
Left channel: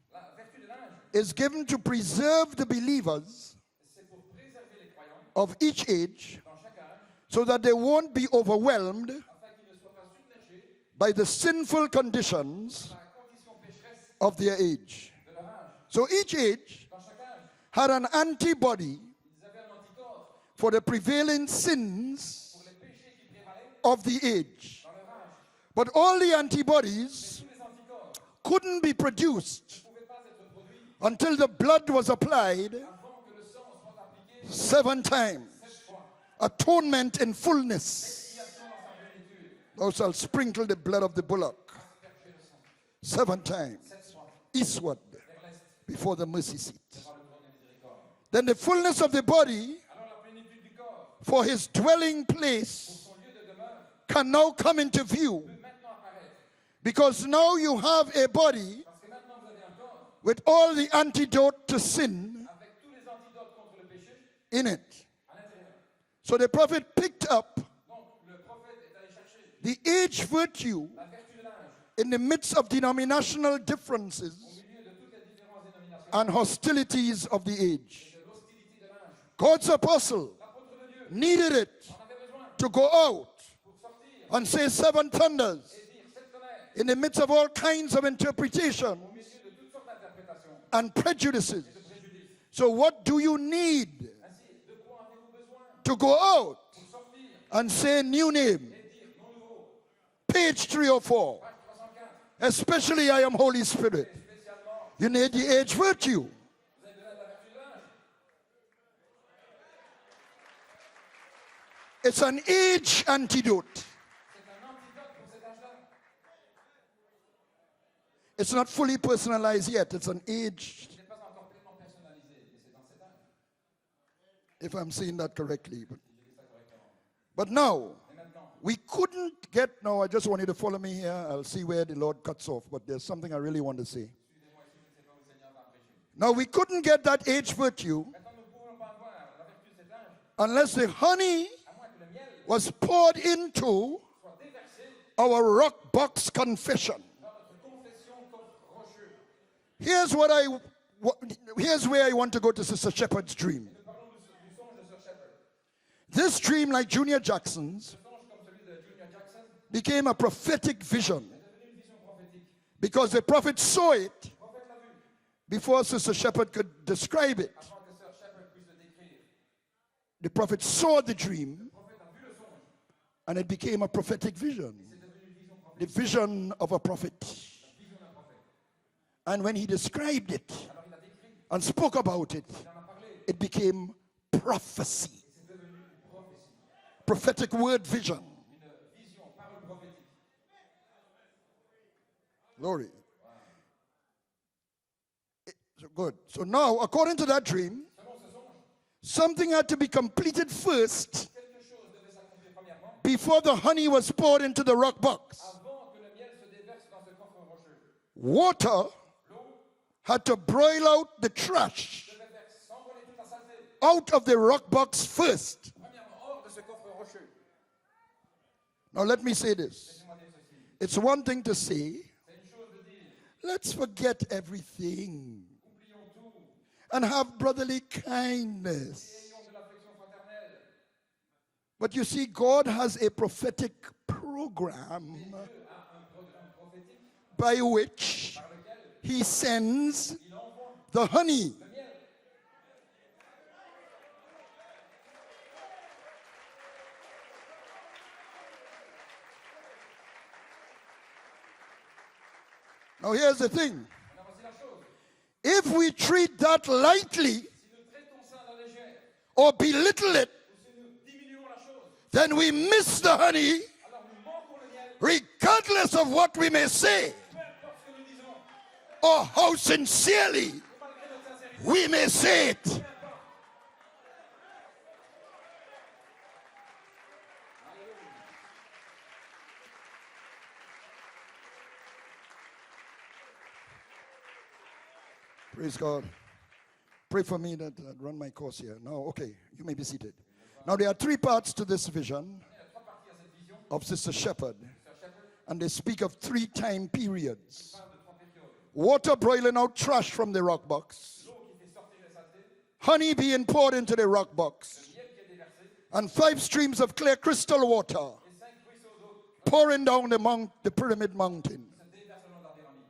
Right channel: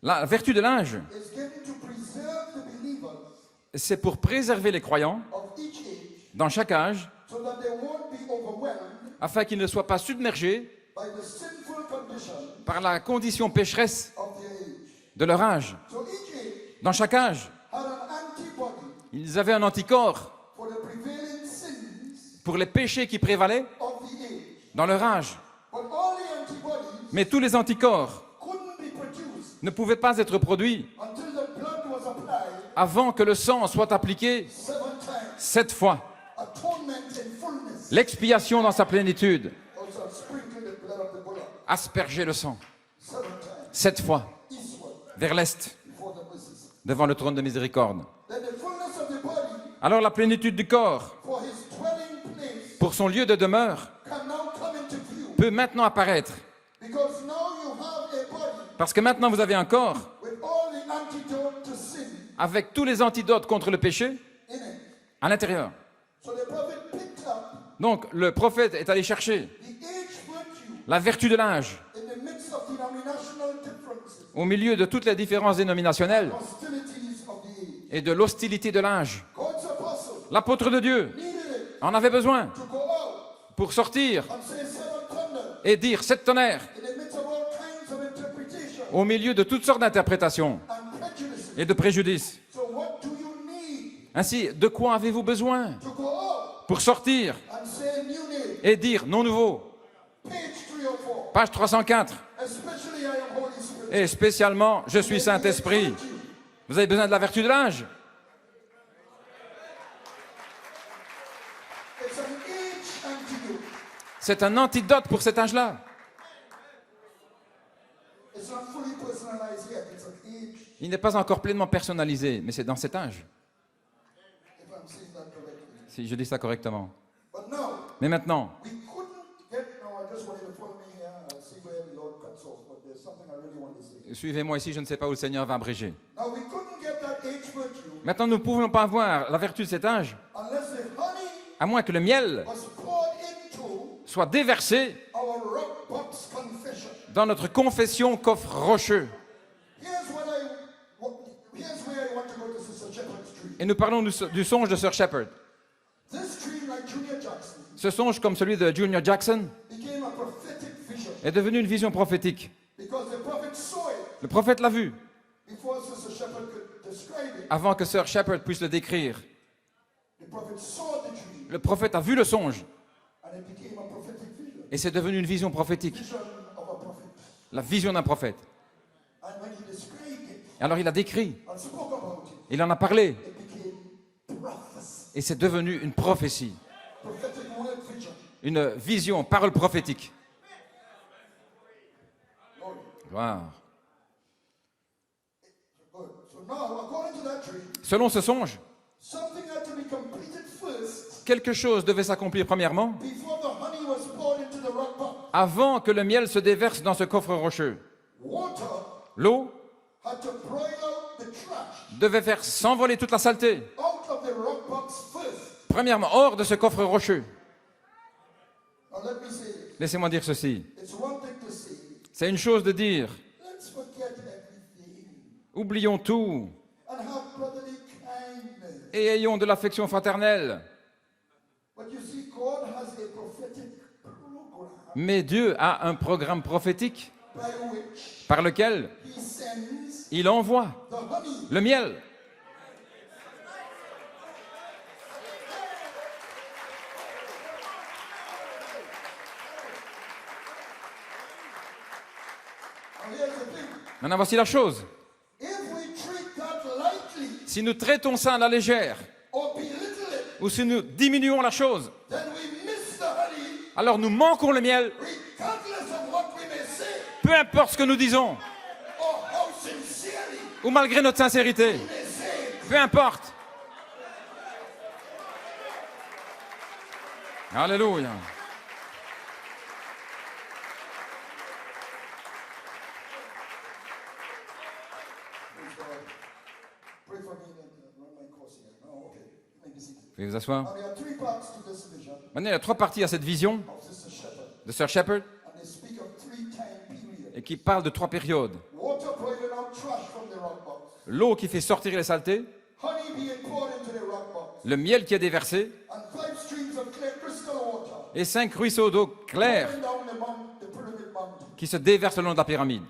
La vertu de l'âge, is given to preserve the believers c'est pour préserver les croyants of each age dans chaque âge, so that they won't be overwhelmed afin qu'ils ne soient pas submergés by the sinful conditions par la condition pécheresse of their age. de leur âge. So each age Dans chaque âge, had an antibody ils avaient un anticorps for the prevailing sins pour les péchés qui prévalaient of the age. dans leur âge. But all the antibodies Mais tous les anticorps couldn't be produced ne pouvaient pas être produits until the blood was applied avant que le sang soit appliqué 7 times. 7 fois. Atonement in fullness. L'expiation dans sa plénitude. Thou shalt sprinkle the blood of the bullock asperger le sang 7 times 7 fois eastward vers l'est, before the mercy seat. devant le trône de miséricorde. Then the fullness of the body Alors la plénitude du corps, for his dwelling place pour son lieu de demeure, can now come into view, peut maintenant apparaître. because now you have a body Parce que maintenant vous avez un corps with all the antidote to sin avec tous les antidotes contre le péché in it. à l'intérieur. So the prophet picked up Donc le prophète est allé chercher the age virtue la vertu de l'âge in the midst of denominational differences au milieu de toutes les différences and dénominationnelles hostilities of the age. et de l'hostilité de l'âge. God's apostle L'apôtre de Dieu needed it en avait besoin to go out pour sortir and say 7 thunders et dire 7 tonnerres in the midst of all kinds of interpretation au milieu de toutes sortes d'interprétations and prejudices. et de préjudices. So what do you need Ainsi, de quoi avez-vous besoin to go out pour sortir and say new name? et dire non nouveau? Page 304. Page 304. Especially I am Holy Et Spirit. spécialement, je You suis need the age Saint-Esprit. virtue. Vous avez besoin de la vertu de l'âge. It's an age antidote. C'est un antidote pour cet âge-là. It's not fully personalized yet. It's an age, Il n'est pas encore pleinement personnalisé, mais c'est dans cet âge, if I'm saying that correctly. si je dis ça correctement. But now, Mais maintenant, we couldn't get, no, I just want you to follow me here. I'll see where the Lord cuts off, but there's something I really want to say. suivez-moi ici, je ne sais pas où le Seigneur va abréger. Now, we couldn't get that age virtue Maintenant, nous ne pouvons pas avoir la vertu de cet âge, unless the honey à moins que le miel was poured into soit déversé our rock box confession. dans notre confession coffre rocheux. Here's here's where I want to go to Sister Shepherd's dream. Et nous parlons du songe de Sir Shepherd. This dream, like Junior Jackson, Ce songe, comme celui de Junior Jackson, became a prophetic vision est devenu une vision prophétique. because the prophet saw it Le prophète l'a vu before Sister Shepherd could describe it. avant que Sir Shepherd puisse le décrire. The prophet saw the dream Le prophète a vu le songe and it became a prophetic vision. et c'est devenu une vision prophétique, Vision of a prophet. la vision d'un prophète. And when he described it Alors il a décrit, and spoke about it, il en a parlé it became prophecy. et c'est devenu une prophétie, Prophetic word vision. une vision, parole prophétique. Glory. Wow. So good. So now, according to that dream, Selon ce songe, something had to be completed first quelque chose devait s'accomplir premièrement before the honey was poured into the rock box. avant que le miel se déverse dans ce coffre rocheux. Water L'eau had to broil out the trash devait faire s'envoler toute la saleté, out of the rock box first. premièrement hors de ce coffre rocheux. Now let me say this. Laissez-moi dire ceci. It's one thing to say, C'est une chose de dire, let's forget everything oublions tout and have brotherly kindness. et ayons de l'affection fraternelle. But you see, God has a prophetic program Mais Dieu a un programme prophétique by which par lequel he sends il envoie the honey. le miel. Now here's the thing. Maintenant, voici la chose. If we treat that lightly Si nous traitons ça à la légère, or belittle it, ou si nous diminuons la chose, then we miss the honey alors nous manquons le miel, regardless of what we may say peu importe ce que nous disons, or how sincerely ou malgré notre sincérité, we may say it. peu importe. Alléluia. Praise God. Pray for me that I run my course here. No, okay, you may be seated. Veuillez vous asseoir. Now there are 3 parts to this vision Maintenant, il y a 3 parties à cette vision of Sister Shepherd, de Sir Shepherd and they speak of 3 time et periods. qui parle de 3 périodes. Water boiling out trash from the rock box, L'eau qui fait sortir les saletés, honey being poured into the rock box, le miel qui est déversé and 5 streams of clear crystal water et 5 ruisseaux d'eau claire pouring down the pyramid mountain. qui se déversent le long de la pyramide.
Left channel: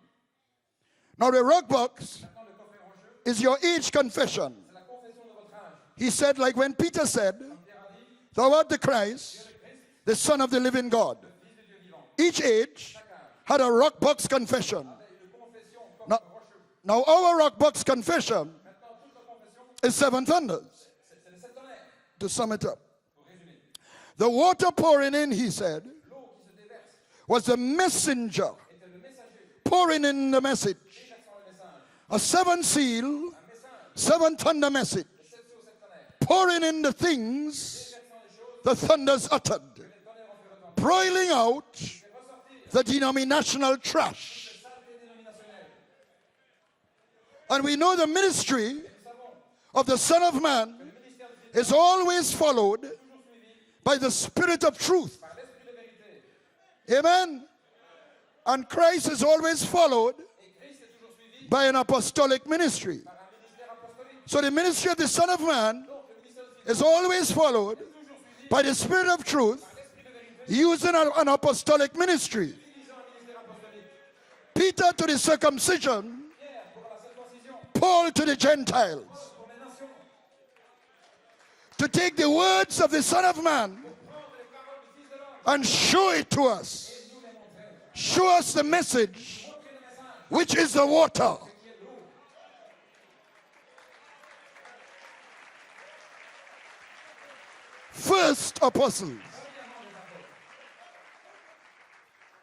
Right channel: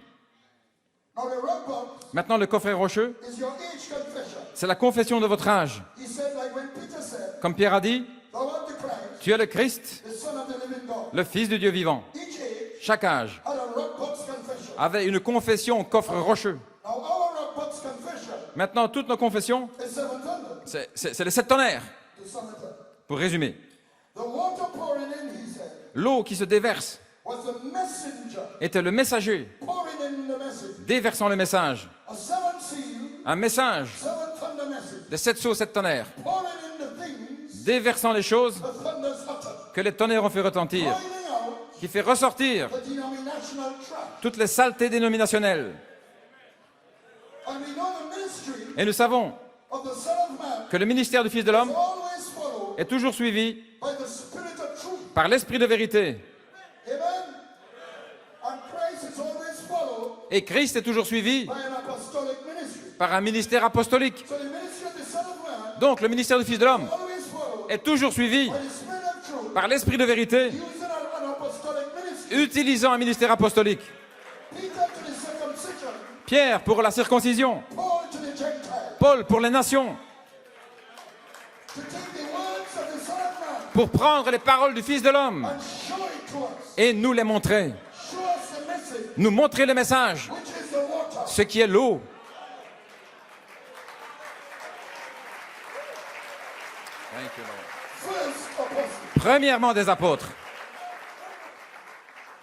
Now the rock box Maintenant, le coffret rocheux, is your age confession. c'est la confession de votre âge. He said, like when Peter said, Comme Pierre a dit, thou art the Christ, tu es le Christ, the Son of the living God. le Fils du Dieu vivant. Each age Chaque âge had a rock box confession. avait une confession au coffre rocheux. Now our rock box confession Maintenant, toutes nos confessions, is 7 thunders, c'est les 7 tonnerres, to sum it up. pour résumer. The water pouring in, he said, L'eau qui se déverse was a messenger était le messager, pouring in the message. déversant le message. A seven seal, Un message 7 thunder message, de 7 seaux, 7 tonnerres, pouring in the things déversant les choses the thunders uttered, que les tonnerres ont fait retentir, boiling out qui fait ressortir the denominational trash. toutes les saletés dénominationnelles. And we know the ministry Et nous savons of the Son of Man que le ministère du Fils de l'homme is always followed est toujours suivi by the Spirit of truth. par l'esprit de vérité. Amen. And Christ is always followed Et Christ est toujours suivi by an apostolic ministry. par un ministère apostolique. So the ministry of the Son of Man Donc le ministère du Fils de is l'homme always followed est toujours suivi by the Spirit of truth, par l'esprit de vérité, using an apostolic ministry. utilisant un ministère apostolique. Peter to the circumcision, Pierre pour la circoncision, Paul to the Gentiles. Paul pour les nations, To take the words of the Son of Man pour prendre les paroles du Fils de l'homme and show it to us. et nous les montrer. Show us the message, Nous montrer le message, which is the water. ce qui est l'eau. First apostle. Premièrement des apôtres.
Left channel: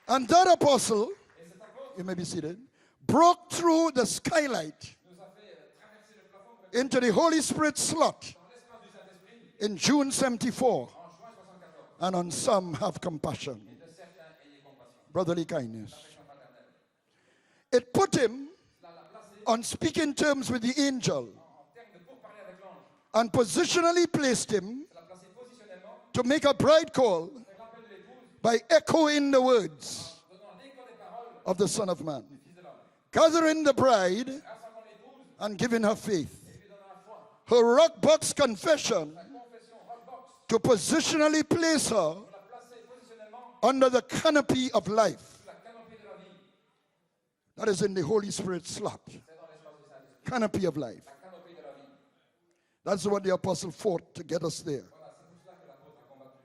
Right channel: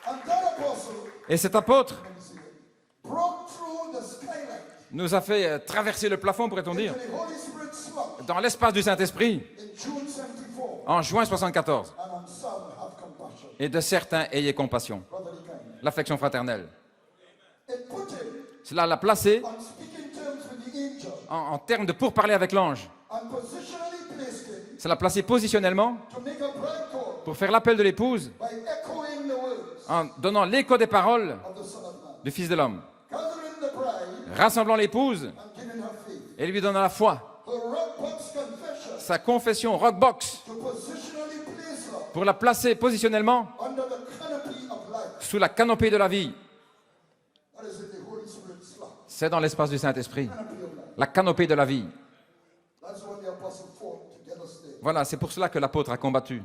And that apostle, Et cet apôtre you may be seated, broke through the skylight nous a fait traverser le plafond, pourrait-on dire, into the Holy Spirit slot dans l'espace du Saint-Esprit in June 74. en juin 74. And on some have compassion, Et de certains, ayez compassion. brotherly kindness. L'affection fraternelle. It put him Cela l'a placé on speaking terms with the angel en termes de pourparler avec l'ange. and positionally placed him Ça l'a placé positionnellement to make a bride call pour faire l'appel de l'épouse by echoing the words en donnant l'écho des paroles of the Son of Man, du Fils de l'homme, gathering the bride rassemblant l'épouse and giving her faith. et lui donnant la foi. Her rock box confession Sa confession rockbox to positionally place her pour la placer positionnellement under the canopy of life. sous la canopée de la vie. That is in the Holy Spirit slot, C'est dans l'espace du Saint-Esprit. canopy of life. La canopée de la vie. That's what the apostle fought to get us there. Voilà, c'est pour cela que l'apôtre a combattu.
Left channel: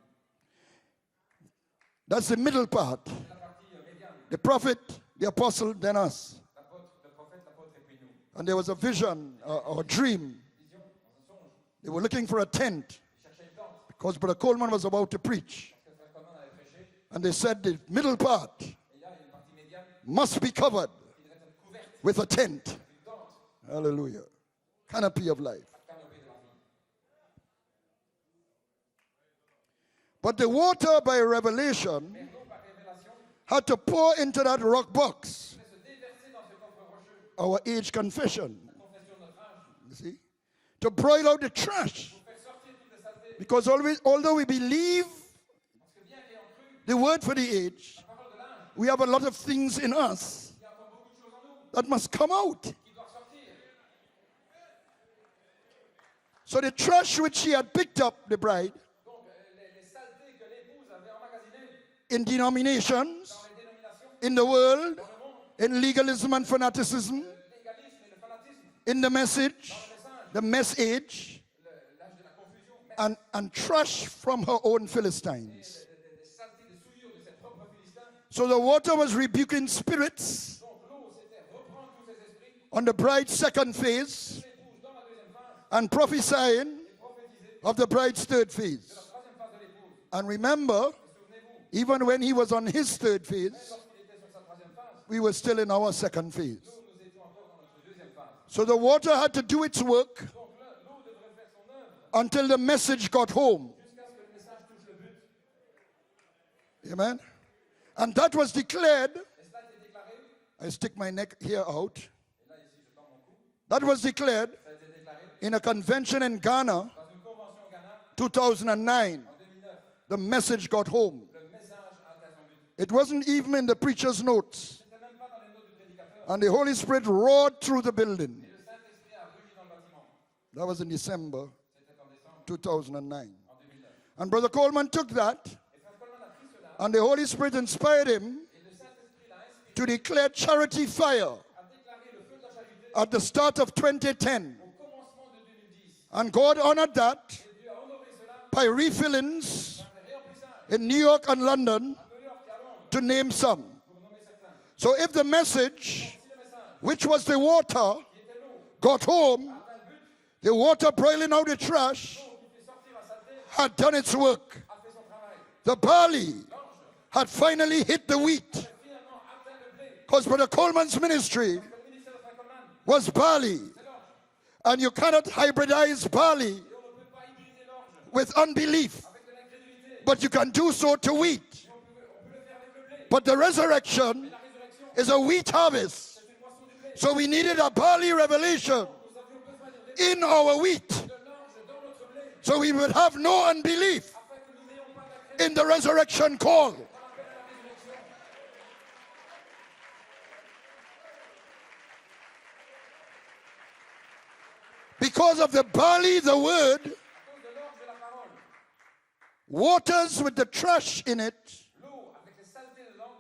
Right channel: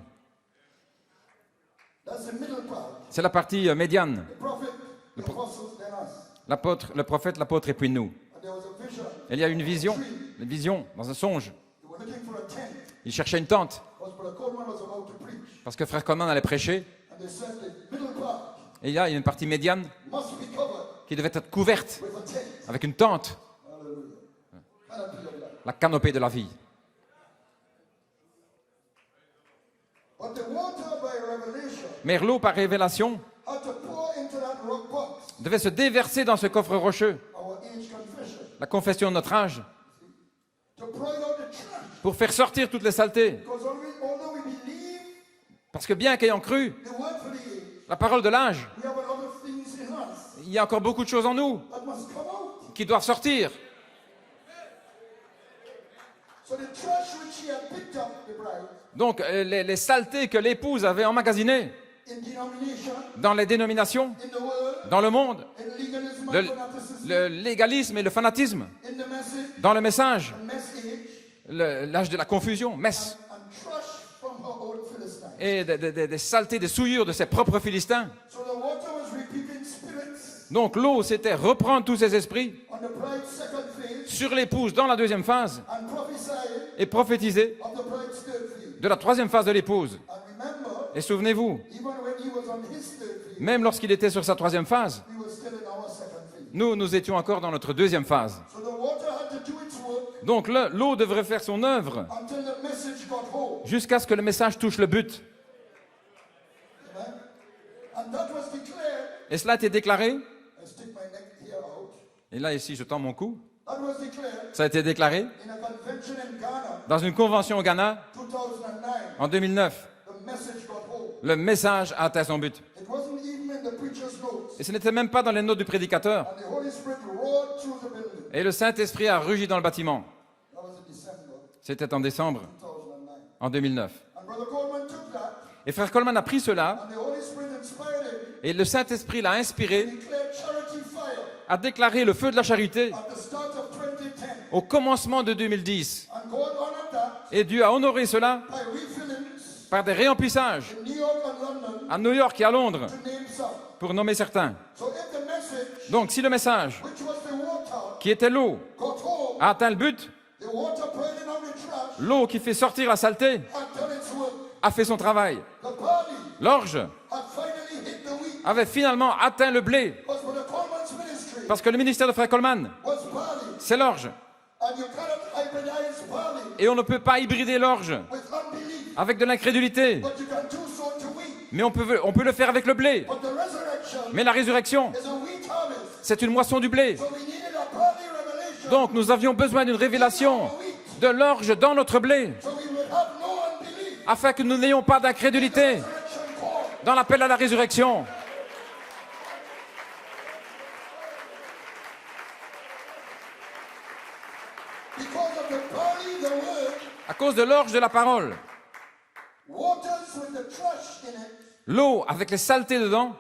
That's the middle part. C'est la partie médiane. The prophet, the apostle, then us. L'apôtre, le prophète, l'apôtre et puis nous. And there was a vision, Il y a une a vision, dream. une vision dans un songe. They were looking for a tent Il cherchait une tente because Brother Coleman was about to preach. parce que frère Coleman allait prêcher. And they said the middle part Et il y a une partie médiane must be covered qui devait être couverte with a tent. avec une tente, Hallelujah. Canopy of life. la canopée de la vie. But the water by revelation Mais l'eau par révélation had to pour into that rock box devait se déverser dans ce coffre rocheux, our age confession. la confession de notre âge, You see? To broil out the trash. pour faire sortir toutes les saletés. Because although we believe Parce que bien qu'ayant cru the word for the age, la parole de l'âge, we have a lot of things in us il y a encore beaucoup de choses en nous that must come out. qui doivent sortir. So the trash which she had picked up, the bride, Donc les saletés que l'épouse avait emmagasinées in denomination, dans les dénominations, in the world, dans le monde, in legalism and fanaticism, le légalisme et le fanatisme, in the message, dans le message, the message, l'âge de la confusion, messe, and trash from her own Philistines. et des saletés, des souillures de ses propres Philistins. So the water was rebuking spirits Donc l'eau, c'était reprendre tous ces esprits on the bride's second phase sur l'épouse dans la deuxième phase and prophesying et prophétiser of the bride's third phase. de la troisième phase de l'épouse. And remember, Et souvenez-vous, even when he was on his third phase, même lorsqu'il était sur sa troisième phase, we were still in our second phase. nous étions encore dans notre deuxième phase. So the water had to do its work Donc l'eau devrait faire son œuvre until the message got home. jusqu'à ce que le message touche le but. Amen. And that was declared. Et cela a été déclaré, I stick my neck here out. et là ici je tends mon cou, That was declared ça a été déclaré in a convention in Ghana, dans une convention au Ghana 2009. en 2009. The message got home. Le message a atteint son but. It wasn't even in the preacher's Et notes. ce n'était même pas dans les notes du prédicateur. And the Holy Spirit roared through the building. Et le Saint-Esprit a rugi dans le bâtiment. That was in December C'était en décembre 2009. en 2009. And Brother Coleman took that, Et frère Coleman a pris cela, and the Holy Spirit inspired him et le Saint-Esprit l'a to inspiré declare charity fire à déclarer le feu de la charité at the start of 2010. au commencement de 2010. And God honored that Et Dieu a honoré cela by refillings par des réemplissages in New York and London, à New York et à Londres, to name some. pour nommer certains. So if the message, Donc si le message, which was the water, qui était l'eau, got home, a atteint le but, The water boiling out the trash L'eau qui fait sortir la saleté had done its work. a fait son travail. The barley L'orge had finally hit the wheat. avait finalement atteint le blé. Because Brother Coleman's ministry Parce que le ministère de Frère Coleman, was barley. c'est l'orge. And you cannot hybridize barley Et on ne peut pas hybrider l'orge with unbelief. avec de l'incrédulité. But you can do so to wheat. Mais on peut le faire avec le blé. But the resurrection Mais la résurrection, is a wheat harvest. c'est une moisson du blé. So we needed a barley revelation Donc nous avions besoin d'une in révélation our wheat. de l'orge dans notre blé, So we would have no unbelief afin que nous n'ayons pas in d'incrédulité the resurrection call. dans l'appel à la résurrection. Because of the barley, the word, À cause de l'orge de la parole, waters with the trash in it, l'eau avec les saletés dedans,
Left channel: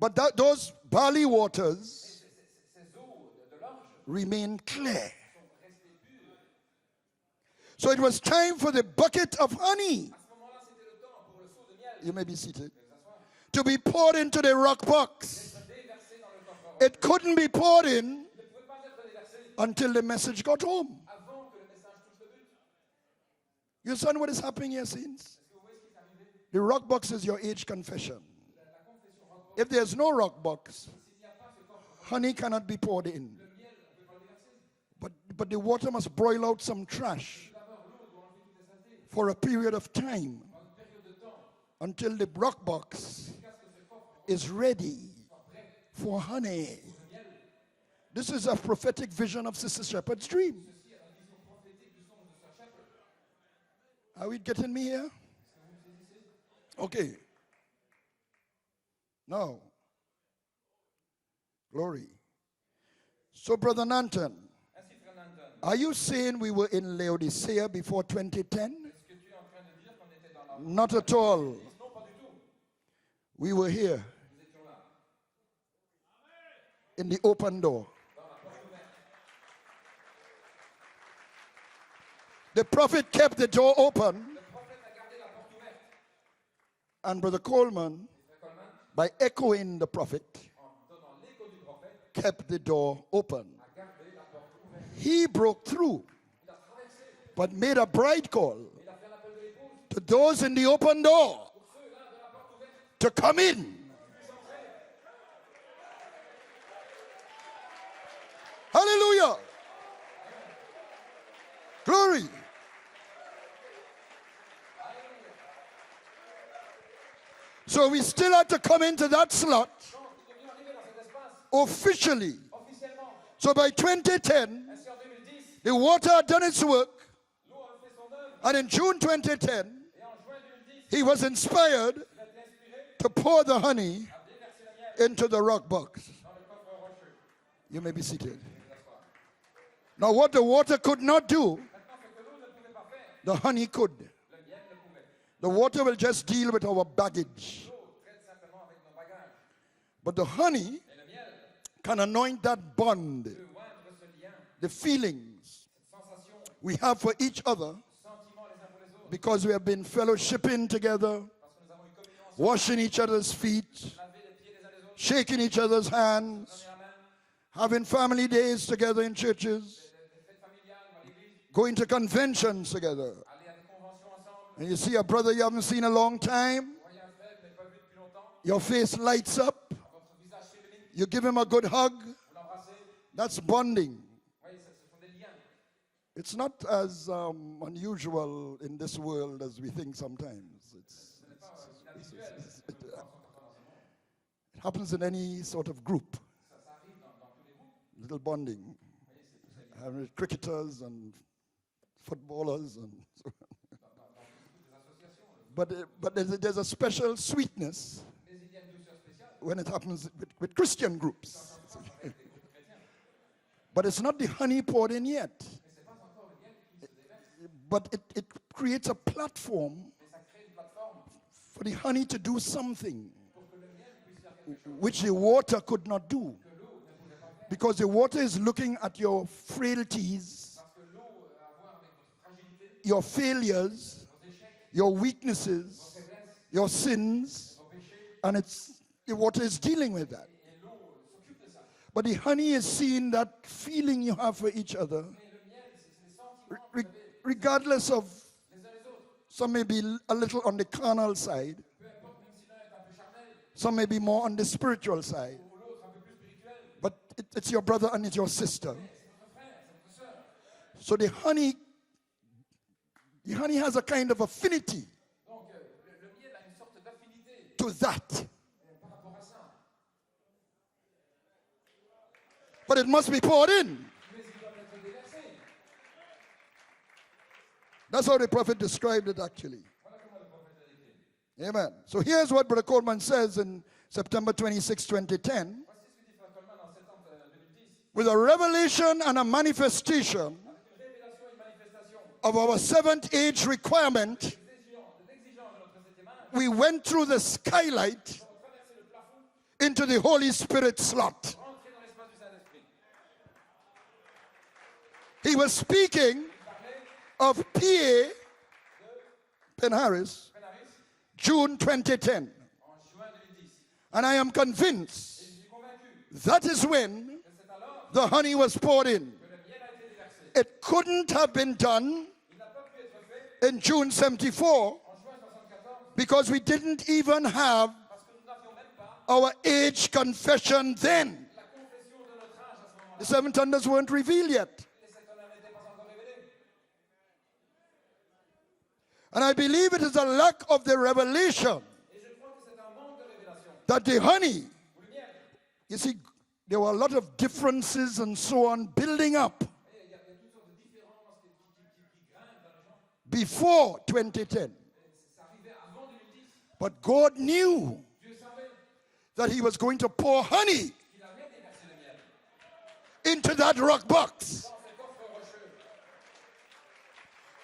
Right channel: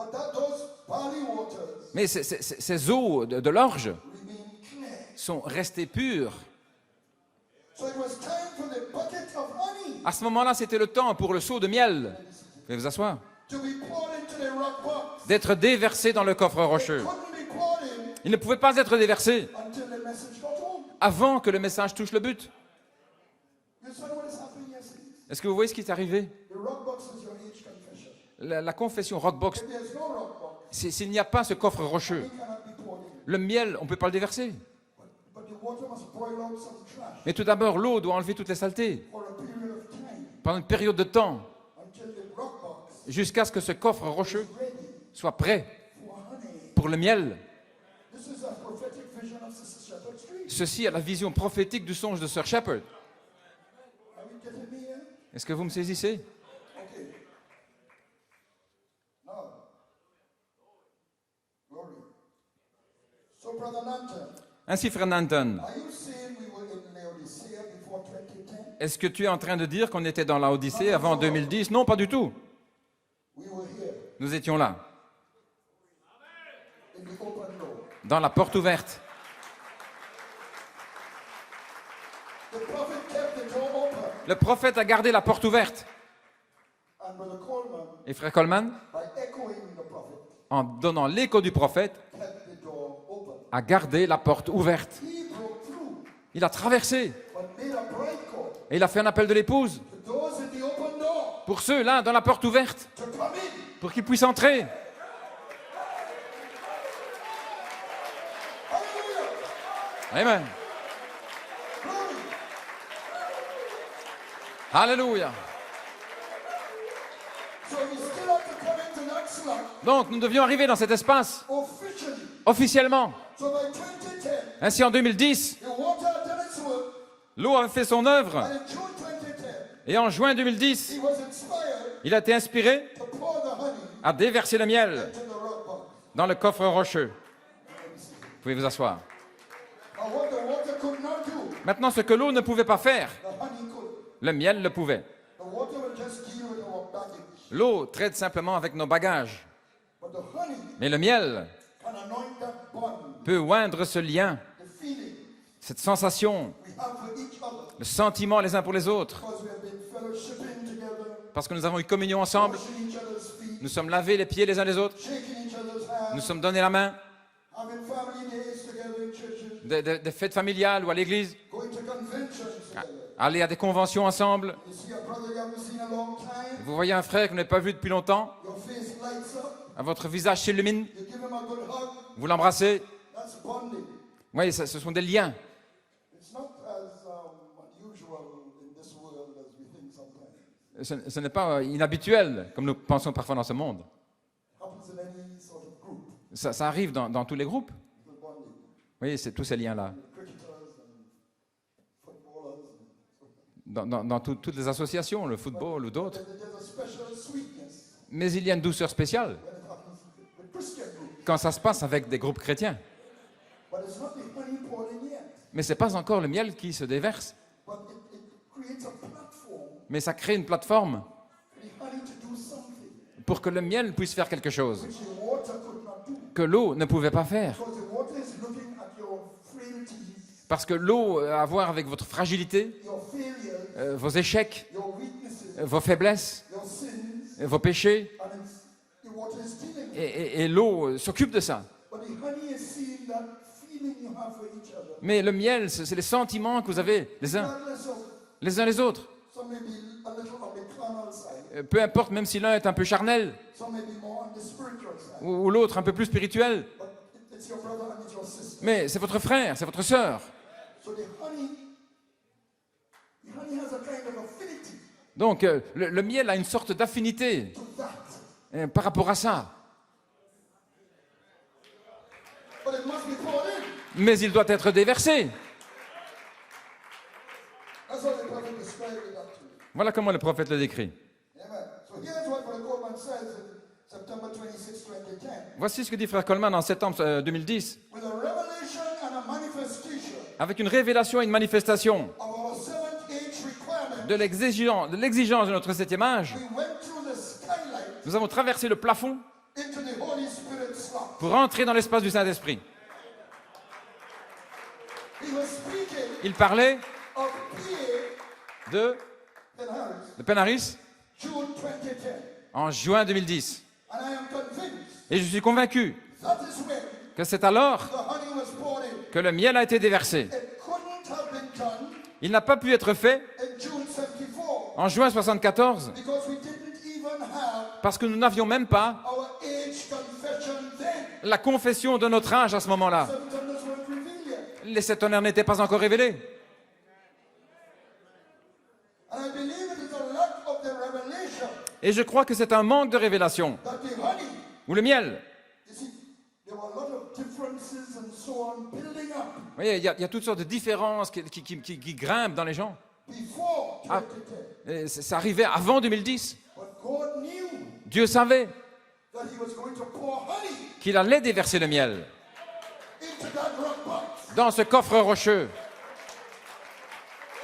but those barley waters mais ces eaux de l'orge remain clear. sont restées pures. So it was time for the bucket of honey, À ce moment-là, c'était le temps pour le seau de you miel, may be seated, veuillez vous asseoir, to be poured into the rock box. d'être déversé dans le coffre rocheux. It couldn't be poured in Il ne pouvait pas être déversé until the message got home. avant que le message touche le but. You understand what is happening here, saints? Est-ce que vous voyez ce qui est arrivé? The rock box is your age confession. La confession Rockbox, If there's no rock box, s'il n'y a pas ce coffre rocheux, honey cannot be poured in. le miel, on ne peut pas le déverser. But the water must boil out some trash Mais tout d'abord, l'eau doit enlever toutes les saletés for a period of time pendant une période de temps, until the rock box jusqu'à ce que ce coffre rocheux is ready soit prêt for honey. pour le miel. This is a prophetic vision of Sister Shepherd's dream. Ceci est la vision prophétique du songe de Sir Shepherd. Are we getting me here? Est-ce que vous me saisissez? Okay. Now, glory. So, Brother Nanton, Ainsi, Frère Nanton, are you saying we were in Laodicea before 2010? est-ce que tu es en train de dire qu'on était dans la Not Odyssée at avant all. 2010? Non, pas du tout. We were here Nous étions là, in the open door. dans la porte ouverte. The prophet kept the door open, Le prophète a gardé la porte ouverte. and Brother Coleman, Et Frère Coleman, by echoing the prophet, en donnant l'écho du prophète, kept the door open. a gardé la porte ouverte. He broke through, Il a traversé but made a bride call et il a fait un appel de l'épouse to those in the open door pour ceux là dans la porte ouverte, to come in. pour qu'ils puissent entrer. Hallelujah. Amen. Glory. Alléluia. So we still have to come into that slot Donc nous devions arriver dans cet espace officially. officiellement. So by 2010, Ainsi en 2010, the water had done its work, l'eau avait fait son œuvre and in June 2010, et en juin 2010, he was inspired il a été inspiré to pour the honey à déverser le miel into the rock box. dans le coffre rocheux. You may be seated. Vous pouvez vous asseoir. Now what the water could not do, Maintenant, ce que l'eau ne pouvait pas faire, the honey could. le miel le pouvait. The water will just deal with our baggage. L'eau traite simplement avec nos bagages. But the honey Mais le miel can anoint that bond, peut oindre ce lien, the feeling cette sensation, we have for each other, le sentiment les uns pour les autres. because we have been fellowshipping together, Parce que nous avons eu communion ensemble, washing each other's feet, nous sommes lavés les pieds les uns les autres, shaking each other's nous hands, sommes donnés la main, having family days together in churches, des fêtes familiales ou à l'église, going to conventions together. aller à des conventions ensemble. And you see a brother you haven't seen a long time, Vous voyez un frère que vous n'avez pas vu depuis longtemps, your face lights up, votre visage s'illumine, you give him a good hug, vous l'embrassez. that's bonding. Oui, ce sont des liens. It's not as unusual in this world as we think sometimes. Ce n'est pas inhabituel, comme nous pensons parfois dans ce monde. It happens in any sort of group, Ça arrive dans tous les groupes. little bonding. Oui, c'est tous ces liens-là. With cricketers and footballers and so. Dans toutes les associations, le football ou But d'autres. there's a special sweetness Mais il y a une douceur spéciale when it happens with Christian groups. quand ça se passe avec des groupes chrétiens. But it's not the honey poured in yet. Mais ce n'est pas encore le miel qui se déverse. But it creates a platform Mais ça crée une plateforme for the honey to do something pour que le miel puisse faire quelque chose which the water could not do. que l'eau ne pouvait pas faire. Because the water is looking at your frailties, Parce que l'eau a à voir avec votre fragilité, your failures, vos échecs, your weaknesses, vos faiblesses, your sins, vos péchés. and the water is dealing with it. Et l'eau s'occupe de ça. But the honey is seeing that feeling you have for each other, Mais le miel, c'est les sentiments que vous avez regardless of les uns les autres. some may be a little on the carnal side, Peu importe, même si l'un est un peu charnel some may be more on the spiritual side. ou l'autre un peu plus spirituel. But it's your brother and it's your sister. Mais c'est votre frère, c'est votre sœur. So the honey has a kind of affinity Donc le miel a une sorte d'affinité to that. par rapport à ça. But it must be poured in. Mais il doit être déversé. That's how the prophet described it actually. Voilà comment le prophète le décrit. Amen. So here's what Brother Coleman says in September 26, 2010. Voici ce que dit frère Coleman en septembre 2010. With a revelation and a manifestation Avec une révélation et une manifestation of our seventh age requirement, de l'exigence de notre septième âge, we went through the skylight nous avons traversé le plafond into the Holy Spirit slot. pour entrer dans l'espace du Saint-Esprit. He was speaking Il parlait of PA de Ben Harris, Penaris June 2010. en juin 2010. And I am convinced Et je suis convaincu that is when que c'est alors the honey was poured in. que le miel a été déversé. It couldn't have been done Il n'a pas pu être fait in June 74 en juin 74 because we didn't even have parce que nous n'avions même pas our age confession then. la confession de notre âge à ce moment-là. Seven thunders weren't revealed yet. Les sept tonnerres n'étaient pas encore révélés. And I believe it is a lack of the revelation Et je crois que c'est un manque de révélation. that the honey, Ou le miel. you see, there were a lot of differences and so on building up Vous voyez, il y a toutes sortes de différences qui grimpent dans les gens. before 2010. Et ça arrivait avant 2010. But God knew Dieu savait that He was going to pour honey qu'il allait déverser le miel into that rock box. dans ce coffre rocheux.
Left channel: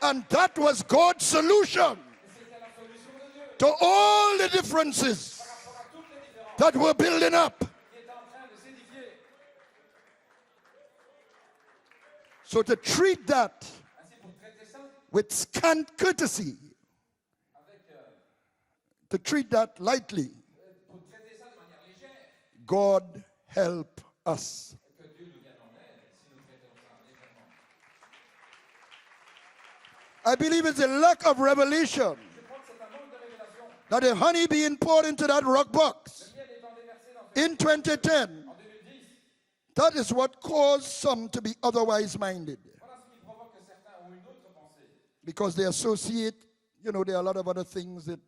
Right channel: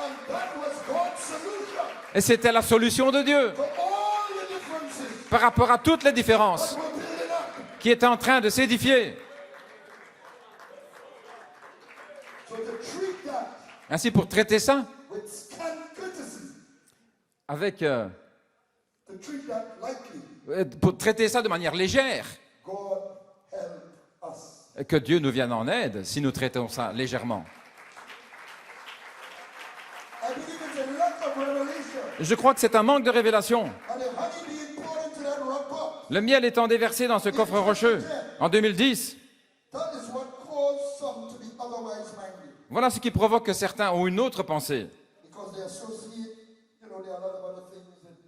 And that was God's solution Et c'était la solution de Dieu to all the differences par rapport à toutes les différences that were building up. qui étaient en train de s'édifier. So to treat that Ainsi, pour traiter ça with scant courtesy, avec, to treat that lightly, pour traiter ça de manière légère, God help us. que Dieu nous vienne en aide si nous traitons ça légèrement. I believe it's a lack of revelation. Je crois que c'est un manque de révélation. And the honey being poured into that rock box, Le miel étant déversé dans ce coffre rocheux 2010. en 2010, that is what caused some to be otherwise minded. voilà ce qui provoque que certains ont une autre pensée. Because they associate, there are a lot of other things that,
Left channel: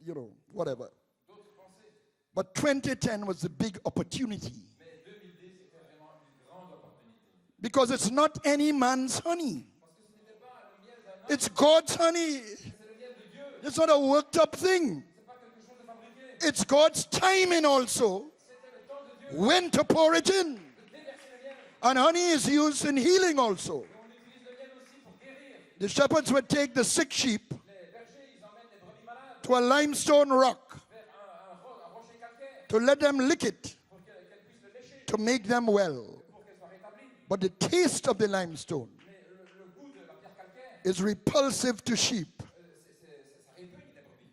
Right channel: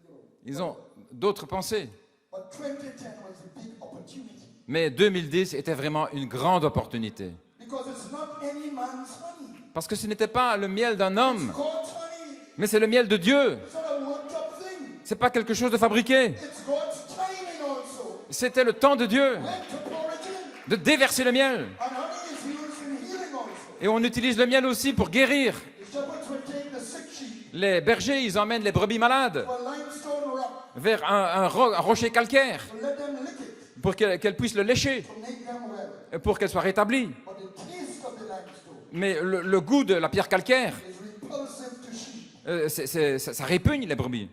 Ils ont whatever. d'autres pensées. But 2010 was the big opportunity. Mais 2010 était vraiment une grande opportunité. Because it's not any man's honey. Parce que ce n'était pas le miel d'un homme, It's God's honey. mais c'est le miel de Dieu. It's not a worked up thing. C'est pas quelque chose de fabriqué. It's God's timing also C'était le temps de Dieu when to pour it in. de déverser le miel. And honey is used in healing also. Et on utilise le miel aussi pour guérir. The shepherds would take the sick sheep Les bergers, ils emmènent les brebis malades to a limestone rock vers un rocher calcaire to let them lick it pour qu'elles puissent le lécher, to make them well. et pour qu'elles soient rétablies. But the taste of the limestone Mais le goût de la pierre calcaire, is repulsive to sheep. ça répugne les brebis.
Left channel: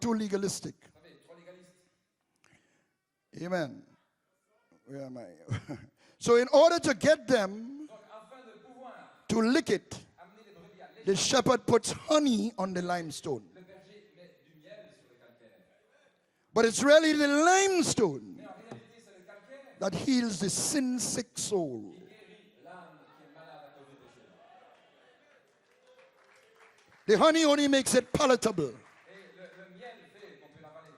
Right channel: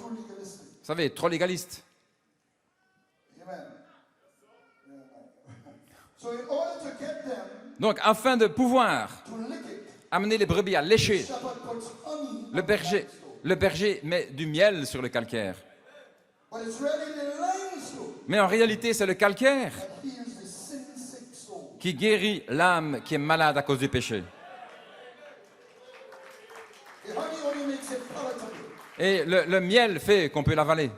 Too legalistic. Vous savez, trop légaliste. Amen. Where am I? So in order to get them Donc, afin de pouvoir to lick it, amener les brebis à the lécher, shepherd puts honey on the limestone. le berger met du miel sur le calcaire. But it's really the limestone Mais en réalité, c'est le calcaire that heals the sin-sick soul. qui guérit l'âme qui est malade à cause du péché. The honey only makes it palatable. Et le miel fait qu'on peut l'avaler.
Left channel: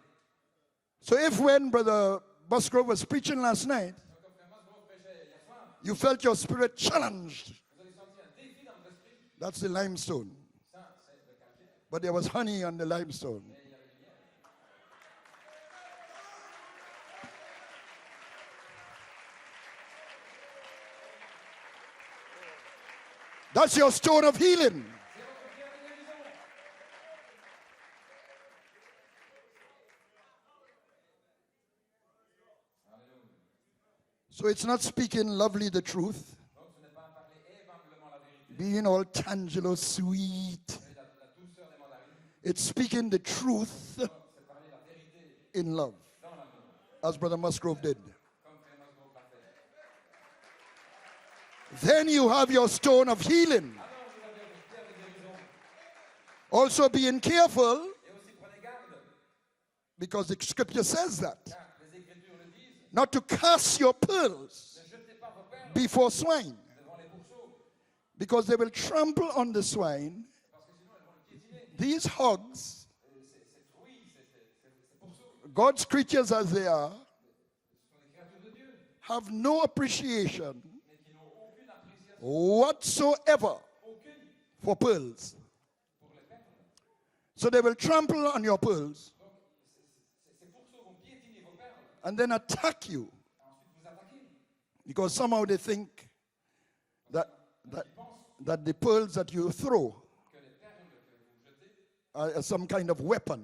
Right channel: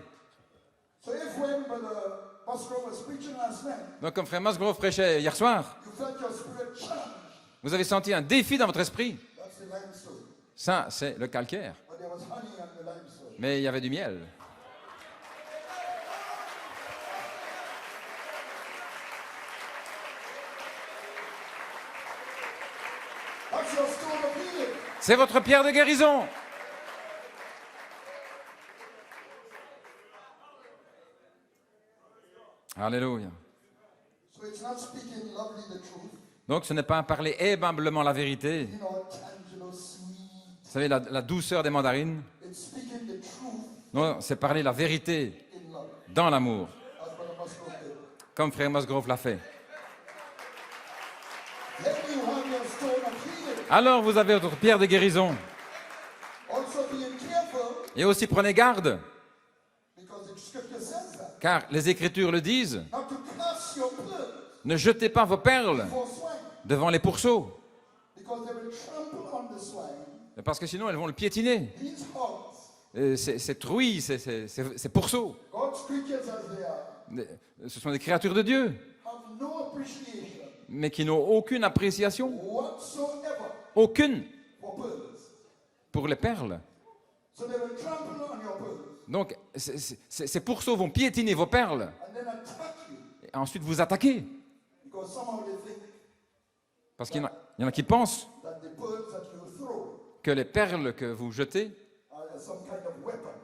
So if when Brother Musgrove was preaching last night, Donc, comme Frère Musgrove prêchait hier soir, you felt your spirit challenged, vous avez senti un défi dans votre esprit. that's the limestone. Ça, c'est le calcaire. But there was honey on the limestone. Mais il y avait du miel. That's your stone of healing. C'est votre pierre de guérison. Alléluia. So it's not speaking lovely the truth, Donc, ce n'est pas parler aimablement la vérité. being all tangelo sweet. Vous savez, la douceur des mandarines. It's speaking the truth Non, c'est parler la vérité in love, dans l'amour, as Brother Musgrove did. comme Frère Musgrove l'a fait. then you have your stone of healing. alors vous avez votre pierre de guérison. Also being careful, Et aussi prenez garde, because the scripture says that, car les Écritures le disent, not to cast your pearls ne jetez pas vos perles before swine, devant les pourceaux, because they will trample on the swine. parce que sinon elles vont le piétiner. These hogs, Ces truies, ces pourceaux, God's creatures as they are, ce sont des créatures de Dieu, have no appreciation mais qui n'ont aucune appréciation, whatsoever aucune, for pearls. pour les perles. So they will trample on your pearls Donc ces pourceaux vont piétiner vos perles, and then attack you, et ensuite vous attaquer. because somehow they think Parce qu'il y en a qui pensent that the pearls that you throw que les perles que vous jetez are some kind of weapon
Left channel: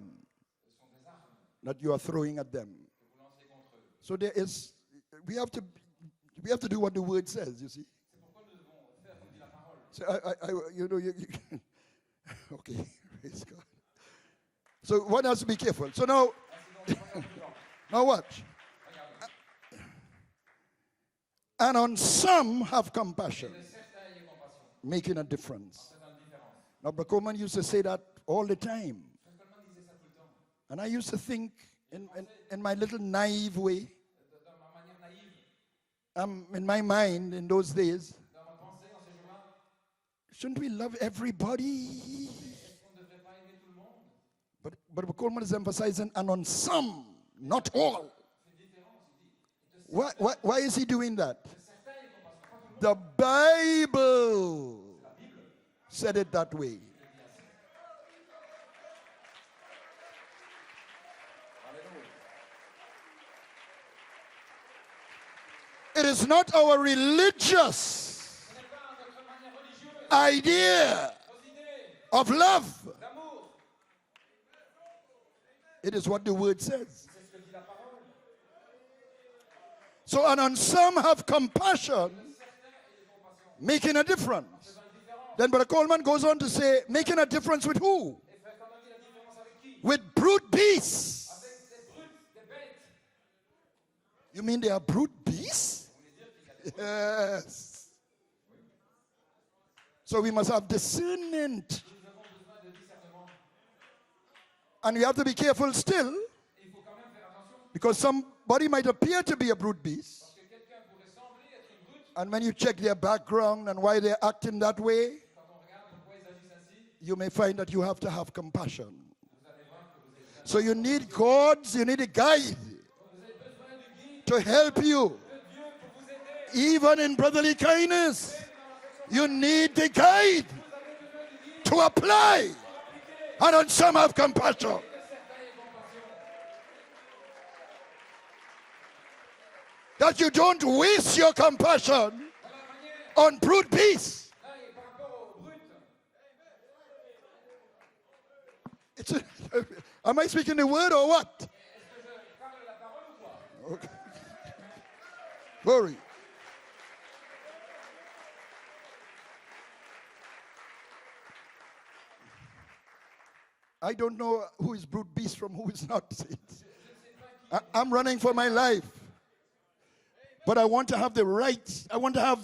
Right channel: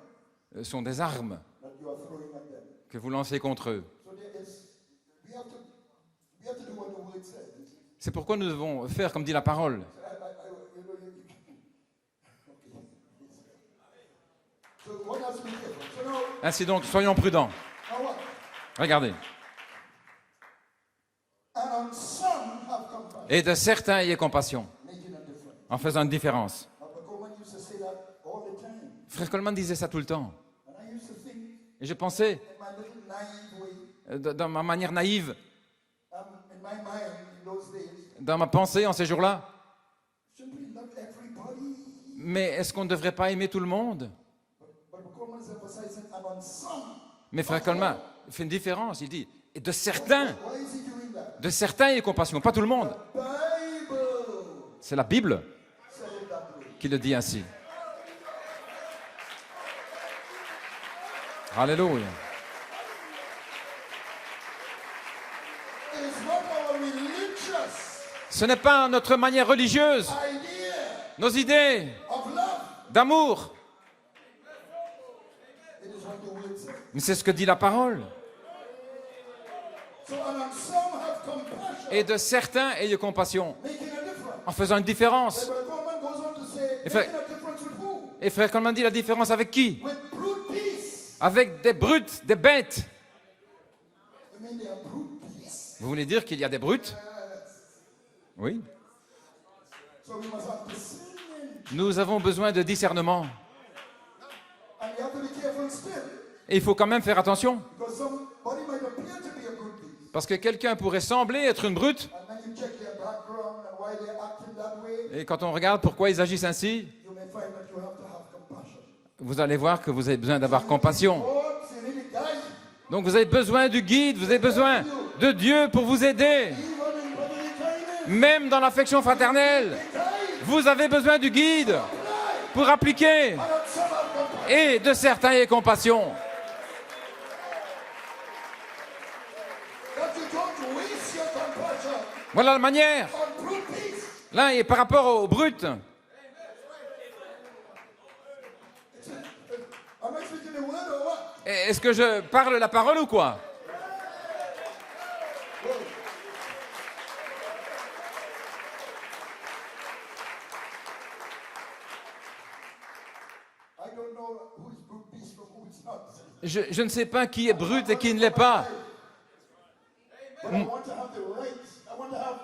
sont des armes that you are throwing at them. que vous lancez contre eux. So we have to do what the word says, you see. C'est pourquoi nous devons faire comme dit la parole. So okay. Praise God. So what else? Be careful. So now Ainsi donc, soyons prudents. watch. Regardez. And on some have compassion, Et de certains, ayez compassion, making a difference. en faisant une différence. Abba Coleman used to say that all the time. Frère Coleman disait ça tout le temps. And I used to think, Et je pensais, in my little naive way, dans ma manière naïve, in my mind in those days, dans ma pensée en ces jours-là, shouldn't we love everybody? mais est-ce qu'on ne devrait pas aimer tout le monde? But Coleman is emphasizing, and on some. Mais Frère not Coleman all. fait une différence. Il dit, et de Why, certains, why is he doing that? ayez compassion, pas tout le monde. The Bible C'est la Bible said it that way. qui le dit ainsi. Alléluia. It is not our religious Ce n'est pas notre manière religieuse, idea nos idées of love. d'amour, It is what the word says. mais c'est ce que dit la parole. So, and on some have compassion, Et de certains, ayez compassion, making a difference. en faisant une différence. Then Brother Coleman goes on to say, fact- making a difference with who? Et Frère Coleman dit la différence avec qui? With brute beasts. Avec des brutes, des bêtes. You mean they are brute beasts? Vous voulez dire qu'il y a des brutes? Yes. Oui. So we must have discernment. Nous avons besoin de discernement. And we have to be careful still, Et il faut quand même faire attention, because somebody might appear to be a brute beast. parce que quelqu'un pourrait sembler être une brute, And when you check their background and why they're acting that way, et quand on regarde pourquoi ils agissent ainsi, you may find that you have to have compassion. vous allez voir que vous avez besoin So d'avoir you compassion. need God, you need a guide. Donc vous avez besoin du guide, vous avez To besoin help you. de Dieu pour vous aider. Even in brotherly kindness, Même dans l'affection you fraternelle, need the guide vous avez besoin du guide to apply. pour appliquer. And on some have Et compassion. de certains, ayez compassion. That you don't waste your compassion Voilà la manière. on brute beasts. Là, et par rapport aux brutes, Am I speaking the word or what? est-ce que je parle la parole ou quoi? Glory. I don't know who is brute beast from who is not. Je ne sais pas qui est brut I'm et qui running ne l'est for my pas. life. But I want to have the rights. I want to have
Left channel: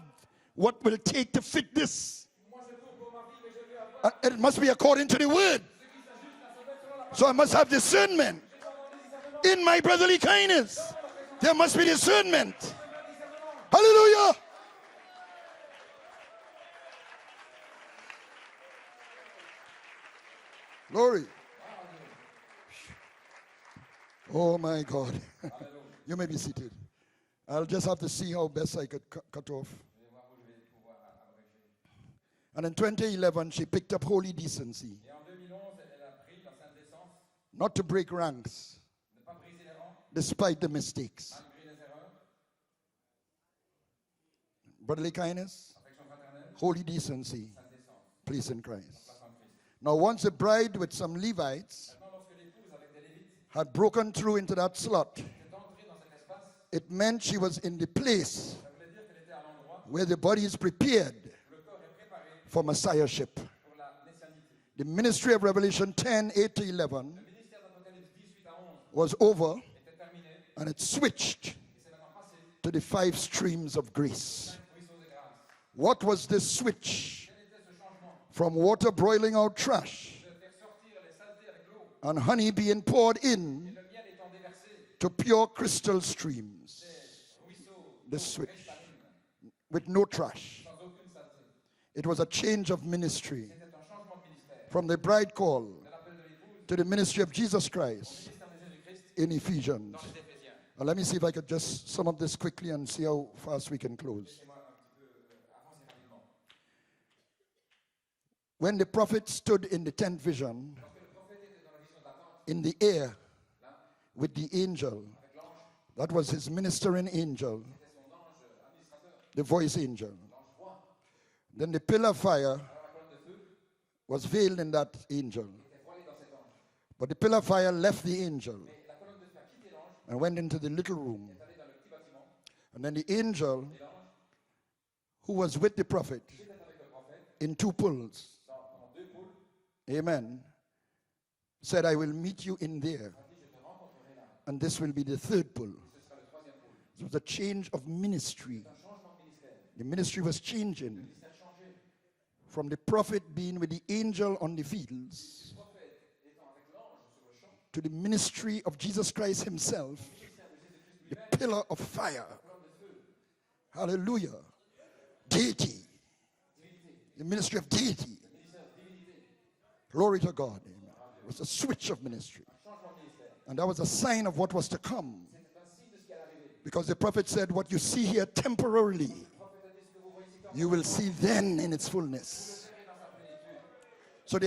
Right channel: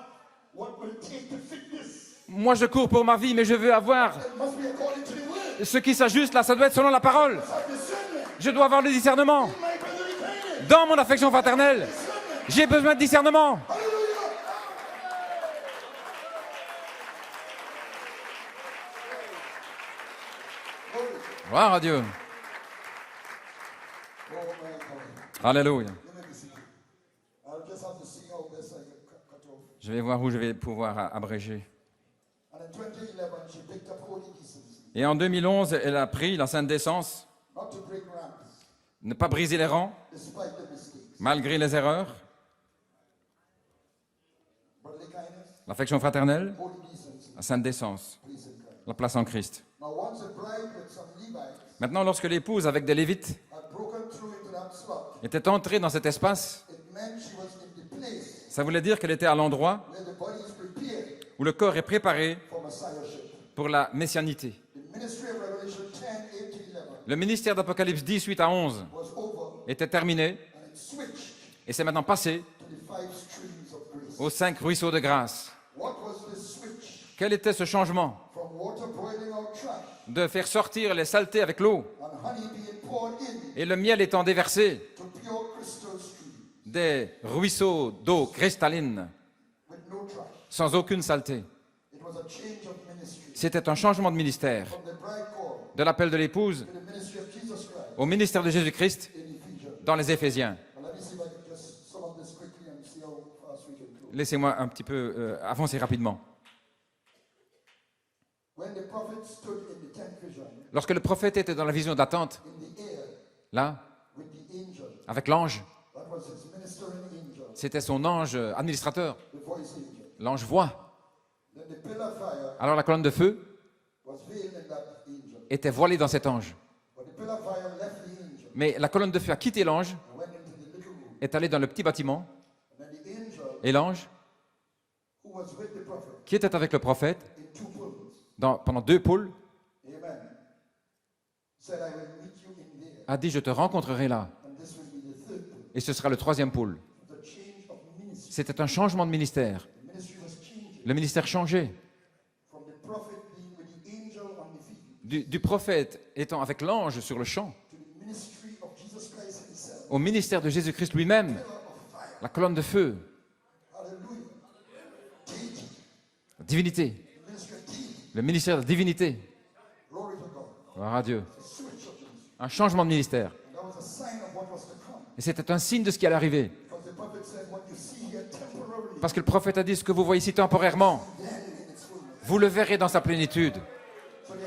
what will take to fit this. Moi, je cours pour ma vie, mais je veux avoir It must be according to the word. ce qui s'ajuste là. Ça doit être selon la So I parole. must have discernment. Je dois avoir le discernement. In my brotherly kindness, Dans mon affection there must be fraternelle, discernment. j'ai besoin de discernement. Hallelujah. Glory. Gloire à Dieu. Oh my God. Alléluia. You may be seated. I'll just have to see how best I could cut off. Je vais voir où je vais pouvoir abréger. And in 2011, she picked up holy decency, Et en 2011, elle a pris la sainte décence, not to break ranks, ne pas briser les rangs, despite the mistakes. malgré les erreurs, Brotherly kindness, l'affection fraternelle, holy decency, la sainte décence, place in Christ. la place en Christ. Now, once the bride with some Levites Maintenant, lorsque l'épouse, avec des Lévites, had broken through into that slot, était entrée dans cet espace, it meant she was in the place ça voulait dire qu'elle était à l'endroit where the body is prepared où le corps est préparé for messiahship. pour la messianité. The ministry of Revelation 10, 8 to 11 Le ministère d'Apocalypse 10, 8 à 11 was over, était terminé and it switched et c'est maintenant passé to the 5 streams of grace. aux 5 ruisseaux de grâce. What was this switch Quel était ce changement? from water boiling out trash De faire sortir les saletés avec l'eau and honey being poured in et le miel étant déversé to pure crystal streams des ruisseaux d'eau cristalline with no trash? sans aucune saleté. It was a change of ministry C'était un changement de ministère, from the bride call de l'appel de l'épouse to the ministry of Jesus Christ au ministère de Jésus-Christ in Ephesians. dans les Éphésiens. Well, let me see if I could just sum up this quickly and see how fast we can close. Laissez-moi un petit peu avancer rapidement. When the prophet stood in the tenth vision Lorsque le prophète était dans la vision d'attente, in the air là, with the angel, avec l'ange, that was his ministering angel, c'était son ange administrateur, the voice angel. l'ange voix. Then the pillar of fire Alors la colonne de feu was veiled in that angel. était voilée dans cet ange. But the pillar of fire left the angel Mais la colonne de feu a quitté l'ange, and went into the little room. est allée dans le petit bâtiment, And then the angel et l'ange, who was with the prophet qui était avec le prophète, in two pulls, pendant 2 poules, amen, said, I will meet you in there. a dit, je te rencontrerai là. And this will be the third pull. Et ce sera le 3e poule. It was a change of ministry. C'était un changement de ministère. The ministry was changing Le ministère changeait. from the prophet being with the angel on the field Du prophète étant avec l'ange sur le champ, to the ministry of Jesus Christ himself, au ministère de Jésus-Christ lui-même, pillar of fire. la colonne de feu, Hallelujah. Deity. la divinité, The ministry of deity. le ministère de divinité. Glory to God. Gloire à Dieu. It's a switch of ministry. Un changement de ministère. And that was a sign of what was to come. Et c'était un signe de ce qui allait arriver. Because the prophet said, what you see here temporarily, Parce que le prophète a dit, ce que vous voyez ici you will temporairement, see then in its fullness. vous le verrez dans sa plénitude. So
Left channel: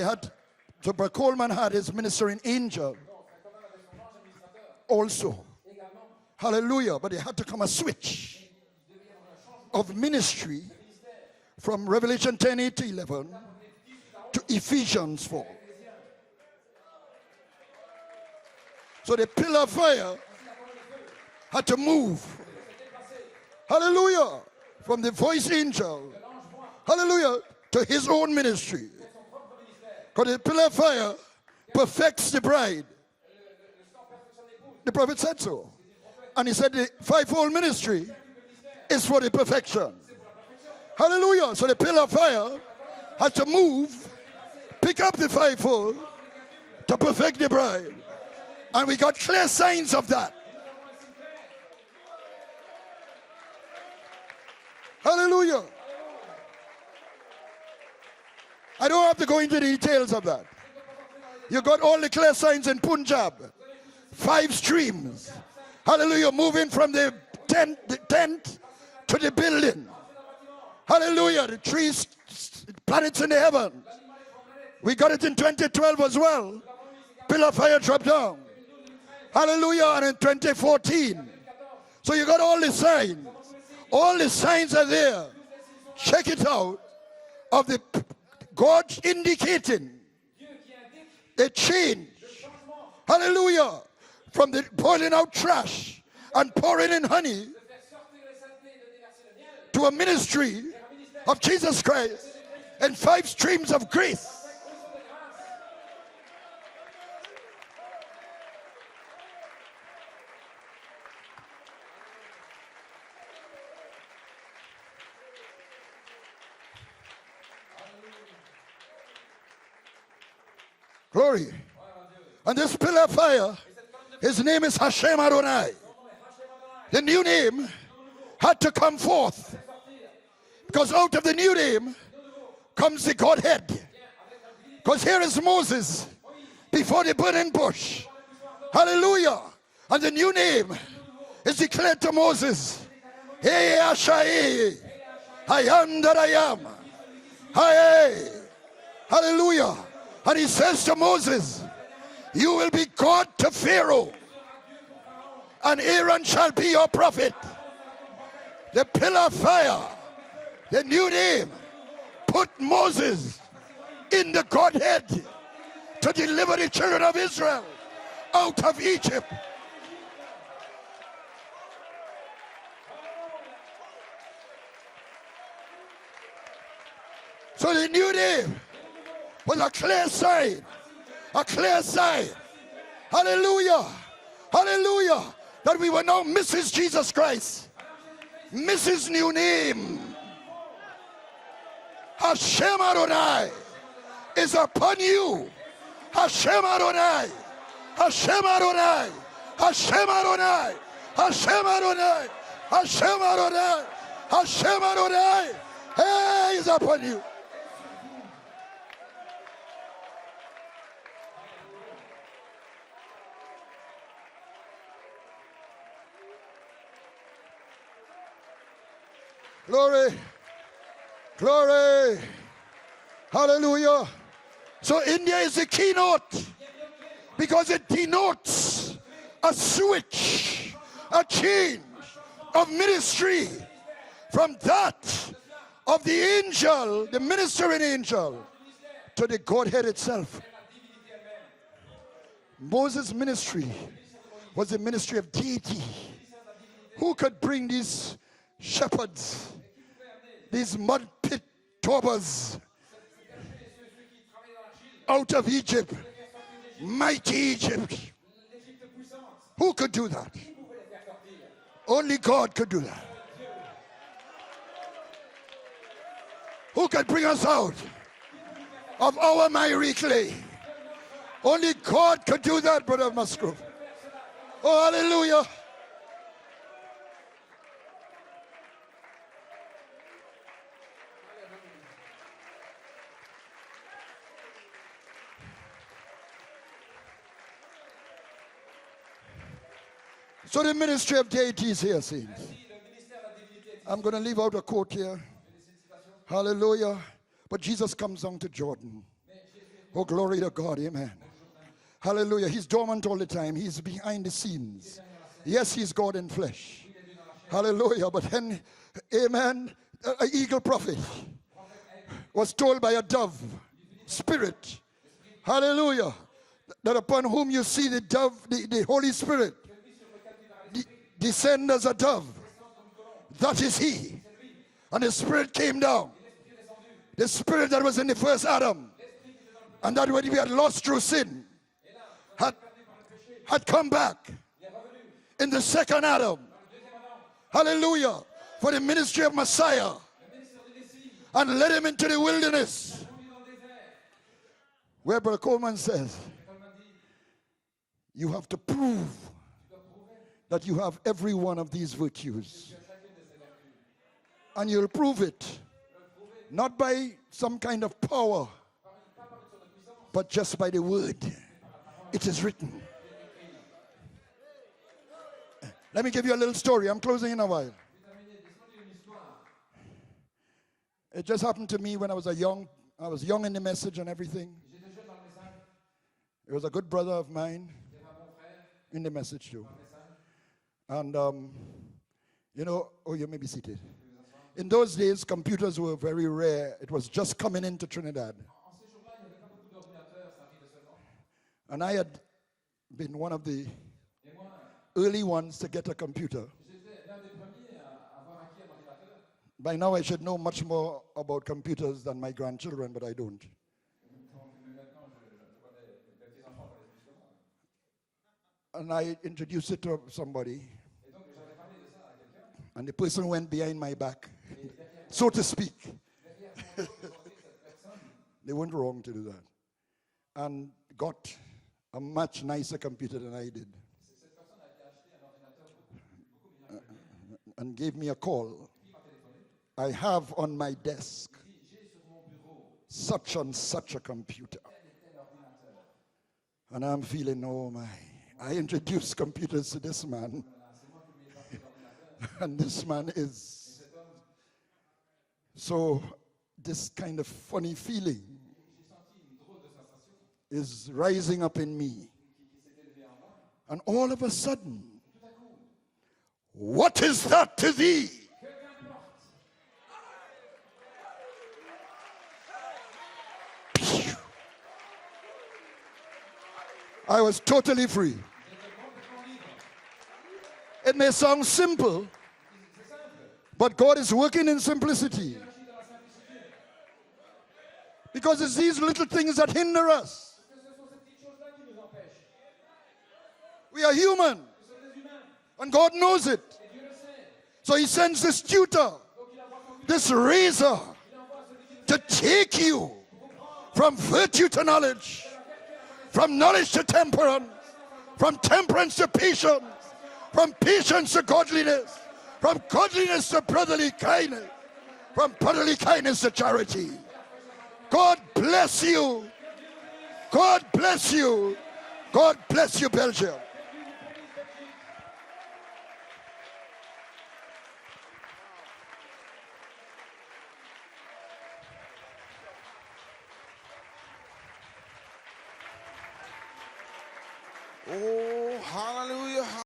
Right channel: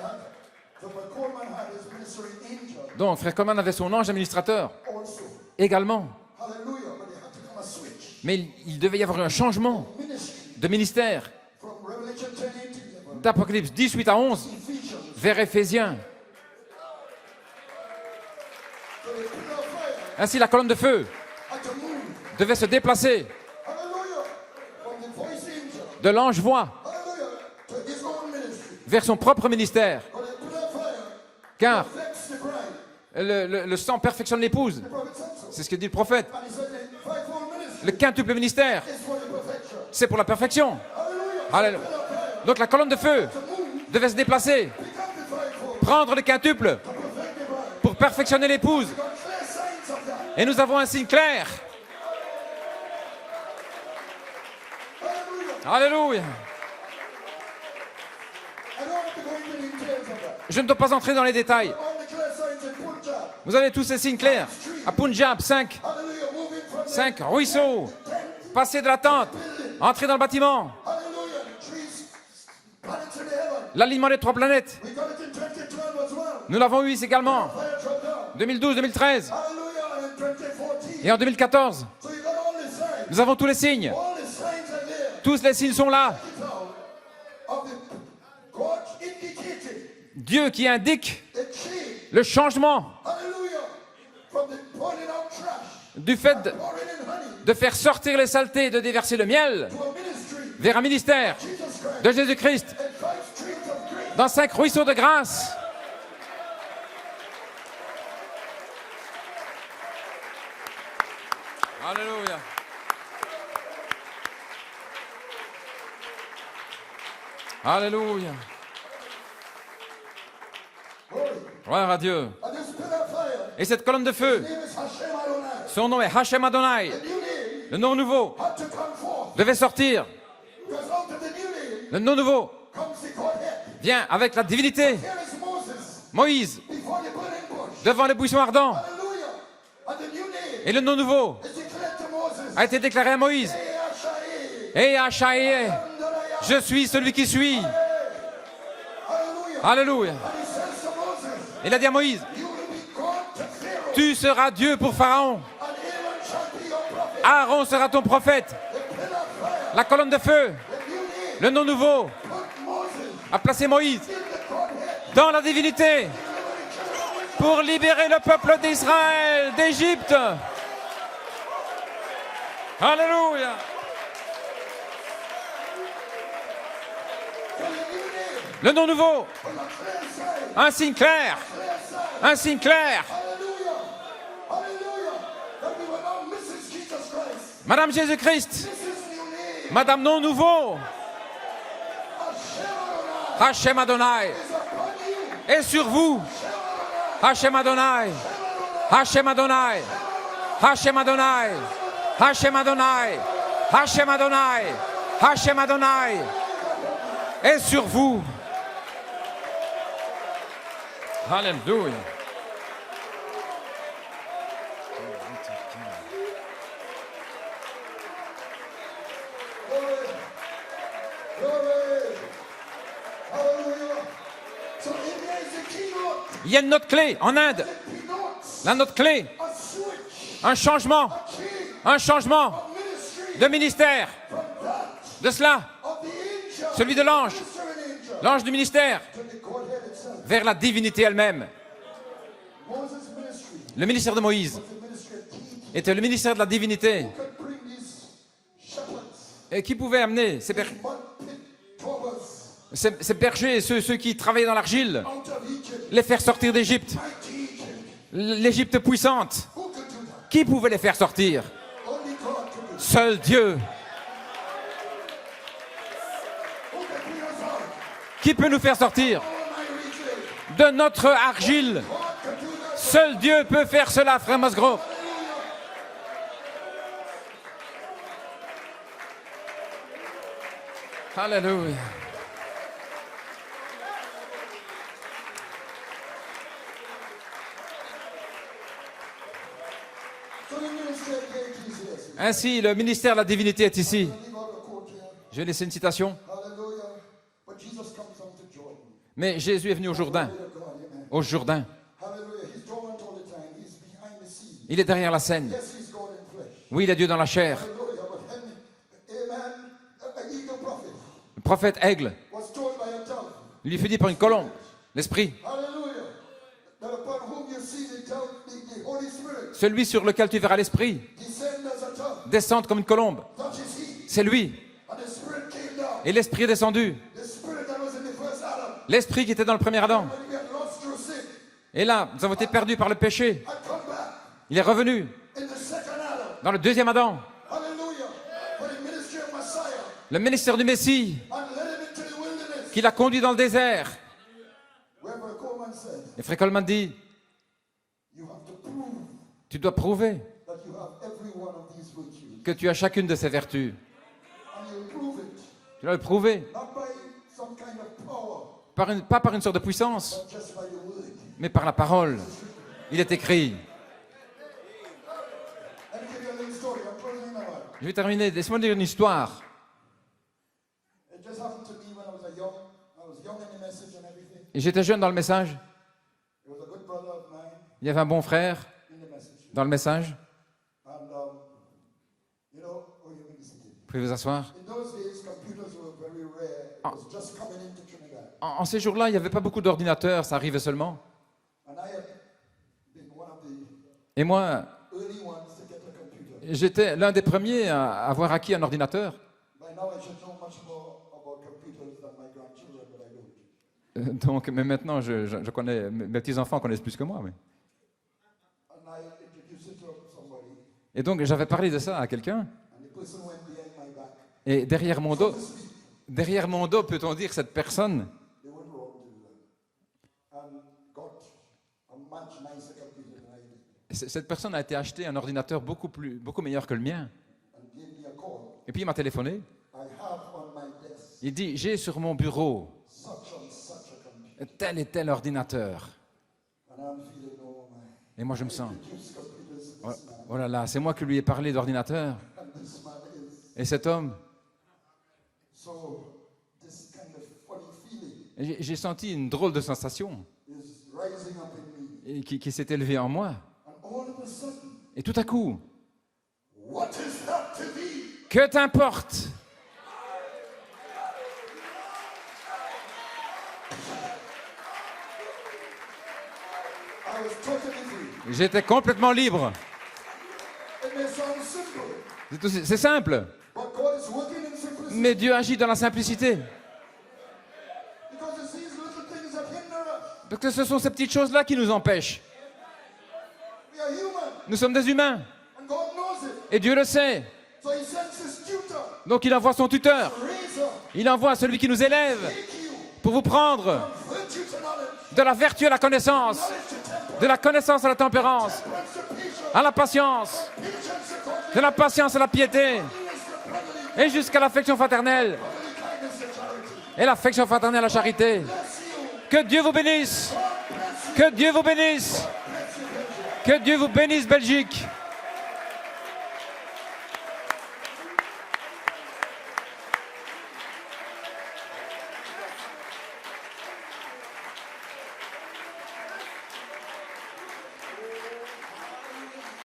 Brother Coleman had his ministering angel Donc, frère Coleman avait son ange administrateur also. également. Hallelujah. But there had to come a switch Mais il devait y avoir un changement of ministry de ministère. from Revelation 10:18 level D'Apocalypse 18 à 11 to Ephesians. vers Éphésiens. So the pillar of fire Ainsi, la colonne de feu had to move. devait se déplacer Hallelujah. From the voice angel. de l'ange voix Hallelujah. To his own ministry. vers son propre ministère. Because the pillar of fire Car perfects the bride. le sang perfectionne l'épouse. The prophet said so. C'est ce que dit le prophète. And he said the fivefold Le ministry quintuple ministère, is for the perfection. c'est pour la perfection. Hallelujah. So the Hallelujah. pillar of fire Donc la colonne de feu had to move, devait se déplacer, pick up the fivefold prendre le quintuple to perfect the bride. pour perfectionner l'épouse. And we got clear signs of that. Et nous avons un signe clair. Hallelujah. Alléluia. I don't have to go into the details of that. Je ne dois pas entrer dans les You détails. got all the clear signs in Punjab. Vous avez tous ces signes clairs. 5 streams. À Punjab, 5. Hallelujah. Moving from the Cinq ruisseaux. tent Passer de la to tente, the building. entrer dans le bâtiment. Hallelujah. The trees, planets in the heaven. L'alignement des 3 planètes. We got it in 2012 as well. Nous l'avons eu également. Pillar of fire dropped down. 2012, 2013 Hallelujah. And in et en 2014. 2014. So you got all the signs. Nous avons tous les signes. All the signs are there. Tous les signes sont là. Check it out. Of the God indicating Dieu qui indique a change. le changement Hallelujah. From the pouring out trash du fait and pouring in honey de faire sortir les saletés, de déverser le miel to a ministry vers un ministère of Jesus de Christ Jésus-Christ and 5 streams of grace. dans 5 ruisseaux de grâce. Alléluia. Alléluia. Glory. Gloire à Dieu. And this pillar of fire, Et cette colonne de his feu, name is Hashem Adonai. son nom est Hachem Adonai. The new name Le nom nouveau had to come forth devait sortir. because out of the new name Le nom nouveau comes the Godhead. vient avec la divinité. Because here is Moses Moïse, before the burning bush. devant les buissons ardents. Hallelujah. And the new Et name le nom nouveau is declared to Moses. a été déclaré à Moïse. Hey, Ashai. Et Hachaï, I am that I am. je suis celui qui suis. Hey. Hallelujah. Alléluia. And he says to Moses, Il a dit à Moïse, you will be God to Pharaoh, tu seras Dieu pour Pharaon. and Aaron shall be your prophet. Aaron sera ton prophète. The pillar of fire, La colonne de feu, the new le name, nom nouveau, put Moses a placé Moïse in the Godhead dans la divinité to deliver the children of pour Israel. libérer le peuple d'Israël, d'Égypte. Alléluia. So the new name Le nom nouveau, was a clear sign. un signe clair, A clear sign. un signe clair. Hallelujah. Hallelujah. That we were now Mrs. Jesus Christ. Madame Jésus-Christ, Mrs. New name. Madame nom nouveau, Hashem Adonai Hachem Adonai is upon you. est sur vous. Hashem Adonai. Hachem Adonai. Hashem Adonai. Hachem Adonai. Hashem Adonai. Hachem Adonai. Hashem Adonai. Hachem Adonai. Hashem Adonai. Hachem Adonai Is upon you. est sur vous. Alléluia. Glory. Glory. Hallelujah. So India is the keynote Il y a une note clé en Inde. because it denotes La note clé, a switch, un changement, a change un changement of ministry de ministère. from that De cela, of the angel, Celui de the l'ange. ministering angel, l'ange du ministère, to the Godhead itself. vers la divinité elle-même. Moses' ministry Le ministère de Moïse was the ministry of deity. était le ministère de la divinité. Who could bring these shepherds, Et qui pouvait amener these mud pit robbers ces bergers, ceux qui travaillaient dans l'argile, out of Egypt, les faire sortir d'Égypte, mighty Egypt? l'Égypte puissante? Who could do that? Qui pouvait les faire sortir? Only God could do that. Seul Dieu. Who could bring us out Qui peut nous faire of sortir our miry clay? de notre Only argile? God could do that. Seul Brother Dieu Musgrove. peut faire cela, frère Oh, Musgrove. hallelujah. Alléluia. So the ministry of deity is here. See, Ainsi, le ministère de la divinité est I'm ici. going to leave out a quote here. Je vais laisser une citation. Hallelujah. But Jesus comes down to Jordan. Mais Jésus est venu au Oh, Jourdain. glory to God. Amen. Au Jourdain. Hallelujah. He's dormant all the time. He's behind the scene. Il est derrière la scène. Yes, he's God in flesh. Oui, il est Dieu dans la chair. Hallelujah. But then, amen, an eagle prophet Le prophète Aigle was told by a dove, lui fut dit par une colombe. Spirit. L'Esprit. hallelujah, that upon whom you see the dove, the Holy Spirit, Celui sur lequel tu verras l'Esprit descend as a dove. descendre comme une colombe. That is he. C'est lui. And the Spirit came down. Et l'Esprit est descendu. The Spirit that was in the first Adam. L'Esprit qui était dans le premier And that Adam. when we had lost through sin, Et là, nous avons été perdus par le péché. had come back Il est revenu in the second Adam. dans le deuxième Adam. Hallelujah. For the ministry of Messiah. Le ministère du Messie And led him into the wilderness. qui l'a conduit dans le désert. Where Brother Coleman says, Et Frère Coleman dit, you have to prove tu dois prouver that you have every one of these virtues. que tu as chacune de ces vertus. And you'll prove it. Tu dois le prouver. Not by some kind of power, Pas par une sorte de puissance, but just by the word. mais par la parole. It is written. Il est écrit. Let me give you a little story. I'm closing in a while. Je vais terminer. Laisse-moi dire une histoire. It just happened to me when I was young in the message and everything. Et j'étais jeune dans le message. There was a good brother of mine Il y avait un bon frère in the message. dans le message. And, you know, oh, you may be seated. Vous pouvez vous asseoir. In those days, computers were very rare. It was just coming into Trinidad. En ces jours-là, il n'y avait pas beaucoup d'ordinateurs. Ça arrivait seulement. And I had been one of the Et moi, early ones to get a computer. j'étais l'un des premiers à avoir acquis un ordinateur. By now, I should know much more about computers than my grandchildren, but I don't. Donc, mais maintenant, je connais, mes petits-enfants connaissent plus que moi. Mais. And I introduced it to somebody, Et donc, j'avais parlé de ça à quelqu'un. and the person went behind my back, Et derrière mon so dos, to speak. peut-on dire, cette personne They weren't wrong to do that. And got a much nicer computer than I did, cette personne a été acheter un ordinateur beaucoup meilleur que le mien. and gave me a call. Et puis il m'a téléphoné. I have on my desk Il dit, j'ai sur mon bureau such and such a computer. tel et tel ordinateur. And I'm feeling, oh my. Et moi, je me I sens, introduced computers to this man. oh là là, c'est moi qui lui ai parlé d'ordinateur. And this man is. Et cet homme, So, this kind of funny feeling j'ai senti une drôle de sensation is rising up in me. qui s'est élevée en moi. And all of a sudden, Et tout à coup, what is that to thee? que t'importe? I was totally free. J'étais complètement libre. It may sound simple, C'est simple, but God is working in mais simplicity. Dieu agit dans la simplicité. Because it's these little things that hinder us. Parce que ce sont ces petites choses-là qui nous empêchent. We are human, Nous sommes des humains, and God knows it. et Dieu le sait. So he sends this tutor, Donc il envoie son tuteur, this raiser, il envoie celui qui nous to élève take you pour vous prendre from virtue to knowledge, de la vertu à la from connaissance, knowledge to de la temperance, connaissance à la from tempérance, temperance to patience, à la patience, from patience to de la godliness, patience à la from piété, godliness to brotherly et jusqu'à kindness, l'affection from fraternelle, brotherly kindness to charity. et l'affection fraternelle à la God charité. bless you. Que Dieu vous bénisse, God bless you. que Dieu vous bénisse, God bless you, Belgium. que Dieu vous bénisse, Belgique.